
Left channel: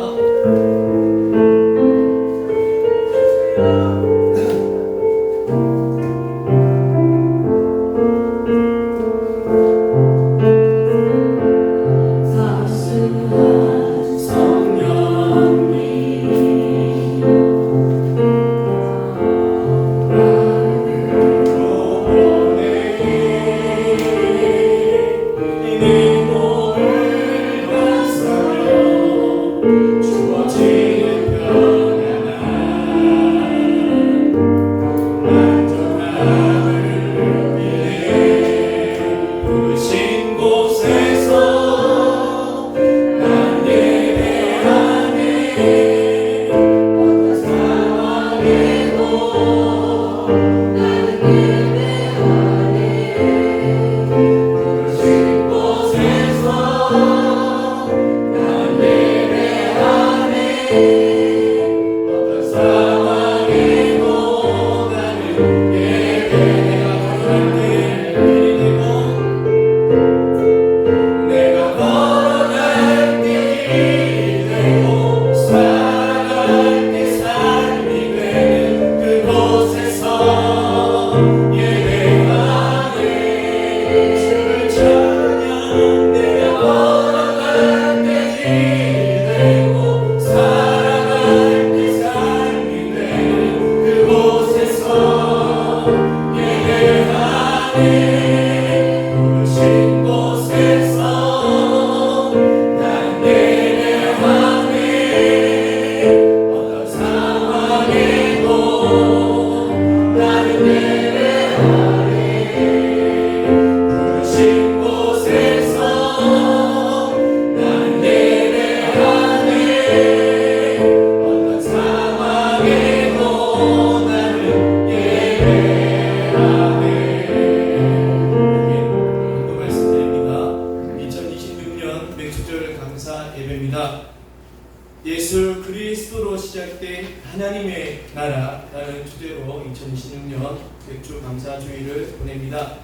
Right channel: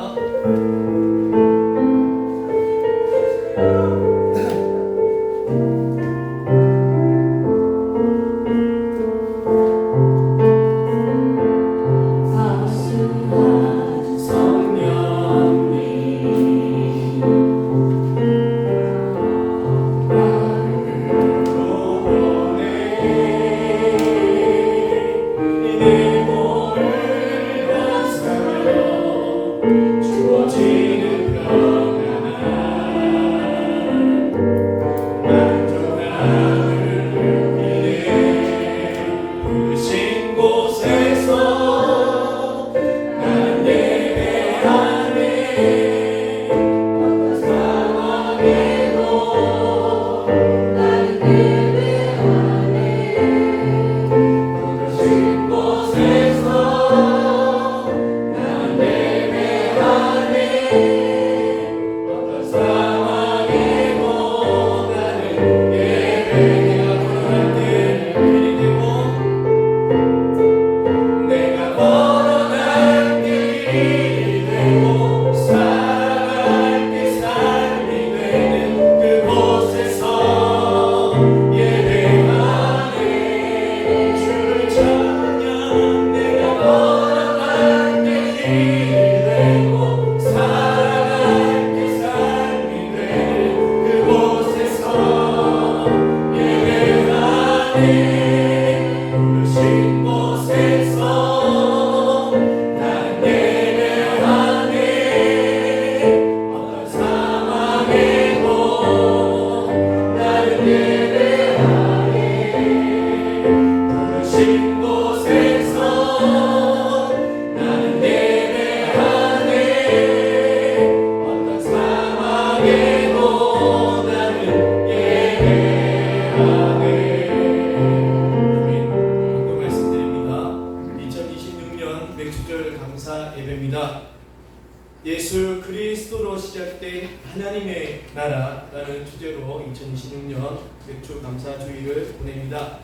예수 그리스도로 시작된 하나님의 나라라는 주제로 2026년 백주 감사 주일을 보냅니다.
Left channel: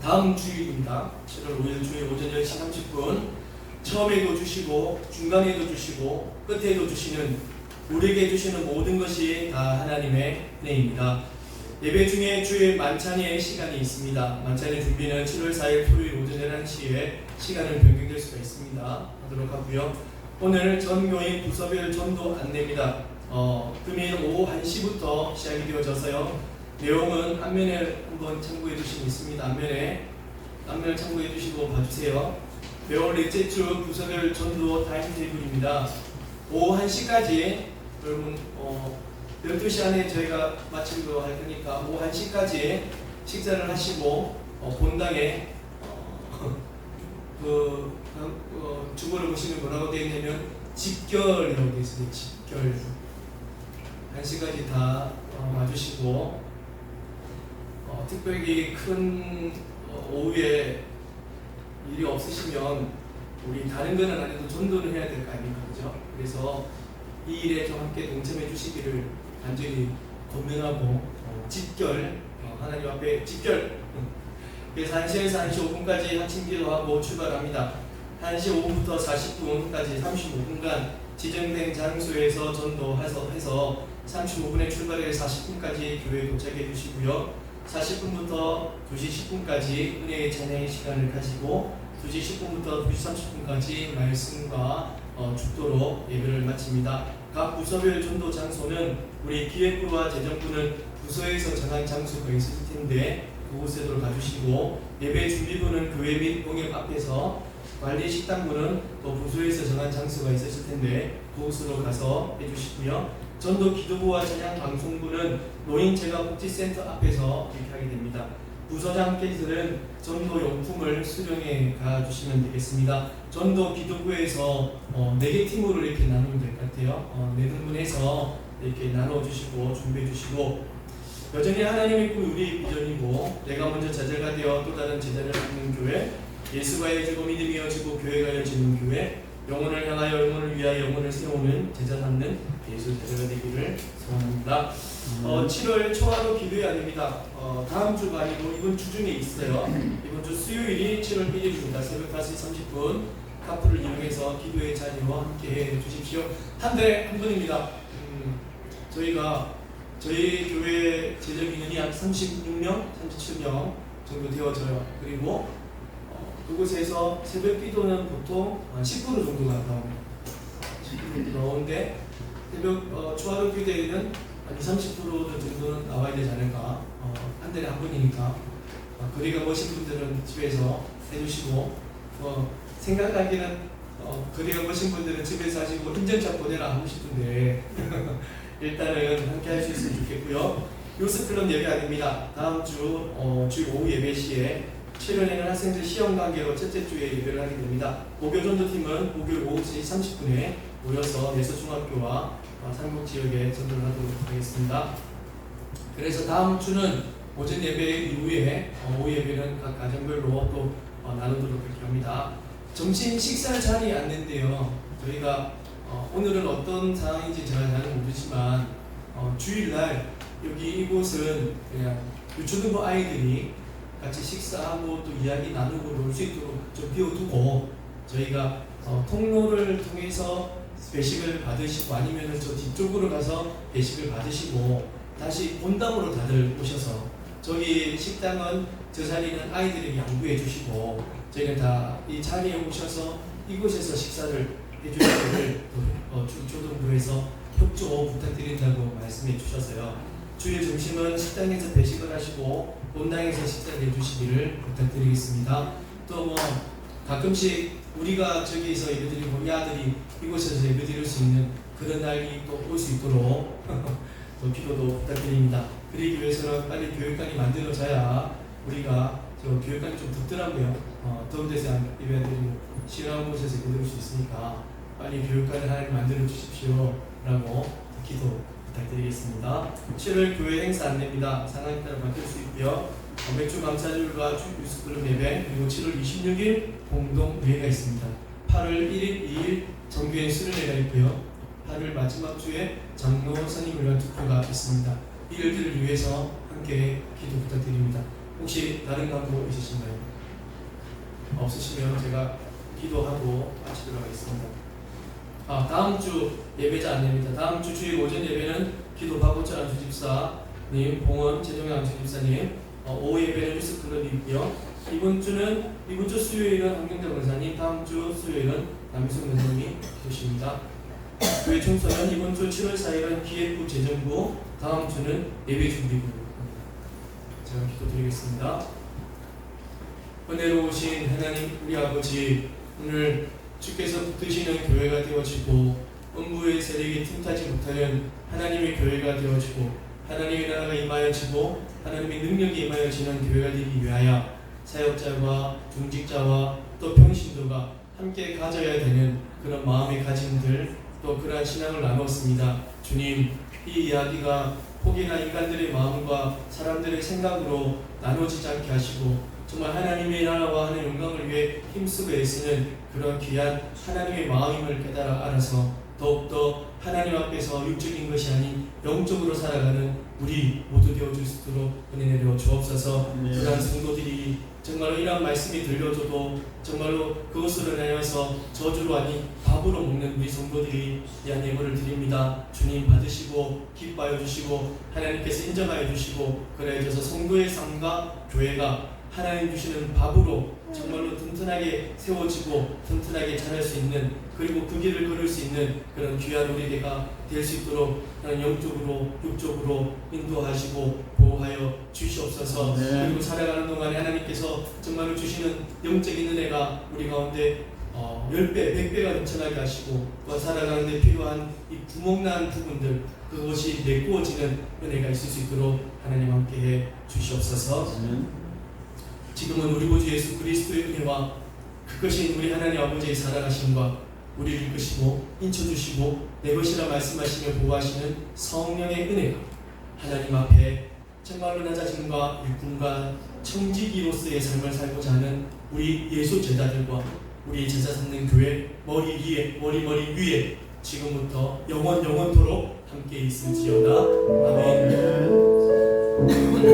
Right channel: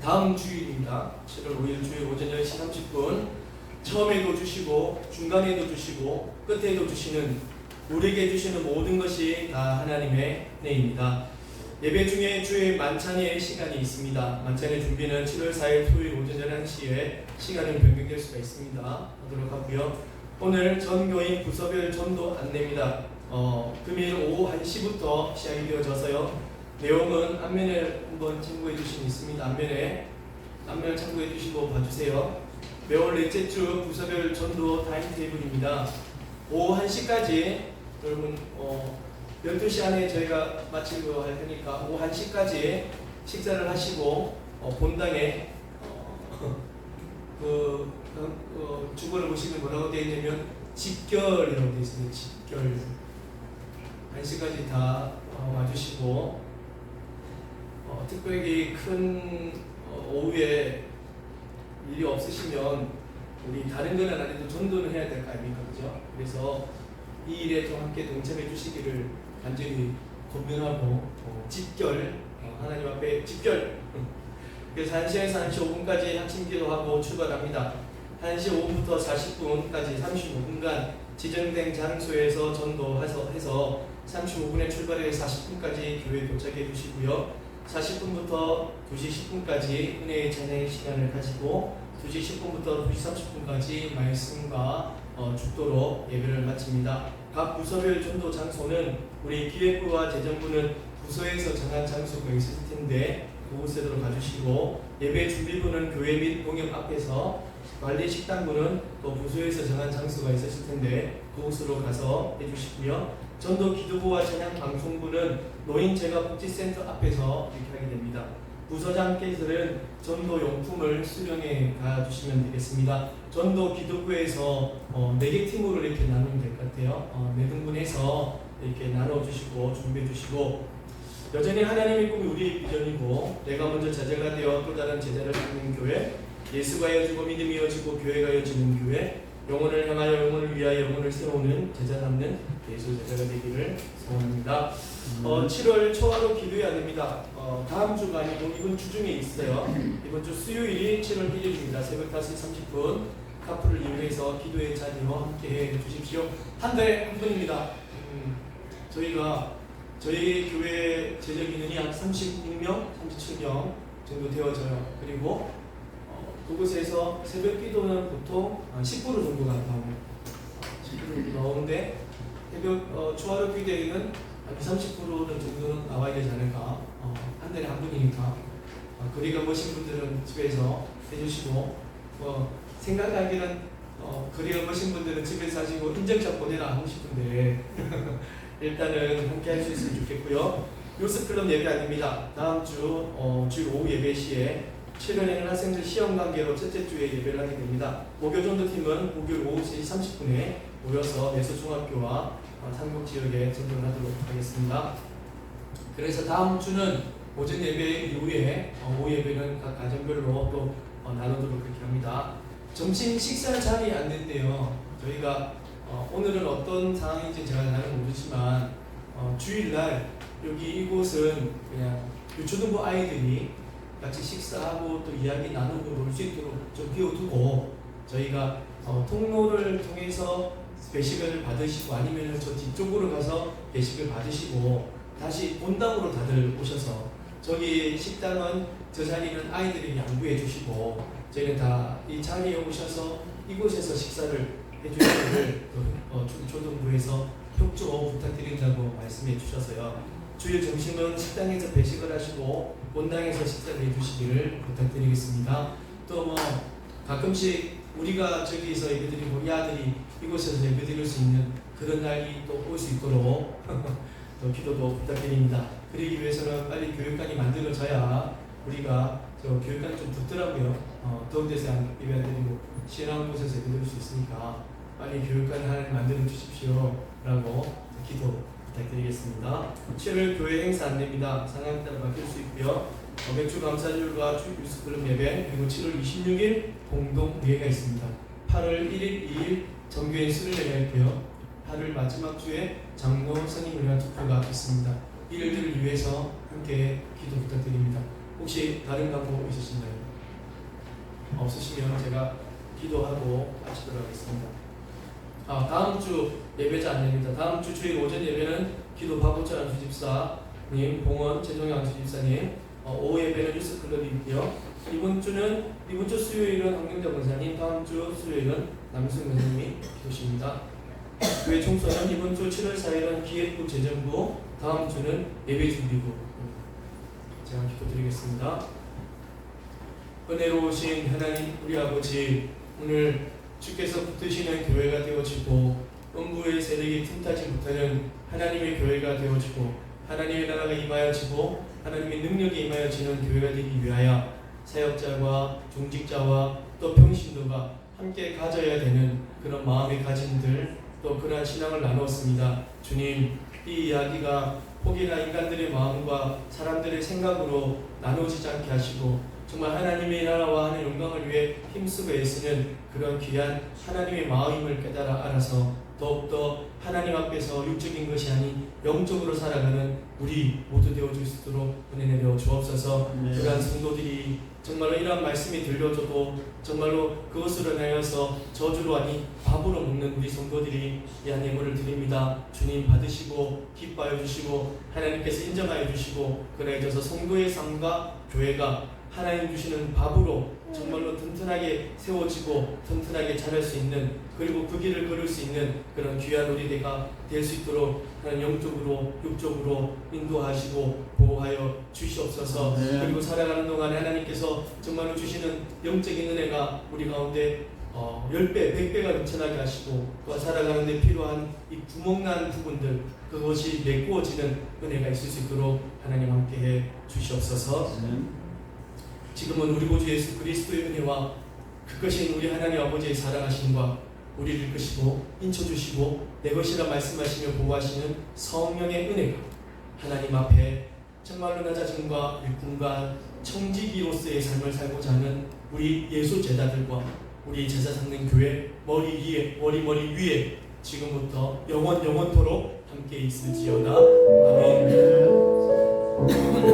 다음 주일입니다. 7월 5일 주일 오전 10시 30분 처음에도 주시고 중간에도 주시고 끝에도 주시는 우리에게 주시는 모든 것이 다 하나님의 은혜입니다. 예배 중에 주일 만찬의 시간이 있습니다. 만찬의 준비는 7월 4일 토요일 오전 11시에 시간을 변경될 수가 있습니다. 하도록 하고요. 오늘 전교인 부서별 전도 안내입니다. 금일 오후 1시부터 시작이 되어져서요. 내용은 앞면에 한번 참고해 주시면 있습니다. 앞면을 참고해 주시고 봐주세요. 매월 넷째 주 부서별 전도 타임테이블입니다. 오후 1시까지 여러분 12시 안에 저희가 마치고 할 테니까 오후 1시까지 식사를 하시고 본당에 주보를 보시면 뭐라고 되어 있냐면 집결이라고 되어 있습니다. 집결 1시까지 다 와주시고 특별히 큰 오후에 일이 없으시면 우리 다른 거는 안 해도 전도는 해야 될 거 아닙니까? 그죠? 그래서 이 일에 좀 함께 동참해 주시기를 간절히 권면하고 집결 하나님 앞에 집결 그래서 1시에서 1시 5분까지 학침 기도하고 출발합니다. 1시 5분부터 40분까지 35분간 지정된 장소에서 전도해서 35분에 출발해서 40분까지 교회에 도착해 주시고요. 40분부터 2시 10분까지 은혜의 찬양의 시간을 가지고 2시 10분부터 2시 30분까지 말씀과 축도로 예배를 마칩니다. 각 부서별 전도 장소는 우리 기획부와 재정부는 부서에서 정한 장소가 있을 텐데 그곳으로 가주시고 예배 준비부는 교회 및 공역 앞에서 관리 식당부는 또 부서에서 정한 장소가 있었을 텐데 그곳으로 가서 해주시고요. 전도 기도부와 찬양 방송부는 노인재가복지센터 앞에서 이렇게 하게 됩니다. 부서장께서는 전도 용품을 수령해 가주시면 되겠습니다. 전도 기도부에서 4개 팀으로 이렇게 나누면 될 것 같아요. 4등분해서 이렇게 나눠주시고 준비해주시고 여전히 하나님의 꿈이 우리의 비전이고 내가 먼저 제자가 되어 또 다른 제자를 낳는 교회 예수가 이어지고 믿음이 이어지고 교회가 이어지는 교회, 영혼을 향하여 영혼을 위하여 영혼을 세우는 제자 삼는 예수 제자가 되기를 소원합니다. 7월 초하루 기도회 아닙니다. 다음 주가 아니고 이번 주 중에 있어요. 이번 주 수요일이 7월 1일입니다. 새벽 5시 30분 카풀을 이용해서 기도회 자리로 함께 해 주십시오. 한 달에 한 분입니다. 저희가 저희 교회 제적 인원이 한 36명, 37명 정도 되어져요. 그리고 그곳에서 새벽 기도는 보통 10% 정도가 나옵니다. 10% 나오는데 새벽 초하루 기도회는 한 30% 정도는 나와야 되지 않을까. 한 달에 한 분이니까 거리가 먼신 분들은 집에서 해주시고 생각하기는 거리가 먼신 분들은 집에서 하시고 인증샷 보내라 하고 싶은데 일단은 함께 할 수 있으면 좋겠고요. 요스클럽 예배 아닙니다. 다음 주 주일 오후 예배 시에 7월에는 학생들 시험 관계로 첫째 주에 예배를 하게 됩니다. 목요전도팀은 목요일 오후 3시 30분에 모여서 예서중학교와 상록 지역에 전도를 하도록 하겠습니다. 그래서 다음 주는 오전 예배 이후에 오후 예배는 각 가정별로 또 나누도록 그렇게 합니다. 점심 식사를 자리에 앉는데요. 저희가 오늘은 어떤 상황인지 제가 잘 모르지만 주일날 여기 이곳은 그냥 유초등부 아이들이 같이 식사하고 또 이야기 나누고 놀 수 있도록 좀 비워두고 저희가 통로를 통해서 배식을 받으시고 아니면 저 뒤쪽으로 가서 배식을 받으시고 다시 본당으로 다들 오셔서 저기 식당은 저 자리는 아이들에게 양보해 주시고 저희는 다 이 자리에 오셔서 이곳에서 식사를 해주시기를 초등부에서 협조 부탁드린다고 말씀해 주셔서요. 주일 점심은 식당에서 배식을 하시고 본당에서 식사를 해주시기를 부탁드리겠습니다. 또 가끔씩 우리가 저기서 예배드리고 우리 아들이 이곳에서 예배드릴 수 있는 그런 날이 또 올 수 있도록 또 기도도 부탁드립니다. 그러기 위해서는 빨리 교육관이 만들어져야 우리가 저 교육관이 좀 덥더라고요. 더운 데서 예배드리고 시원한 곳에서 예배드릴 수 있으니까 빨리 교육관을 하나님 만들어 주십시오 라고 기도 부탁드리겠습니다. 7월 교회 행사 안내입니다. 상황에 따라 바뀔 수 있고요. 맥주 감사절과 유스클럽 예배 그리고 7월 26일 공동 예배가 있습니다. 8월 1일, 2일 정교회 수련회가 있고요. 8월 마지막 주에 장로 선임을 위한 투표가 있습니다. 이 일들을 위해서 함께 기도 부탁드립니다. 혹시 다른 광고 있으신가요? 없으시면 제가 기도하고 마치도록 하겠습니다. 다음 주 예배자 안내입니다. 다음 주 주일 오전 예배는 기도 박우철 안수집사님, 봉원 최종영 안수집사님, 오후 예배는 유스클럽이 있고요. 이번 주 수요일은 황경대 권사님, 다음 주 수요일은 남희숙 권사님이 계십니다. 교회 총선은 이번 주 7월 4일은 기획부 재정부, 다음 주는 예배준비부. 제가 기도드리겠습니다. 은혜로우신 하나님 우리 아버지, 오늘 주께서 붙드시는 교회가 되어지고 음부의 세력이 틈타지 못하는 하나님의 교회가 되어지고 하나님의 나라가 임하여지고 하나님의 능력이 임하여지는 교회가 되기 위하여 사역자와 중직자와 또 평신도가 함께 가져야 되는 그런 마음의 가짐들, 또 그러한 신앙을 나누었습니다. 주님, 이 이야기가 혹이나 인간들의 마음과 사람들의 생각으로 나누어지지 않게 하시고 정말 하나님의 나라와 하는 영광을 위해 힘쓰고 애쓰는 그런 귀한 하나님의 마음임을 깨달아 알아서 더욱더 하나님 앞에서 육적인 것이 아닌 영적으로 살아가는 우리 모두 되어줄 수 있도록 은혜 내려 주옵소서. 그러한 성도들이 정말로 이러한 말씀이 들려줘도 정말로 그것으로 인하여서 저주로 아닌 밥으로 먹는 우리 성도들이 이한 예물을 드립니다. 주님 받으시고 기뻐하여 주시고 하나님께서 인정하여 주시고 그래져서 성도의 삶과 교회가 하나님 주시는 밥으로 정말로 튼튼하게 세워지고 튼튼하게 자랄 수 있는, 그리고 그 길을 걸을 수 있는 그런 귀한 우리들가 될 수 있도록 하나님 영적으로 육적으로 인도하시고 보호하여 주시옵소서. 그리고 살아가는 동안에 하나님께서 정말로 주시는 영적인 은혜가 우리 가운데 10배, 100배가 넘쳐나게 하시고 또 살아가는 데 필요한 이 구멍난 부분들, 그것이 메꾸어지는 은혜가 있을 수 있도록 하나님 함께해 주시옵소서. 지금은 우리 구주 예수 그리스도의 은혜와 그것인 우리 하나님 아버지의 사랑하심과 우리를 이끄시고 인쳐주시고 내 것이라 말씀하시며 보호하시는 성령의 은혜가 하나님 앞에 정말로 나 자신과 일꾼과 청지기로서의 삶을 살고자 하는 우리 예수 제자들과 우리 제자 삼는 교회 머리 위에 지금부터 영원토록 함께 있을지어다. 아멘.